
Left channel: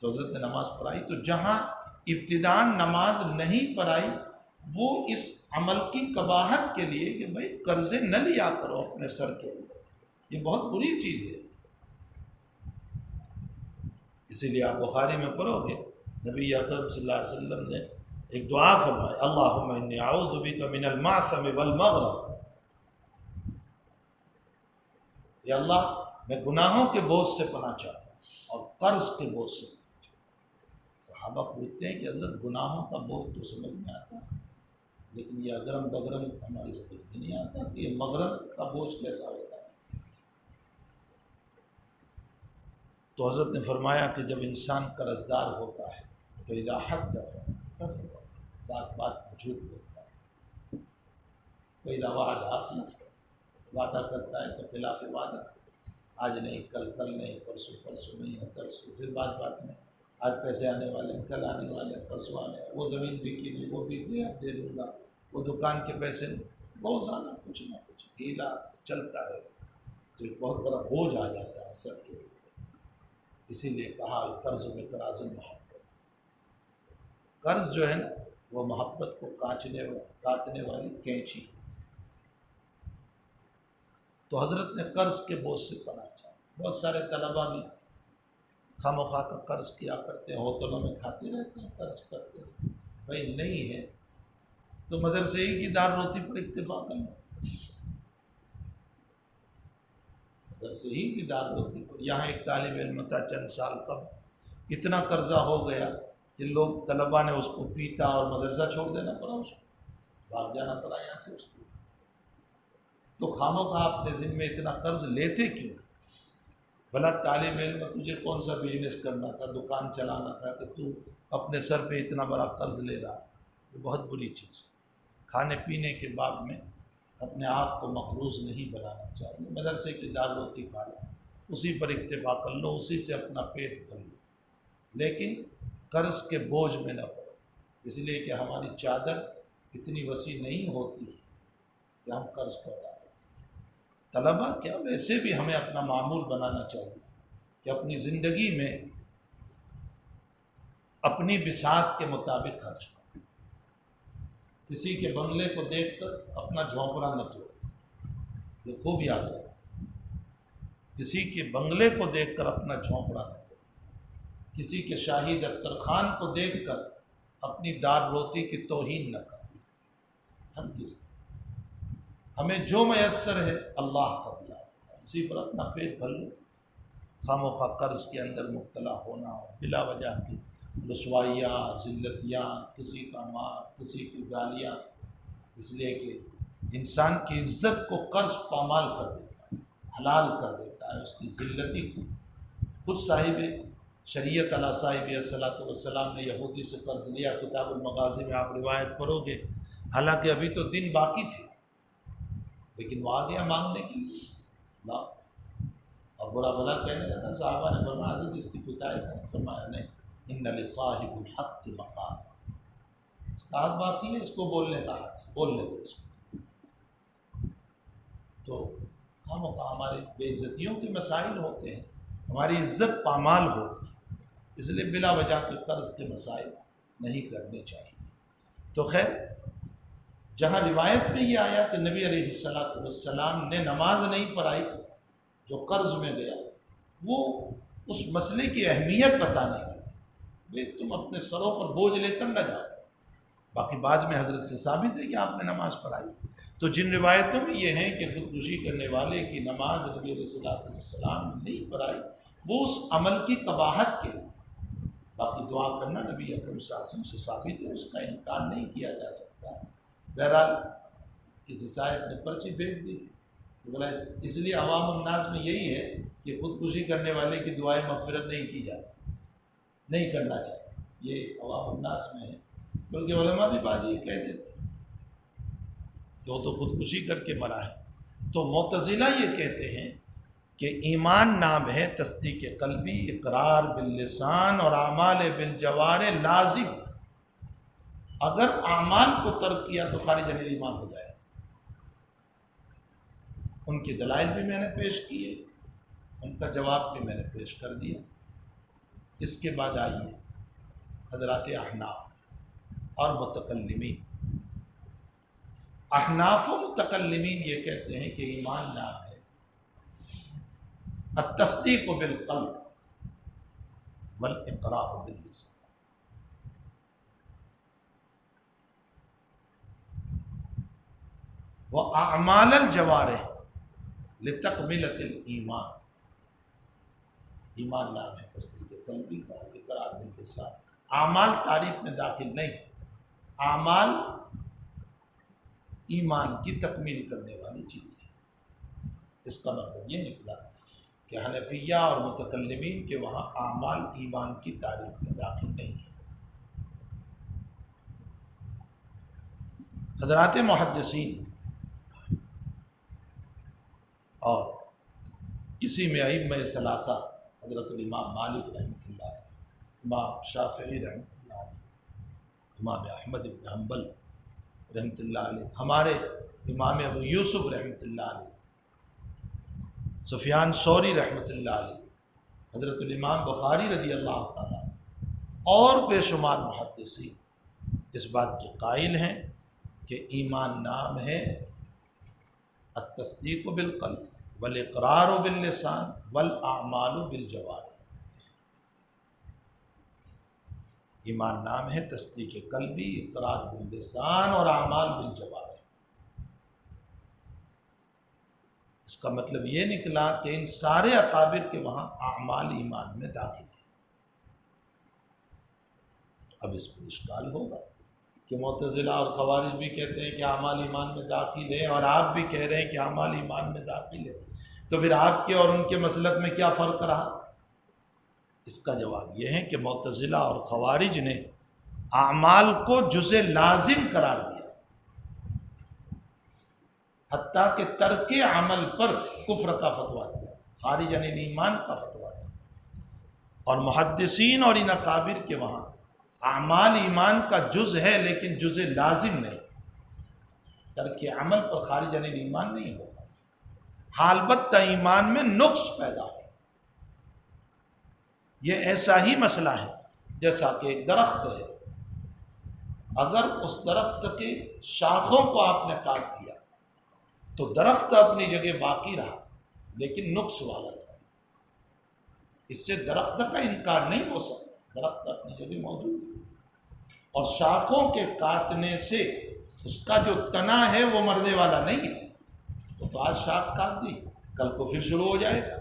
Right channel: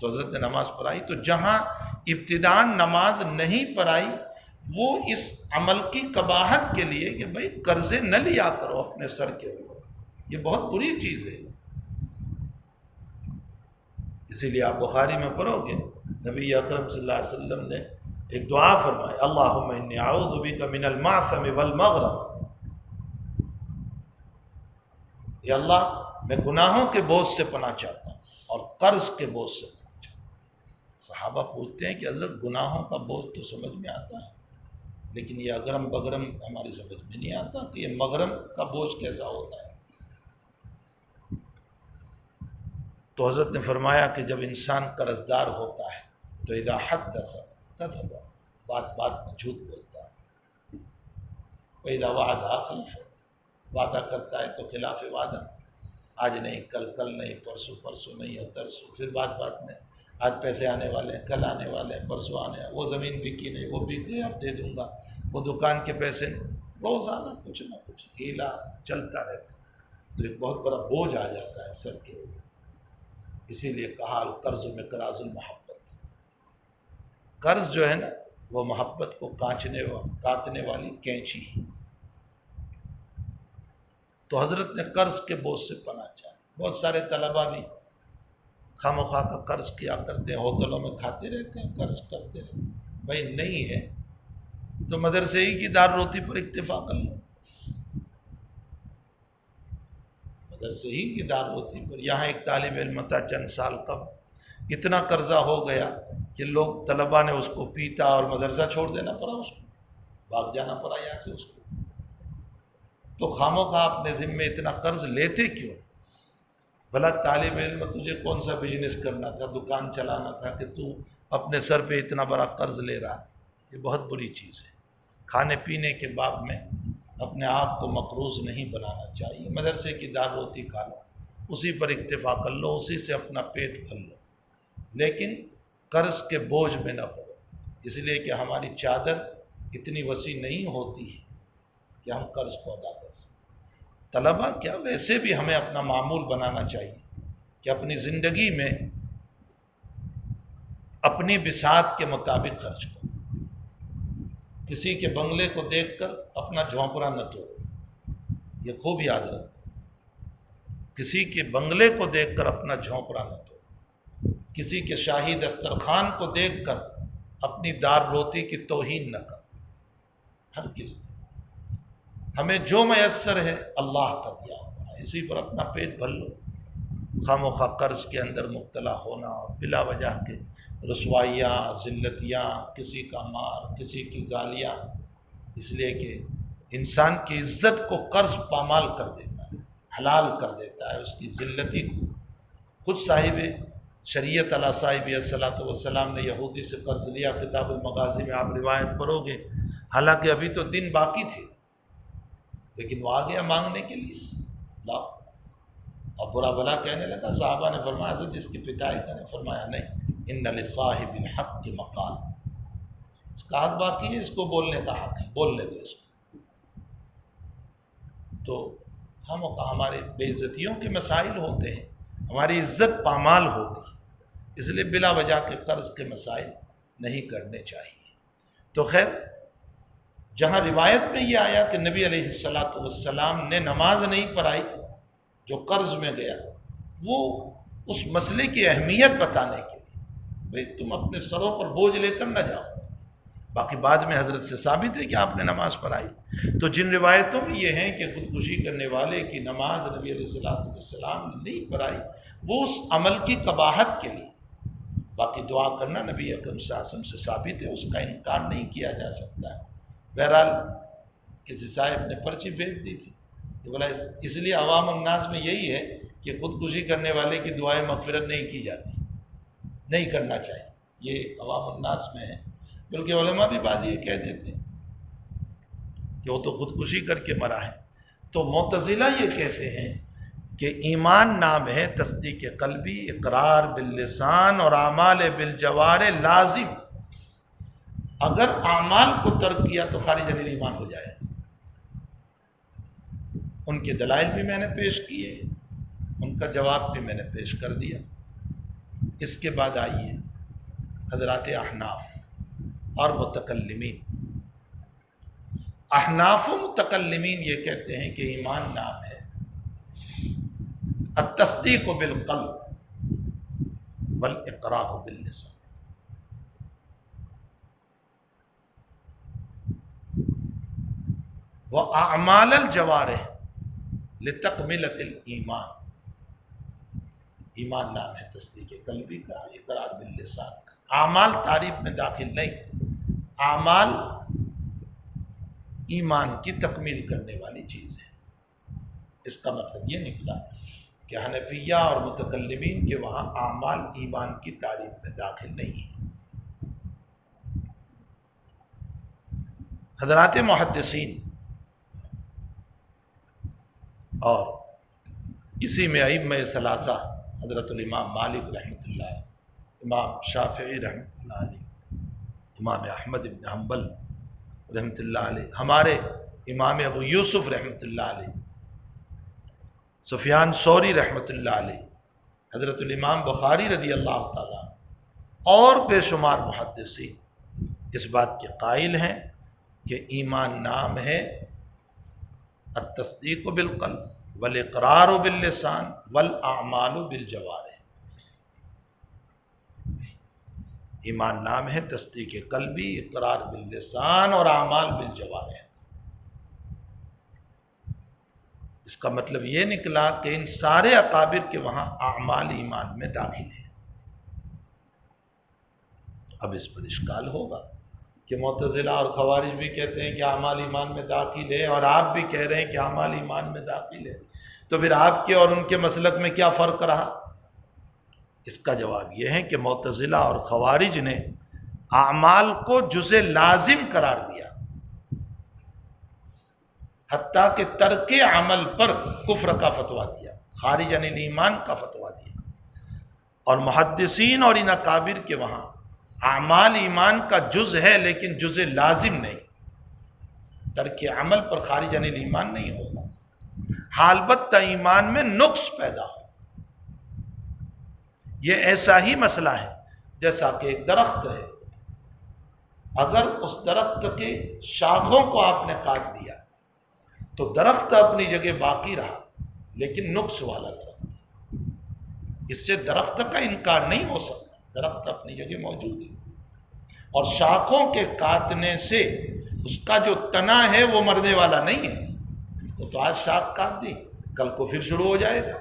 تو حضرت نے نماز پڑھائی۔ تو جہاں ابتداء نماز نہیں پڑھائی وہ اس عمل کی قباحت کے لیے کہ بھئی قرضے نہ لیا کرو اپنے سر کے اوپر، یہ بہت بری چیز ہے۔ اسی لیے آپ بخاری میں پڑھو گے نبی اکرم صلی اللہ علیہ وسلم نے ایک دعا فرمائی، اللہم انی اعوذ بک من المعثم والمغرم، یا اللہ میں گناہوں کے بوجھ سے پناہ چاہتا ہوں اور قرض کے بوجھ سے پناہ چاہتا ہوں۔ صحابہ پوچھتے ہیں کہ حضرت گناہوں کا بوجھ تو سمجھ میں آتا ہے، لیکن یہ اگرم بگرم ہماری سمجھ میں نہیں آتا کہ یہ مغرم کا بوجھ کیسا ہوتا ہے۔ تو حضرت نے فرمایا کہ جب انسان قرضدار ہوتا ہے تو اذا حدث کذب، بات بات میں جھوٹ بولتا ہے، وَإِذَا وَعَدَ أَخْلَفَ، وعدہ کرتا ہے تو خلاف وعدہ، آج نہیں کل، کل نہیں پرسوں، پرسوں نہیں ہے ترسوں، پھر بات بات میں آج پیسے آنے والے ہیں، کل آنے والے ہیں، پرسوں آنے والے، وہ زمین بکی نہیں، وہ بک گئی اب دے دوں گا، وہ دکان کے پیسے نہیں، روزانہ کچھ نہ کچھ ہیلا چلتا رہتا ہے، تو ایک بہت بڑا بوجھ آ جاتا ہے سر کے اوپر۔ اسی لیے کہا القرض مقراض المحبت، قرض جو ہے نا وہ محبت کو کاٹنے والی کینچی ہے۔ تو حضرت نے قرض کے بوجھ سے پناہ چاہا۔ بہت سارے طلباء بھی خواہ مخواہ کا قرض کیا کرتے ہیں، ہوٹلوں میں کھاتے رہتے ہیں، قرض کرتے رہتے ہیں۔ بھائی نہیں ہے تو مدرسے ہی کی دار روتی پر اکتفا کر لو، مدرسے ہی کی دار روتی پر۔ یہاں ایک طالب علم تھا چند سال قبل، اتنا قرضہ ہو گیا کہ لوگ طلباء نے اس کو پیٹا اور مدرسہ چھوڑ دینا پڑا، اس کو بھاگ جانا پڑا یہاں سے اس کو۔ تو خواہ اپنے ذمے اتنا قرض لیتے کیوں؟ بھلا طالب علم تجھے کون سا بزنس کرنا تھا، دکان چلانا تھا، کہ تو اپنے سر پہ اتنا بڑا قرض لے رہا ہے؟ یہ بہت بری چیز ہے۔ کھانے پینے کے باب میں اپنے آپ کو مقروض نہیں بنانا چاہیے۔ مدرسے کی دال روٹی کھا لو، اسی پر اکتفا کر لو، اسی سے اپنا پیٹ بھر لو، لیکن قرض کے بوجھ میں نہ پڑو، اس لیے کہ ہماری چادر اتنی وسیع نہیں ہوتی ہے کہ ہم قرض کو ادا کر سکیں۔ طلباء کیا، ویسے بھی ہمیں اپنا معمول بنانا چاہیے کہ اپنی زندگی میں اپنی بساط کے مطابق خرچ کرو۔ کسی کے بنگلے کو دیکھ کر اپنا جھونپڑا نہ توڑو، یہ خوب یاد رکھو۔ کسی کے بنگلے کو دیکھ کر اپنا جھونپڑا نہ توڑو، کسی کے شاہی دسترخوان کو دیکھ کر اپنی دار روتی کی توہین نہ کرو۔ ہر کسی ہمیں جو میسر ہے اللہ کا دیا ہوا ہے، اسی پر اپنا پیٹ بھر لو۔ خواہ مخواہ قرض کے اندر مبتلا ہونا اور بلا وجہ کے رسوائیاں، ذلتیاں، کسی کا مار، کسی کی گالیاں، اس لیے کہ انسان کی عزت کو قرض پامال کر دیتا ہے، حلال کر دیتا ہے، اس کی ذلتی کو۔ خود صاحب شریعت علیہ صاحب صلاۃ والسلام نے یہودی سے قرض لیا، کتاب المغازی میں آپ روایت پڑھو گے، حالانکہ ابھی تو دن باقی تھے، لیکن وہ آ گیا مانگنے کے لیے، لا، اور برا بھلا کہنے لگا۔ صحابہ نے فرمایا حضرت اس کی پٹائی کریں، فرمایا نہیں، ان لصاحب الحق مقال، اس کا حق باقی ہے، اس کو بولنے کا حق ہے، بولنے دو اس کو۔ تو ہم ہمارے بے عزتیوں کے مسائل ہوتے ہیں، ہماری عزت پامال ہوتی ہے، اس لیے بلا وجہ کے قرض کے مسائل نہیں کرنے چاہیے۔ تو خیر، جہاں روایت میں یہ آیا کہ نبی علیہ السلام نے نماز نہیں پڑھائی جو قرض میں گیا، وہ اس مسئلے کی اہمیت بتانے کے لیے بھئی تم اپنے سروں پر بوجھ لے کر نہ جاؤ. باقی بعد میں حضرت سے ثابت ہے کہ آپ نے نماز پڑھائی. تو جن روایتوں میں یہ ہیں کہ خودکشی کرنے والے کی نماز نبی علیہ السلام نے نہیں پڑھائی، وہ اس عمل کی قباحت کے لیے. باقی دعا کرنا نبی اکرم صلی اللہ علیہ وسلم سے ثابت ہے، اس کا انکار نہیں کیا جا سکتا. بہرحال کسی صاحب نے پرچی بھیج دی تھی کہ بولا اس لیے عوام الناس میں یہی ہے کہ خودکشی کرنے والے کی دعائیں مغفرت نہیں کی جاتی، نہیں کرنا چاہیے. یہ عوام الناس میں ہے. بلکہ علماء بھی بعض یہ کہہ دیتے ہیں کہ وہ تو خودکشی کر کے مرا ہے. تو معتزلہ یہ کہتے ہیں کہ ایمان نام ہے تصدیق قلبی، اقرار باللسان اور اعمال بالجوارح لازم. اگر اعمال کو ترک کیا تو خارج عن ایمان ہو جائے. ان کے دلائل بھی میں نے پیش کیے، ان کا جواب بھی میں نے پیش کر دیا. اس کے بعد آئیے حضرات احناف اور متکلمین. احناف و متکلمین یہ کہتے ہیں کہ ایمان نام ہے التصدیق بالقلب والاقرار باللسان. واعمال الجوارح لتکملۃ الایمان. ایمان نام ہے تصدیق قلبی کا، اقرار باللسان کا. اعمال تعریف میں داخل نہیں. اعمال ایمان کی تکمیل کرنے والی چیز ہے. اس کا مطلب یہ نکلا کہ حنفیہ اور متکلمین کے وہاں اعمال ایمان کی تعریف میں داخل نہیں ہے. حضرات محدثین اور اسی میں ائمہ ثلاثہ حضرت الامام مالک رحمۃ اللہ علیہ، امام شافعی رحمۃ اللہ علیہ، امام احمد بن حنبل رحمۃ اللہ علیہ، ہمارے امام ابو یوسف رحمۃ اللہ علیہ، سفیان ثوری رحمۃ اللہ علیہ، حضرت الامام بخاری رضی اللہ تعالیٰ اور بے شمار محدثین اس بات کے قائل ہیں کہ ایمان نام ہے التصدیق بالقلب والاقرار باللسان والاعمال بالجوارح. ایمان نام ہے تصدیق قلبی، اقرار باللسان اور اعمال بالجوارح. اس کا مطلب یہ نکلا کہ ان سارے اکابر کے وہاں اعمال ایمان میں داخل ہیں. اب اس پر اشکال ہوگا کہ معتزلہ اور خوارج بھی کہتے ہیں کہ اعمال ایمان میں داخل ہے، اور آپ بھی کہہ رہے ہیں کہ اعمال ایمان میں داخل ہے، تو پھر آپ کے اور ان کے مسلک میں کیا فرق رہا؟ اس کا جواب یہ ہے کہ معتزلہ اور خوارج نے اعمال کو جزء لازم قرار دیا، حتیٰ کہ ترک عمل پر کفر کا فتویٰ دیا، خارج عن ایمان کا فتویٰ دیا. اور محدثین اور ان اکابر کے وہاں اعمال ایمان کا جز ہے لیکن جزء لازم نہیں. ترک عمل پر خارج عن ایمان نہیں ہوگا، البتہ ایمان میں نقص پیدا ہو. یہ ایسا ہی مسئلہ ہے جیسا کہ ایک درخت ہے، اگر اس درخت کے شاخوں کو آپ نے کاٹ دیا تو درخت اپنی جگہ باقی رہا لیکن نقص والا درخت. اس سے درخت کا انکار نہیں ہو سکتا، درخت اپنی جگہ موجود ہے. اور شاخوں کے کاٹنے سے اس کا جو تنا ہے وہ مرنے والا نہیں ہے. تو آج شاخ کاٹ دی، کل کو پھر شروع ہو جائے گا.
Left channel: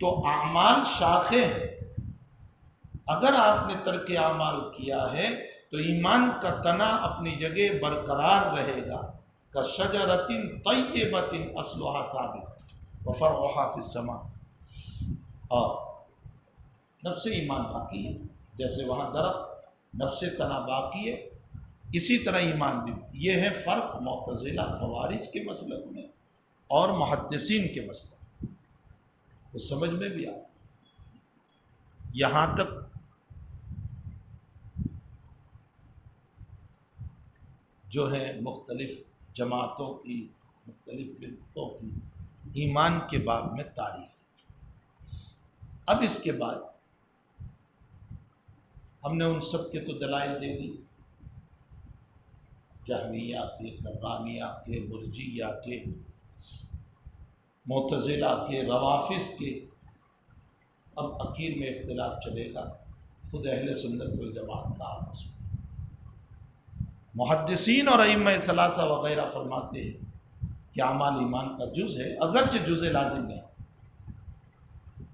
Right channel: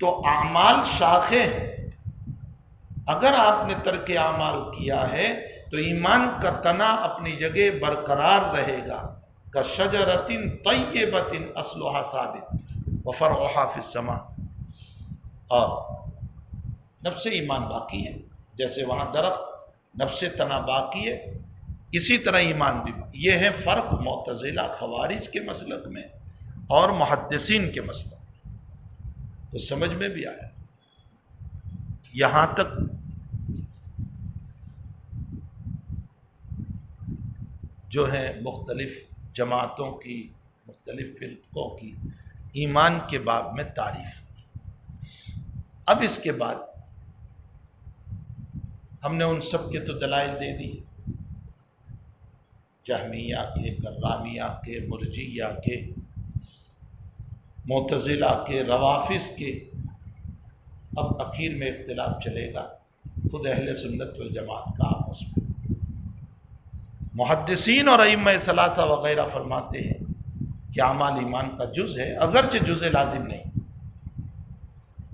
تو اعمال شاخیں ہیں. اگر آپ نے ترک اعمال کیا ہے تو ایمان کا تنا اپنی جگہ برقرار رہے گا. کشجرۃ طیبۃ اصلھا ثابت وفرعھا فی السماء. اور نفس ایمان باقی ہے، جیسے وہاں درخت نفس تنا باقی ہے، اسی طرح ایمان بھی. یہ ہے فرق معتزلہ خوارج کے مسلک میں اور محدثین کے مسلک میں. تو سمجھ میں بھی آیا. یہاں تک جو ہے مختلف جماعتوں کی، مختلف فرقوں کی ایمان کے باب میں تعریف. اب اس کے بعد ہم نے ان سب کے تو دلائل دے دی، جہمیہ کے، کرامیہ کے، مرجیہ کے، معتزلہ کے، روافض کے. اب اخیر میں اختلاف چلے گا خود اہل سنت والجماعت کا آپس میں۔ محدثین اور ائمہ ثلاثہ وغیرہ فرماتے ہیں کہ اعمال ایمان کا جز ہے، اگرچہ جز لازم نہیں،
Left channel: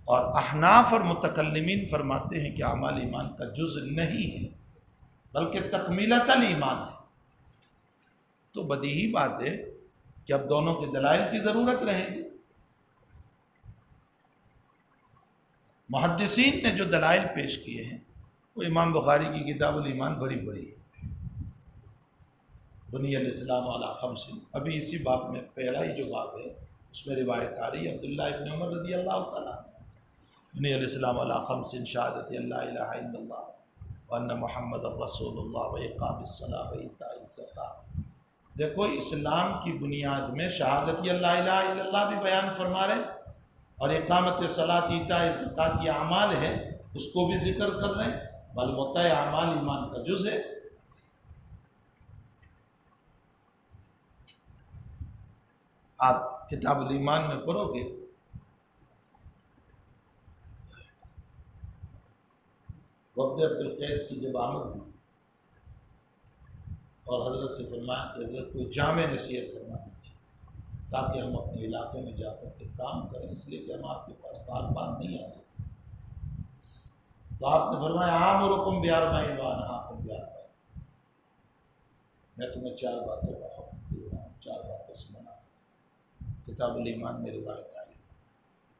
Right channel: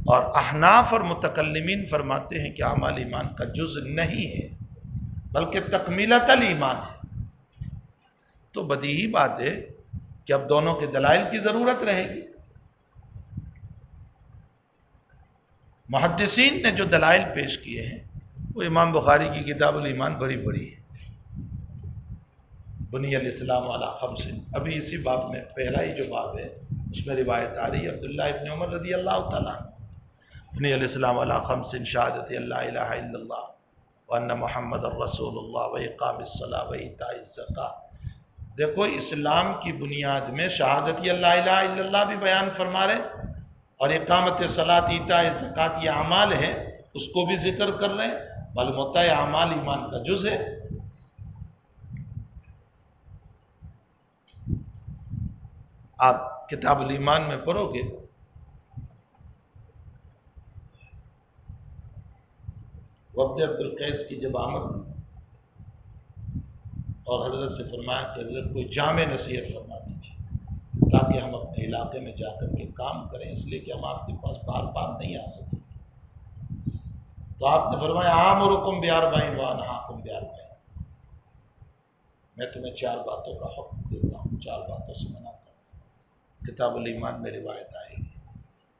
اور احناف اور متکلمین فرماتے ہیں کہ اعمال ایمان کا جز نہیں ہے بلکہ تکمیلۃ الایمان ہے۔ تو بدیہی بات ہے کہ اب دونوں کے دلائل کی ضرورت رہے گی۔ محدثین نے جو دلائل پیش کیے ہیں وہ امام بخاری کی کتاب الایمان بڑی بڑی ہے، بنی الاسلام علی خمس، ابھی اسی باب میں پہلا ہی جو باب ہے اس میں روایت آ رہی ہے عبداللہ ابن عمر رضی اللہ تعالیٰ عنہ، بنی الاسلام علی خمس، شہادت اللہ الہ الا اللہ وان محمد الرسول اللہ واقام الصلاۃ وایتاء الزکوٰۃ۔ دیکھو اسلام کی بنیاد میں شہادت اللہ الہ الا اللہ بھی بیان فرما رہے، اور اقامت صلاۃ، ایتاء زکوٰۃ، یہ اعمال ہے اس کو بھی ذکر کر رہے ہیں، معلوم ہوتا ہے اعمال ایمان کا جز ہے۔ آپ کتاب الایمان میں پڑھو گے وفد عبد القیس کی جب آمد ہوئی اور حضرت سے فرمایا کہ حضرت کوئی جامع نصیحت فرما دیجیے تاکہ ہم اپنے علاقے میں جا کر کے کام کریں، اس لیے کہ ہم آپ کے پاس بار بار نہیں آ سکتے۔ تو آپ نے فرمایا آمرکم باربع وانہاکم باربع، میں تمہیں 4 باتوں کا حکم دیتا ہوں، 4 باتوں سے منع کرتا ہوں۔ کتاب الایمان میں روایت آئے گی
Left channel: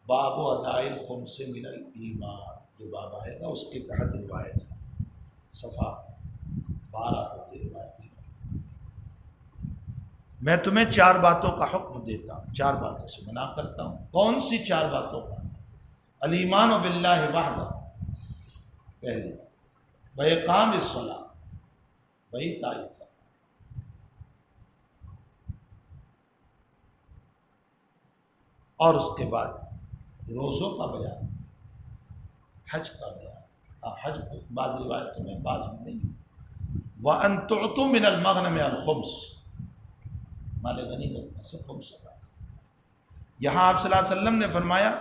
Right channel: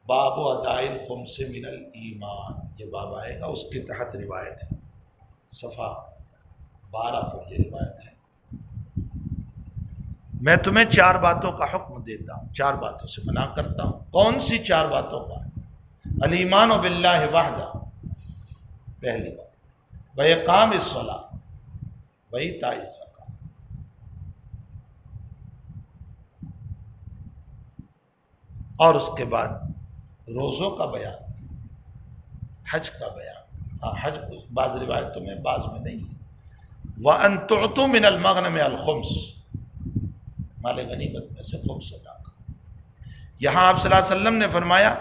باب اداء الخمس من الایمان، یہ باب آئے گا، اس کے تحت روایت ہے، صفحہ 12 پر یہ روایت ہے۔ میں تمہیں 4 باتوں کا حکم دیتا ہوں، 4 باتوں سے منع کرتا ہوں۔ کون سی 4 باتوں کا؟ الایمان باللہ وحدہ، پہلی بات، واقام الصلاۃ وایتاء الزکوٰۃ، اور اس کے بعد روزوں کا بیان، حج کا بیان، ہاں حج بعض روایتوں میں بعض میں نہیں ہے، وَأَن تُعْطُوا مِنَ الْمَغْنَمِ الْخُمْسِ، مال غنیمت میں سے خمس ادا کرو۔ یہاں آپ صلی اللہ علیہ وسلم نے فرمایا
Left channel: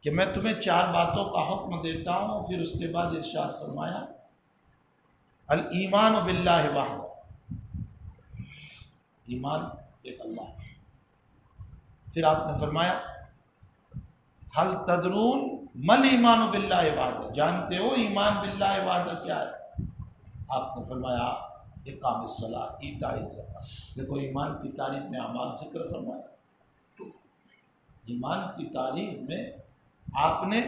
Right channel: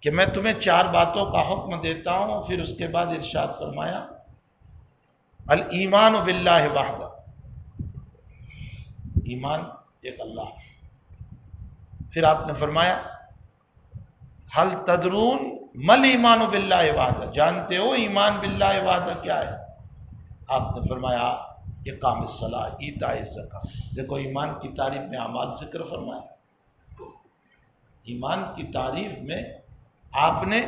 کہ میں تمہیں 4 باتوں کا حکم دیتا ہوں، پھر اس کے بعد ارشاد فرمایا الایمان باللہ وحدہ، ایمان ایک اللہ۔ پھر آپ نے فرمایا حل تدرون مل ایمان باللہ وحدہ، جانتے ہو ایمان باللہ وحدہ کیا ہے؟ آپ نے فرمایا اقام الصلاۃ ایتاء الزکوٰۃ۔ دیکھو ایمان کی تعریف میں اعمال ذکر فرمایا، ایمان کی تعریف میں آپ نے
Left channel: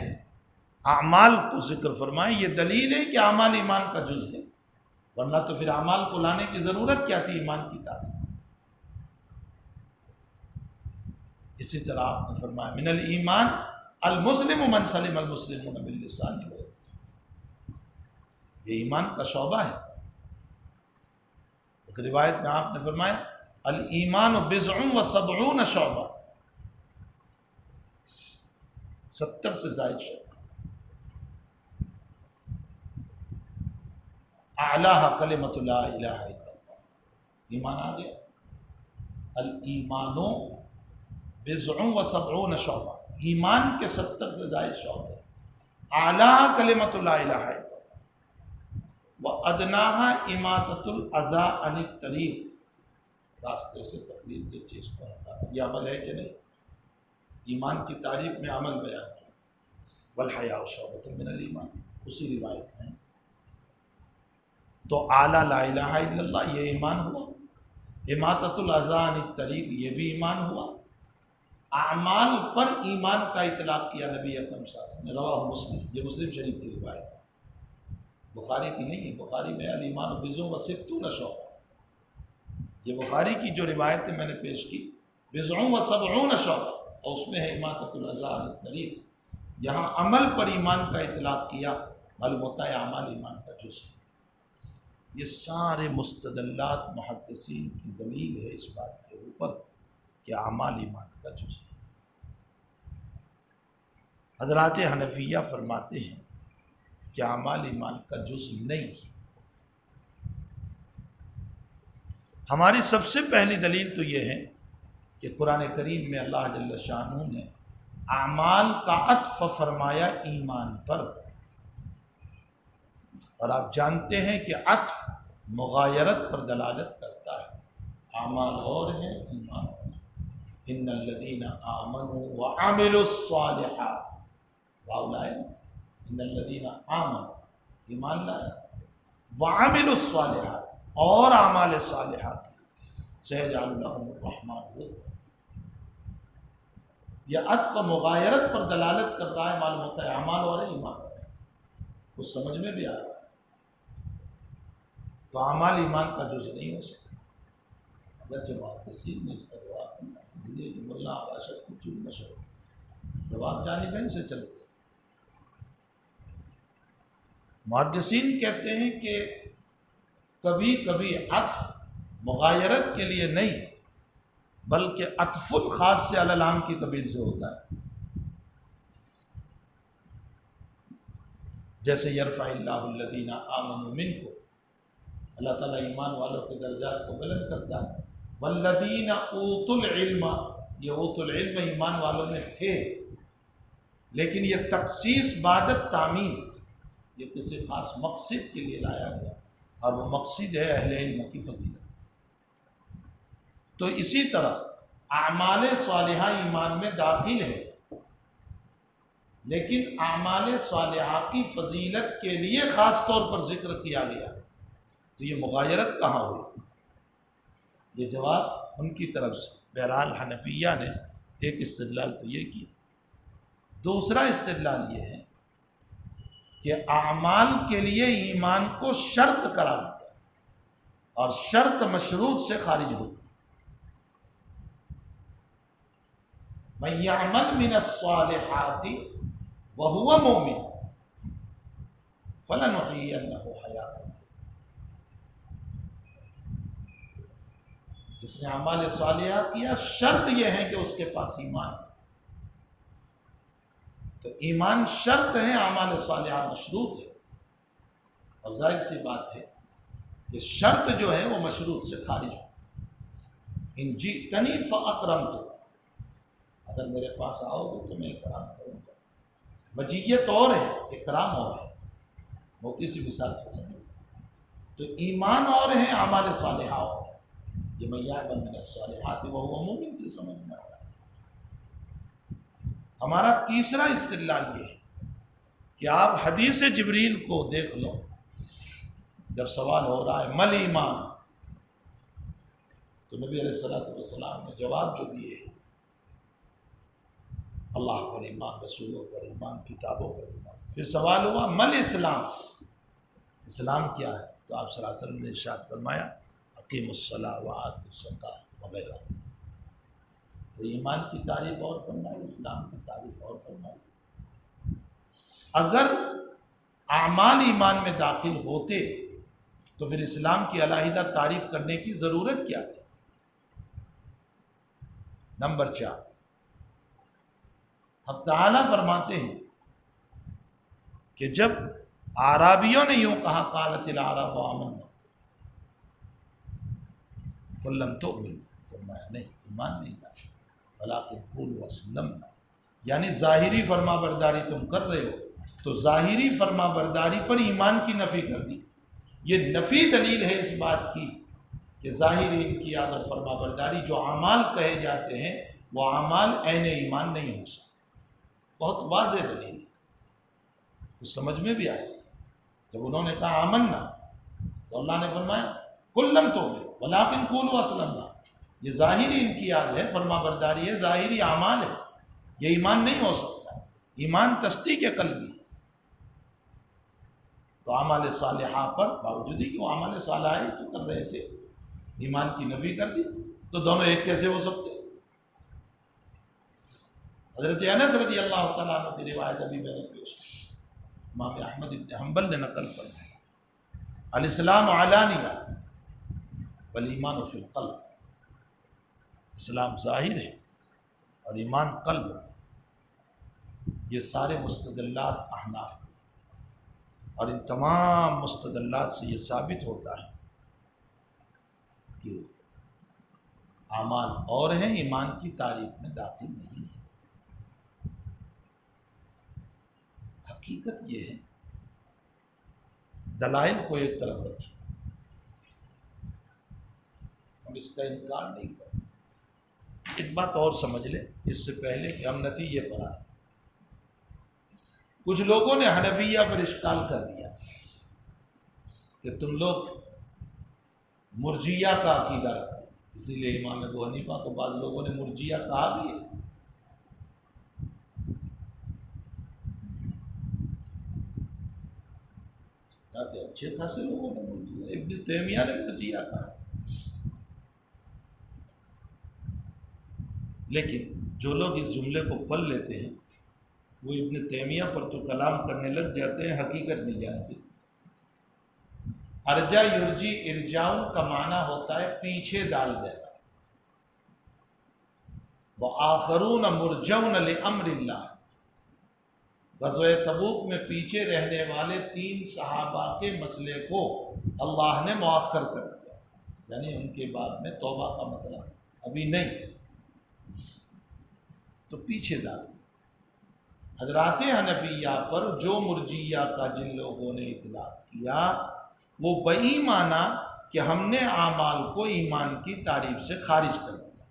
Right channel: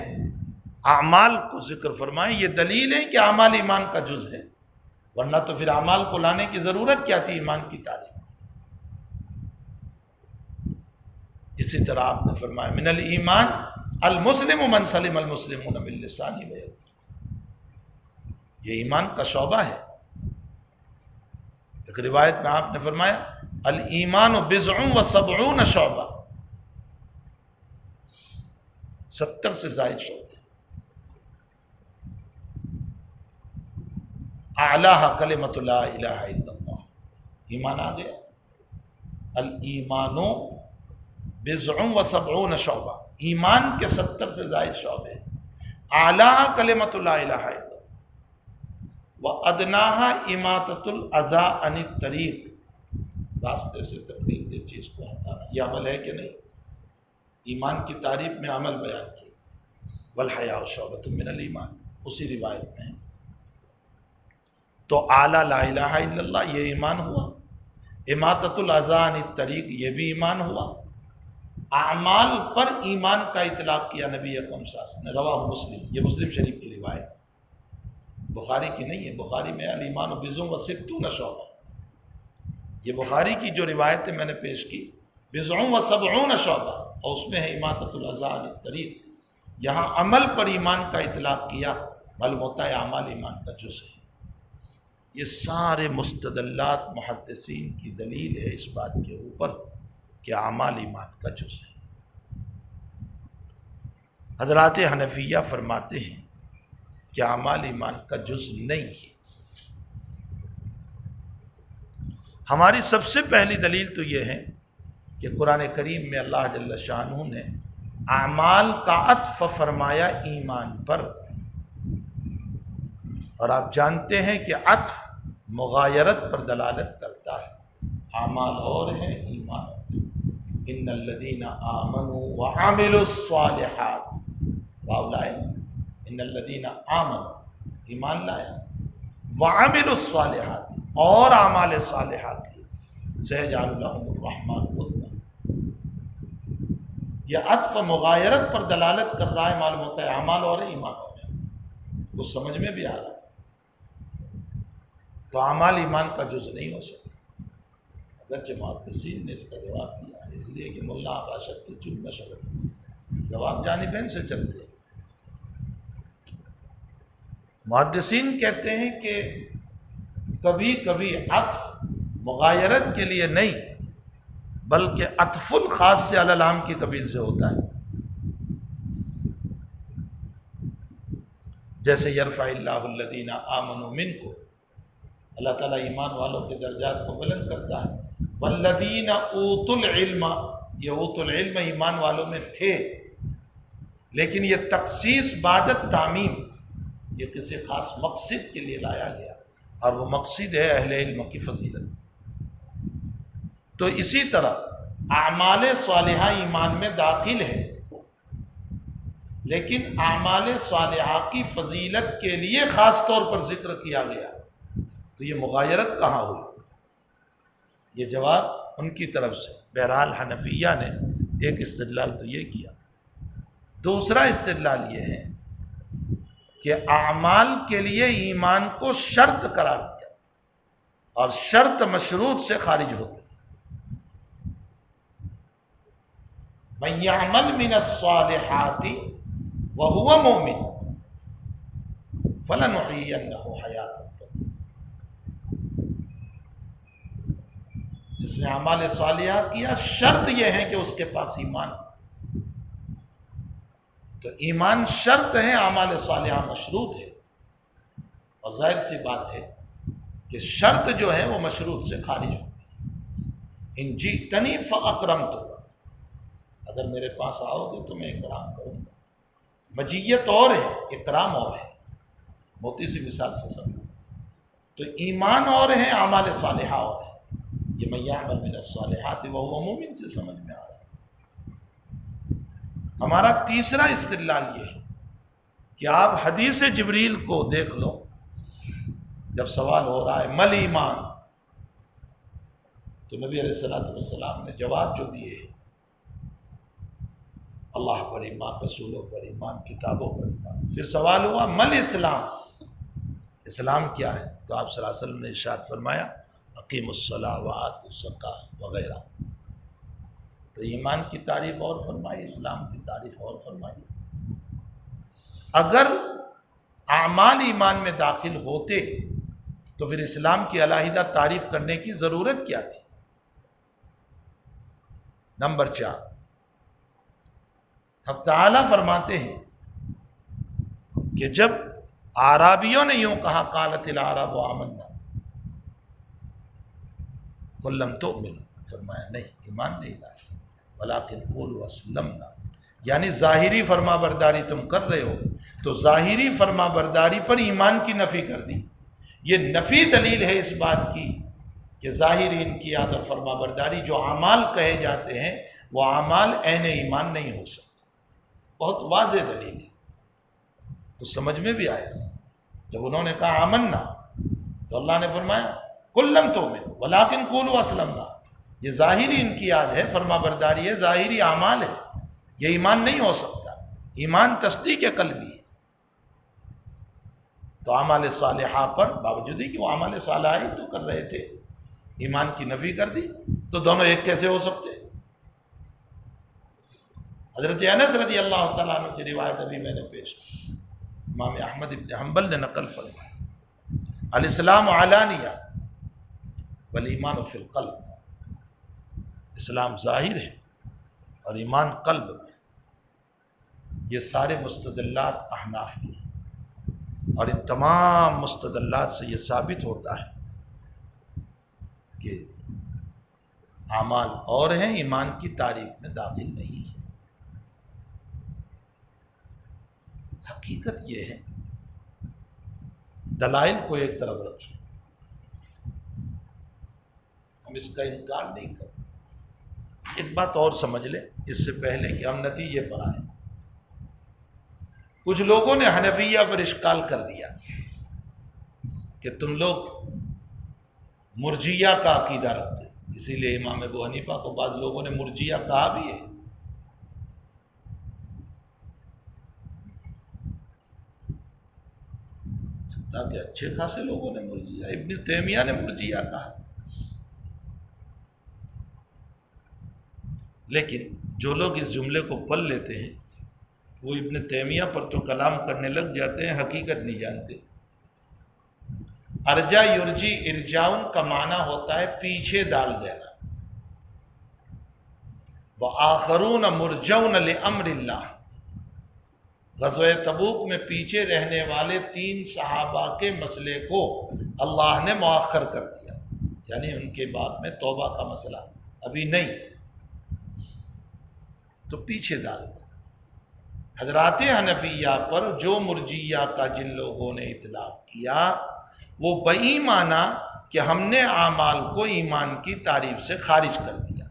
اعمال کو ذکر فرمایا، یہ دلیل ہے کہ اعمال ایمان کا جز ہے، ورنہ تو پھر اعمال کو لانے کی ضرورت کیا تھی ایمان کی تعریف۔ اسی طرح آپ نے فرمایا من الایمان المسلم من سلم المسلمون من لسانہ و یدہ، یہ ایمان کا شعبہ ہے۔ ایک روایت میں آپ نے فرمایا الایمان بضع و سبعون شعبہ، 70 سے زائد شعبہ، اعلیٰ کلمۃ لا الہ الا اللہ، ایمان آ گیا۔ الایمان بضع و سبعون شعبہ، ایمان کے 70 سے زائد شعبے، اعلیٰ کلمۃ لا الہ الا اللہ وادناها اماطۃ الاذى عن الطریق، راستے سے تکلیف دہ چیز کو ہٹانا، یہ عمل ہے کہ نہیں؟ ایمان کی تعریف میں عمل بیان کیا، والحیاء شعبۃ من الایمان، اسی روایت میں۔ تو اعلیٰ لا الہ الا اللہ یہ ایمان ہوا، اماطۃ الاذى عن الطریق یہ بھی ایمان ہوا۔ اعمال پر ایمان کا اطلاق کیا نبی اکرم صلی اللہ علیہ وسلم نے، رواہ مسلم، یہ مسلم شریف کی روایت ہے، بخاری کی نہیں ہے۔ بخاری میں الایمان بضع و ستون شعبہ، یہ بخاری کی جو روایت میں نے پیش کی بضع و سبعون شعبہ، اور اس میں ہے اماطۃ الاذى عن الطریق، یہاں عمل پر ایمان کا اطلاق کیا، معلوم ہوتا ہے اعمال ایمان کا جز ہے۔ یہ سارے مستدلات محدثین کی دلیل ہے اس بات کے اوپر کہ اعمال ایمان کا جز ہے۔ حضرات حنفیہ فرماتے ہیں کہ اعمال ایمان کا جز نہیں ہے۔ ہماری سب سے پہلی دلیل تو یہ ہے کہ قرآن کریم میں اللہ جل شانہ نے اعمال کا عطف فرمایا ایمان پر، اور آپ جانتے ہیں کہ عطف مغایرت پر دلالت کرتا ہے. اعمال اور ہیں، ایمان اور ہے. ان الذین آمنوا وعملوا الصالحات، واو لائے، ان الذین آمنوا ایمان لایا، وعملوا الصالحات اور اعمال صالحات کی، سیجعل لهم الرحمن ودا. یہ عطف مغایرت پر دلالت کر رہا ہے، معلوم ہوتا ہے اعمال اور ایمان اور ہے. وہ سمجھ میں بھی آ رہا ہے. تو اعمال ایمان کا جز نہیں ہو سکتا. اگرچہ محدثین نے اس کا جواب دیا ہے، اس لیے کہ ملا آباشت کی چون نشر جواب جانبین سے چلتے ہیں. محدثین کہتے ہیں کہ کبھی کبھی عطف مغایرت کے لیے نہیں بلکہ عطف الخاص سے علی العام کی قبیل سے ہوتا ہے. جیسے یرفع اللہ الذین آمنوا منکم، اللہ تعالیٰ ایمان والوں کے درجات کو بلند کرتا ہے. والذین اوتوا العلم، یہ اوتوا العلم ایمان والوں میں تھے، لیکن یہ تخصیص بعد التعمیم، یہ کسی خاص مقصد کے لیے لایا گیا، اور وہ مقصد ہے اہل علم کی فضیلت. تو اسی طرح اعمال صالحہ ایمان میں داخل ہے، لیکن اعمال صالحہ کی فضیلت کے لیے خاص طور پر ذکر کیا گیا. تو یہ مغایرت کہاں ہوئی؟ یہ جواب ان کی طرف سے. بہرحال حنفیہ نے ایک استدلال تو یہ کیا. دوسرا استدلال یہ ہے کہ اعمال کے لیے ایمان کو شرط قرار دیا، اور شرط مشروط سے خارج ہوتی. من یعمل من الصالحات وهو مؤمن فلنحیینہ حیاتا طیبہ. جس نے اعمال صالحہ کیا، شرط یہ ہے کہ اس کے پاس ایمان. تو ایمان شرط ہے، اعمال صالحہ مشروط ہے. اور ظاہر سی بات ہے کہ شرط جو ہے وہ مشروط سے خارج ہوتی ہے. ان جئتنی فاکرمتک، اگر میرے پاس آؤ گے تو میں اکرام کروں گا. مجیت اور ہے، اکرام اور ہے. موٹی سی مثال سے سمجھو. تو ایمان اور ہے، اعمال صالحہ اور ہے. یہ من یعمل من الصالحات وهو مؤمن سے سمجھ میں آ رہا ہے. ہمارا تیسرا استدلال یہ ہے کہ آپ حدیث جبریل کو دیکھ لو. جب سوال ہو رہا ہے مل ایمان، تو نبی علیہ الصلوۃ والسلام نے جواب جو دیے ہیں، اللہ پر ایمان، رسولوں پر ایمان، کتابوں پر ایمان. پھر سوال ہوا مل اسلام، اسلام کیا ہے؟ تو آپ صلی اللہ علیہ وسلم نے ارشاد فرمایا اقیم الصلاۃ وآتوا الزکاۃ وغیرہ. تو ایمان کی تعریف اور فرمائی، اسلام کی تعریف اور فرمائی. اگر اعمال ایمان میں داخل ہوتے تو پھر اسلام کی علیحدہ تعریف کرنے کی ضرورت کیا تھی؟ نمبر 4، حق تعالیٰ فرماتے ہیں کہ جب اعرابیوں نے یوں کہا قالت الاعراب آمنا قل لم تؤمنوا، فرمایا نہیں، ایمان نہیں لائے، ولکن قولوا اسلمنا. یعنی ظاہری فرما برداری تم کر رہے ہو، تو ظاہری فرما برداری پر ایمان کی نفی کر دی. یہ نفی دلیل ہے اس بات کی کہ ظاہری انقیاد اور فرما برداری جو اعمال کہے جاتے ہیں وہ اعمال عین ایمان نہیں ہو سکتے. بہت واضح دلیل ہے. تو سمجھ میں بھی آئے. جب انہوں نے کہا آمنا، تو اللہ نے فرمایا قل لم تؤمنوا ولکن قولوا اسلمنا. یہ ظاہری انقیاد ہے، فرما برداری ہے، ظاہری اعمال ہے. یہ ایمان نہیں ہو سکتا. ایمان تصدیق قلبی ہے. تو اعمال صالحہ پر باوجود کہ وہ اعمال صالحہ ہی تو کر رہے تھے، ایمان کی نفی کر دی. تو دونوں ایک کیسے ہو سکتے؟ حضرت انس رضی اللہ تعالیٰ عنہ کی روایت ابھی میں نے پیش کی، امام احمد بن حنبل نے نقل فرمایا الاسلام علانیہ والایمان فی القلب. اسلام ظاہر ہے اور ایمان قلب میں. یہ سارے مستدلات احناف کی، اور ان تمام مستدلات سے یہ ثابت ہوتا ہے کہ اعمال اور ہیں، ایمان کی تعریف میں داخل نہیں ہے. حقیقت یہ ہے دلائل کو ایک طرف رکھیں، ہم اس کا انکار نہیں کرتے۔ ایک بات اور سمجھ لیں اس سے پہلے کہ ہم نتیجے پر آئیں، کچھ لوگوں نے حنفیہ پر اشکال کر دیا کہ تم لوگ مرجیہ کا عقیدہ رکھتے، اسی لیے امام ابو حنیفہ کو بعض لوگوں نے مرجیہ کہا بھی ہے۔ تاکہ اچھے خاصے لوگوں نے مرجیہ، ابن تیمیہ نے مرجیہ کہا۔ لیکن جو لوگ اس جملے کو پڑھ لیتے ہیں وہ ابن تیمیہ پر تو کلام کرنے لگ جاتے ہیں، حقیقت نہیں جانتے۔ ارجا یرجی ارجاؤن کا معنی ہوتا ہے پیچھے ڈال دینا۔ وآخرون مرجون لامر اللہ، غزوہ تبوک میں پیچھے رہنے والے 3 صحابہ کے مسئلے کو اللہ نے مؤخر کر دیا، یعنی ان کے بعد میں توبہ کا مسئلہ ابھی نہیں، تو پیچھے ڈال دیا۔ حضرات حنفیہ پر جو مرجیہ کا جن لوگوں نے اطلاق کیا وہ بئی مانا کہ ہم نے اعمال کو ایمان کی تعریف سے خارج کر دیا،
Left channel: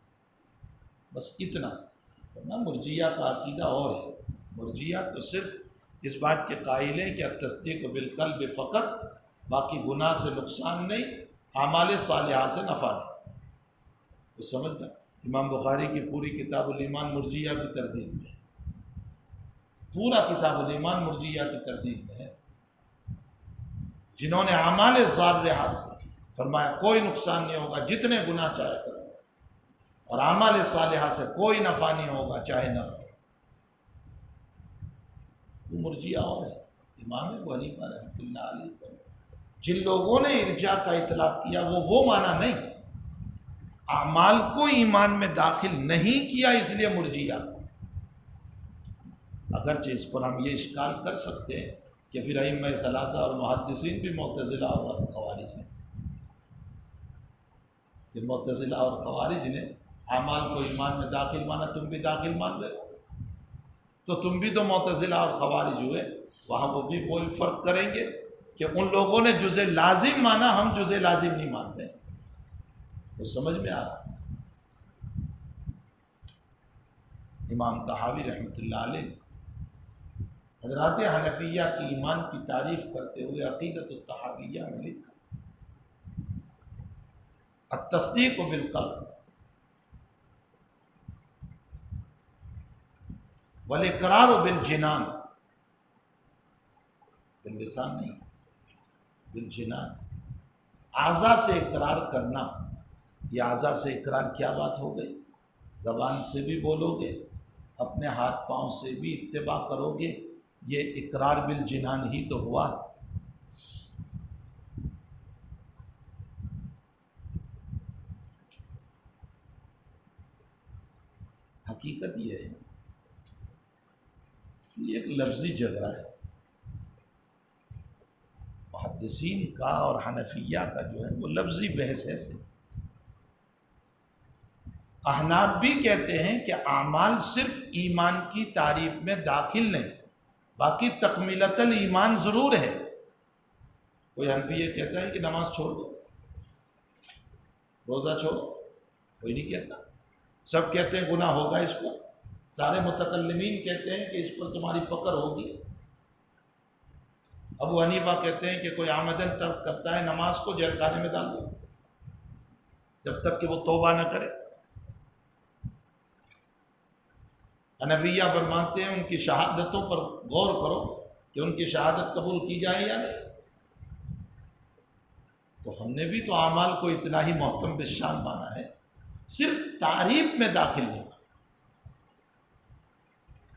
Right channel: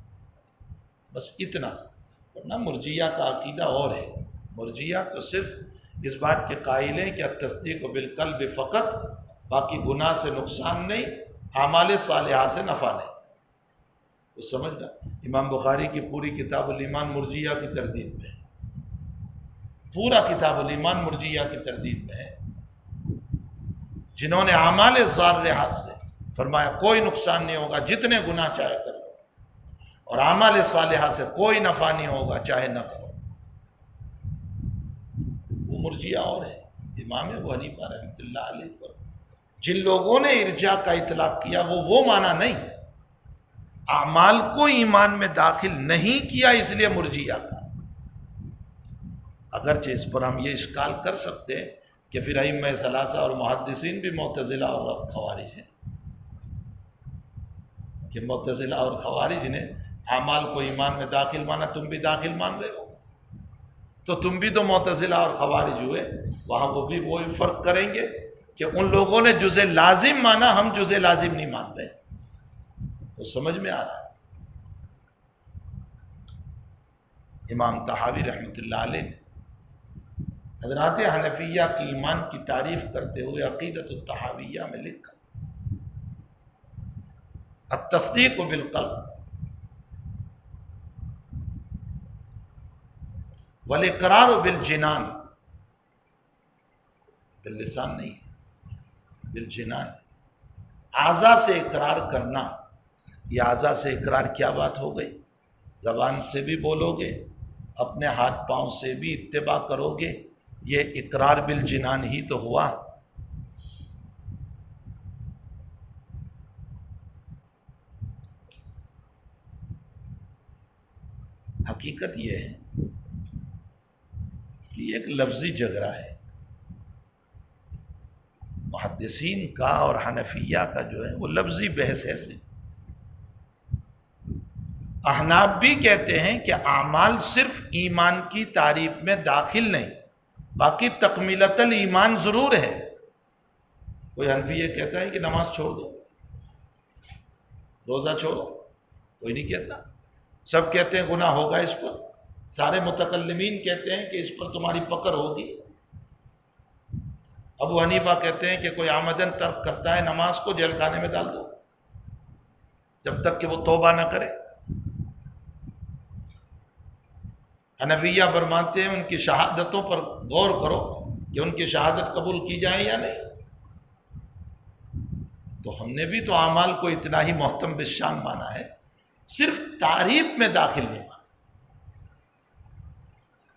بس اتنا سا۔ ورنہ مرجیہ کا عقیدہ اور ہے۔ مرجیہ تو صرف اس بات کے قائل ہیں کہ التصدیق بالقلب فقط، باقی گناہ سے نقصان نہیں، اعمال صالحہ سے نفع نہیں۔ تو سمجھنا، امام بخاری کی پوری کتاب الایمان مرجیہ کی تردید میں ہے، پورا کتاب الایمان مرجیہ کی تردید میں ہے، جنہوں نے اعمال ظاہرہ سے فرمایا کوئی نقصان نہیں ہوگا جتنے گناہ چاہے کرو، اور اعمال صالحہ سے کوئی نفع نہیں ہوگا چاہے نہ کرو، وہ مرجیہ اور ہے۔ امام ابو حنیفہ رحمۃ اللہ علیہ پر جن لوگوں نے ارجاء کا اطلاق کیا وہ معنی نہیں، اعمال کو ایمان میں داخل نہیں کیا، اس لیے مرجیہ کا۔ اگرچہ اس پر ہم یہ اشکال کر سکتے ہیں کہ پھر ائمہ ثلاثہ اور محدثین بھی معتزلہ اور خوارج ہیں، کہ معتزلہ اور خوارج نے اعمال کو ایمان میں داخل مانا، تم بھی داخل مان رہے ہو، تو تم بھی تو معتزلہ اور خوارج ہوئے۔ وہاں وہ بھی وہی فرق کریں گے کہ ان لوگوں نے جزء لازم مانا، ہم جزء لازم نہیں مانتے۔ وہ سمجھ میں آ رہا ہے۔ امام طحاوی رحمۃ اللہ علیہ نے حضرات حنفیہ کی ایمان کی تعریف کرتے ہوئے عقیدۃ الطحاویہ میں لکھا، التصدیق بالقلب والاقرار بالجنان، باللسان نہیں ہے، بالجنان ہے، اعضاء سے اقرار کرنا۔ یہ اعضاء سے اقرار کیا بات ہو گئی؟ زبان سے بھی بولو گے، اپنے ہاتھ پاؤں سے بھی اتباع کرو گے، یہ اقرار بالجنان ہی تو ہوا۔ حقیقت یہ ہے کہ یہ ایک لفظی جھگڑا ہے، محدثین کا اور حنفیہ کا جو ہے وہ لفظی بحث ہے۔ احناف بھی کہتے ہیں کہ اعمال صرف ایمان کی تعریف میں داخل نہیں، باقی تکمیلۃ الایمان ضرور ہے۔ کوئی حنفی یہ کہتا ہے کہ نماز چھوڑ دو، روزہ چھوڑو، کوئی نہیں کہتا، سب کہتے ہیں گناہ ہوگا اس پر، سارے متکلمین کہتے ہیں کہ اس پر تمہاری پکڑ ہوگی۔ ابو حنیفہ کہتے ہیں کہ کوئی عمدن ترک کرتا ہے نماز کو جیل خانے میں ڈال دو جب تک کہ وہ توبہ نہ کرے۔ حنفیہ فرماتے ہیں ان کی شہادتوں پر غور کرو کہ ان کی شہادت قبول کی جائے یا نہیں۔ تو ہم نے بھی تو اعمال کو اتنا ہی محتم بالشان مانا ہے، صرف تعریف میں داخل نہیں مانا،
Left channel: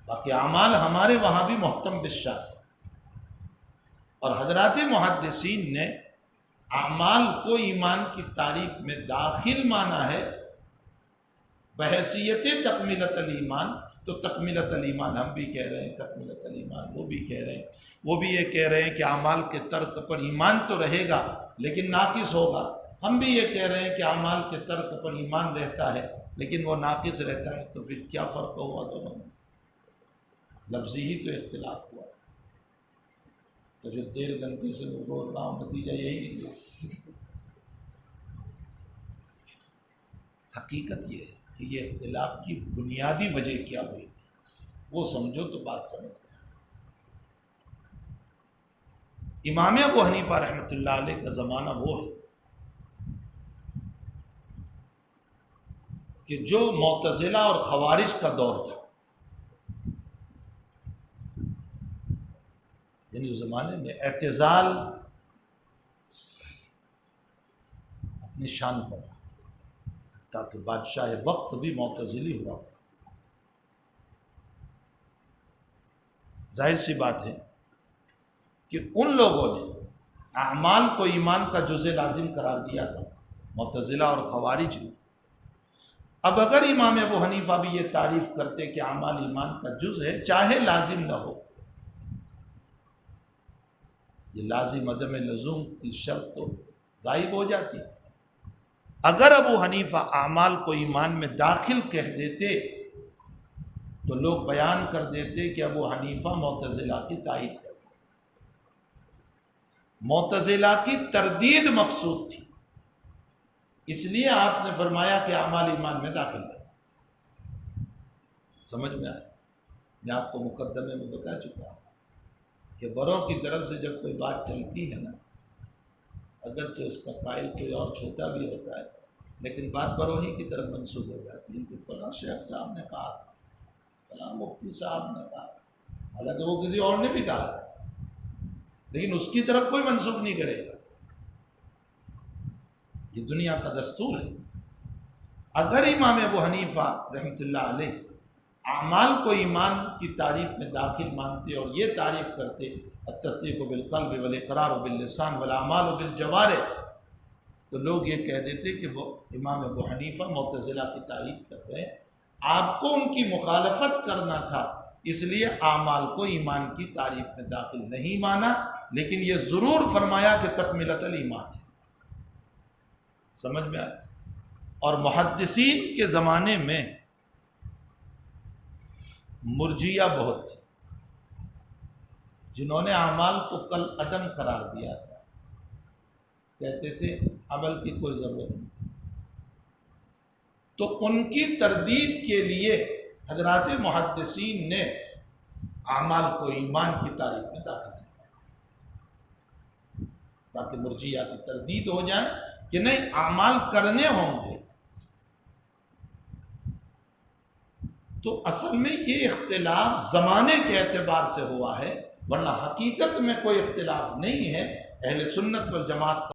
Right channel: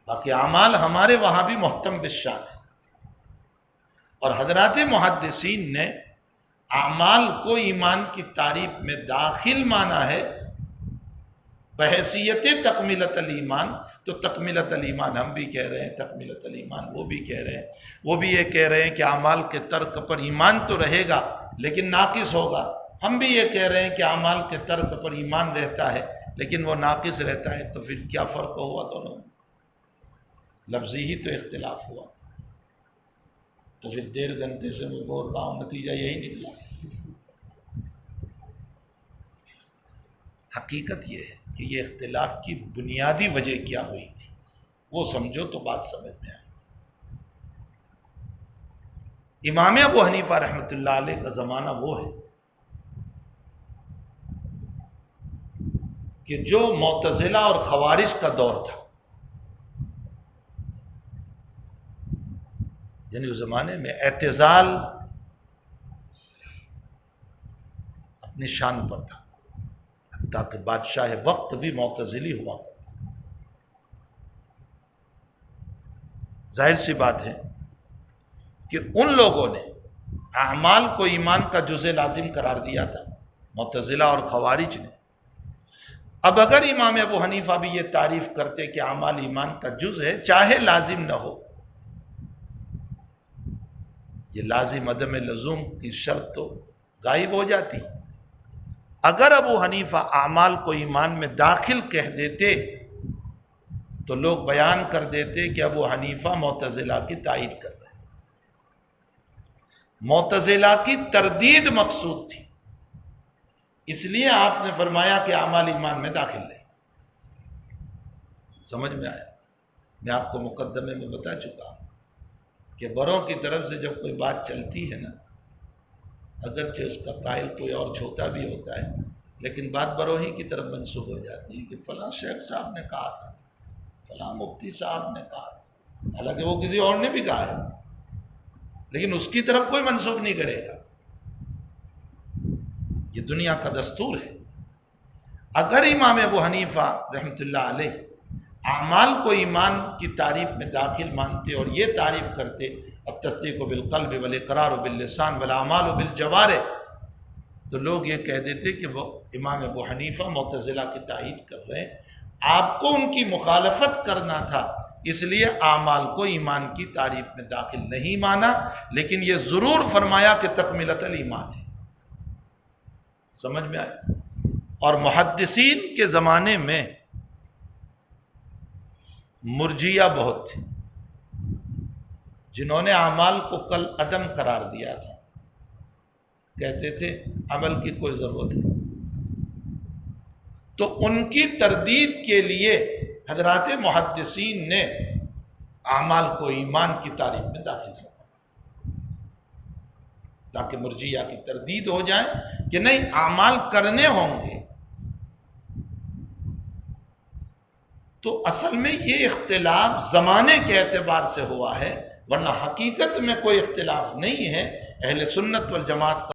باقی اعمال ہمارے وہاں بھی محتم بالشان ہے۔ اور حضرات محدثین نے اعمال کو ایمان کی تعریف میں داخل مانا ہے بحیثیت تکمیلۃ الایمان۔ تو تکمیلۃ الایمان ہم بھی کہہ رہے ہیں، تکمیلۃ الایمان وہ بھی کہہ رہے ہیں، وہ بھی یہ کہہ رہے ہیں کہ اعمال کے ترک پر ایمان تو رہے گا لیکن ناقص ہوگا، ہم بھی یہ کہہ رہے ہیں کہ اعمال کے ترک پر ایمان رہتا ہے لیکن وہ ناقص رہتا ہے۔ تو پھر کیا فرق ہوا دونوں میں؟ لفظی ہی تو اختلاف ہوا۔ تو پھر 1.5 گھنٹے سے میں بول رہا ہوں، نتیجہ یہی نکلا۔ حقیقت یہ ہے کہ یہ اختلاف کی بنیادی وجہ کیا ہوئی تھی، وہ سمجھو تو بات سمجھ میں آئے۔ امام ابو حنیفہ رحمۃ اللہ علیہ کا زمانہ وہ ہے کہ جو معتزلہ اور خوارج کا دور تھا، یعنی اس زمانے میں اعتزال اپنی شان پر تھا، حتیٰ کہ بادشاہ وقت بھی معتزلی ہوا۔ ظاہر سی بات ہے کہ ان لوگوں نے اعمال کو ایمان کا جزء لازم قرار دیا تھا، معتزلہ اور خوارج نے۔ اب اگر امام ابو حنیفہ بھی یہ تعریف کرتے کہ اعمال ایمان کا جزء ہے، چاہے لازم نہ ہو، یہ لازم عدم لزوم کی شرط تو غائب ہو جاتی۔ اگر ابو حنیفہ اعمال کو ایمان میں داخل کہہ دیتے تو لوگ بیان کر دیتے کہ ابو حنیفہ معتزلہ کی تائید کر رہے ہیں۔ معتزلہ کی تردید مقصود تھی، اس لیے آپ نے فرمایا کہ اعمال ایمان میں داخل نہیں۔ سمجھ میں آیا؟ میں آپ کو مقدمے میں بتا چکا ہوں کہ بروں کی طرف سے جب کوئی بات چلتی ہے نا، اگرچہ اس کا قائل کوئی اور چھوٹا بھی ہوتا ہے، لیکن بات بروں ہی کی طرف منسوب ہو جاتی ہے کہ فلاں شیخ صاحب نے کہا تھا، فلاں مفتی صاحب نے کہا تھا، حالانکہ وہ کسی اور نے بھی کہا ہے، لیکن اس کی طرف کوئی منسوب نہیں کرے گا۔ یہ دنیا کا دستور ہے۔ اگر امام ابو حنیفہ رحمۃ اللہ علیہ اعمال کو ایمان کی تعریف میں داخل مانتے اور یہ تعریف کرتے التصدیق بالقلب والاقرار باللسان والاعمال بالجوارح، تو لوگ یہ کہہ دیتے کہ وہ امام ابو حنیفہ معتزلہ کی تائید کر رہے ہیں، آپ کو ان کی مخالفت کرنا تھا، اس لیے اعمال کو ایمان کی تعریف میں داخل نہیں مانا، لیکن یہ ضرور فرمایا کہ تکملۃ الایمان ہے۔ سمجھ میں آئے؟ اور محدثین کے زمانے میں مرجیہ بہت تھے، جنہوں نے اعمال کو کل عدم قرار دیا تھا، کہتے تھے عمل کی کوئی ضرورت نہیں۔ تو ان کی تردید کے لیے حضرات محدثین نے اعمال کو ایمان کی تعریف میں داخل فرمایا، تاکہ مرجیہ کی تردید ہو جائے کہ نہیں، اعمال کرنے ہوں گے۔ تو اصل میں یہ اختلاف زمانے کے اعتبار سے ہوا ہے، ورنہ حقیقت میں کوئی اختلاف نہیں ہے۔ اہل سنت والجماعت کا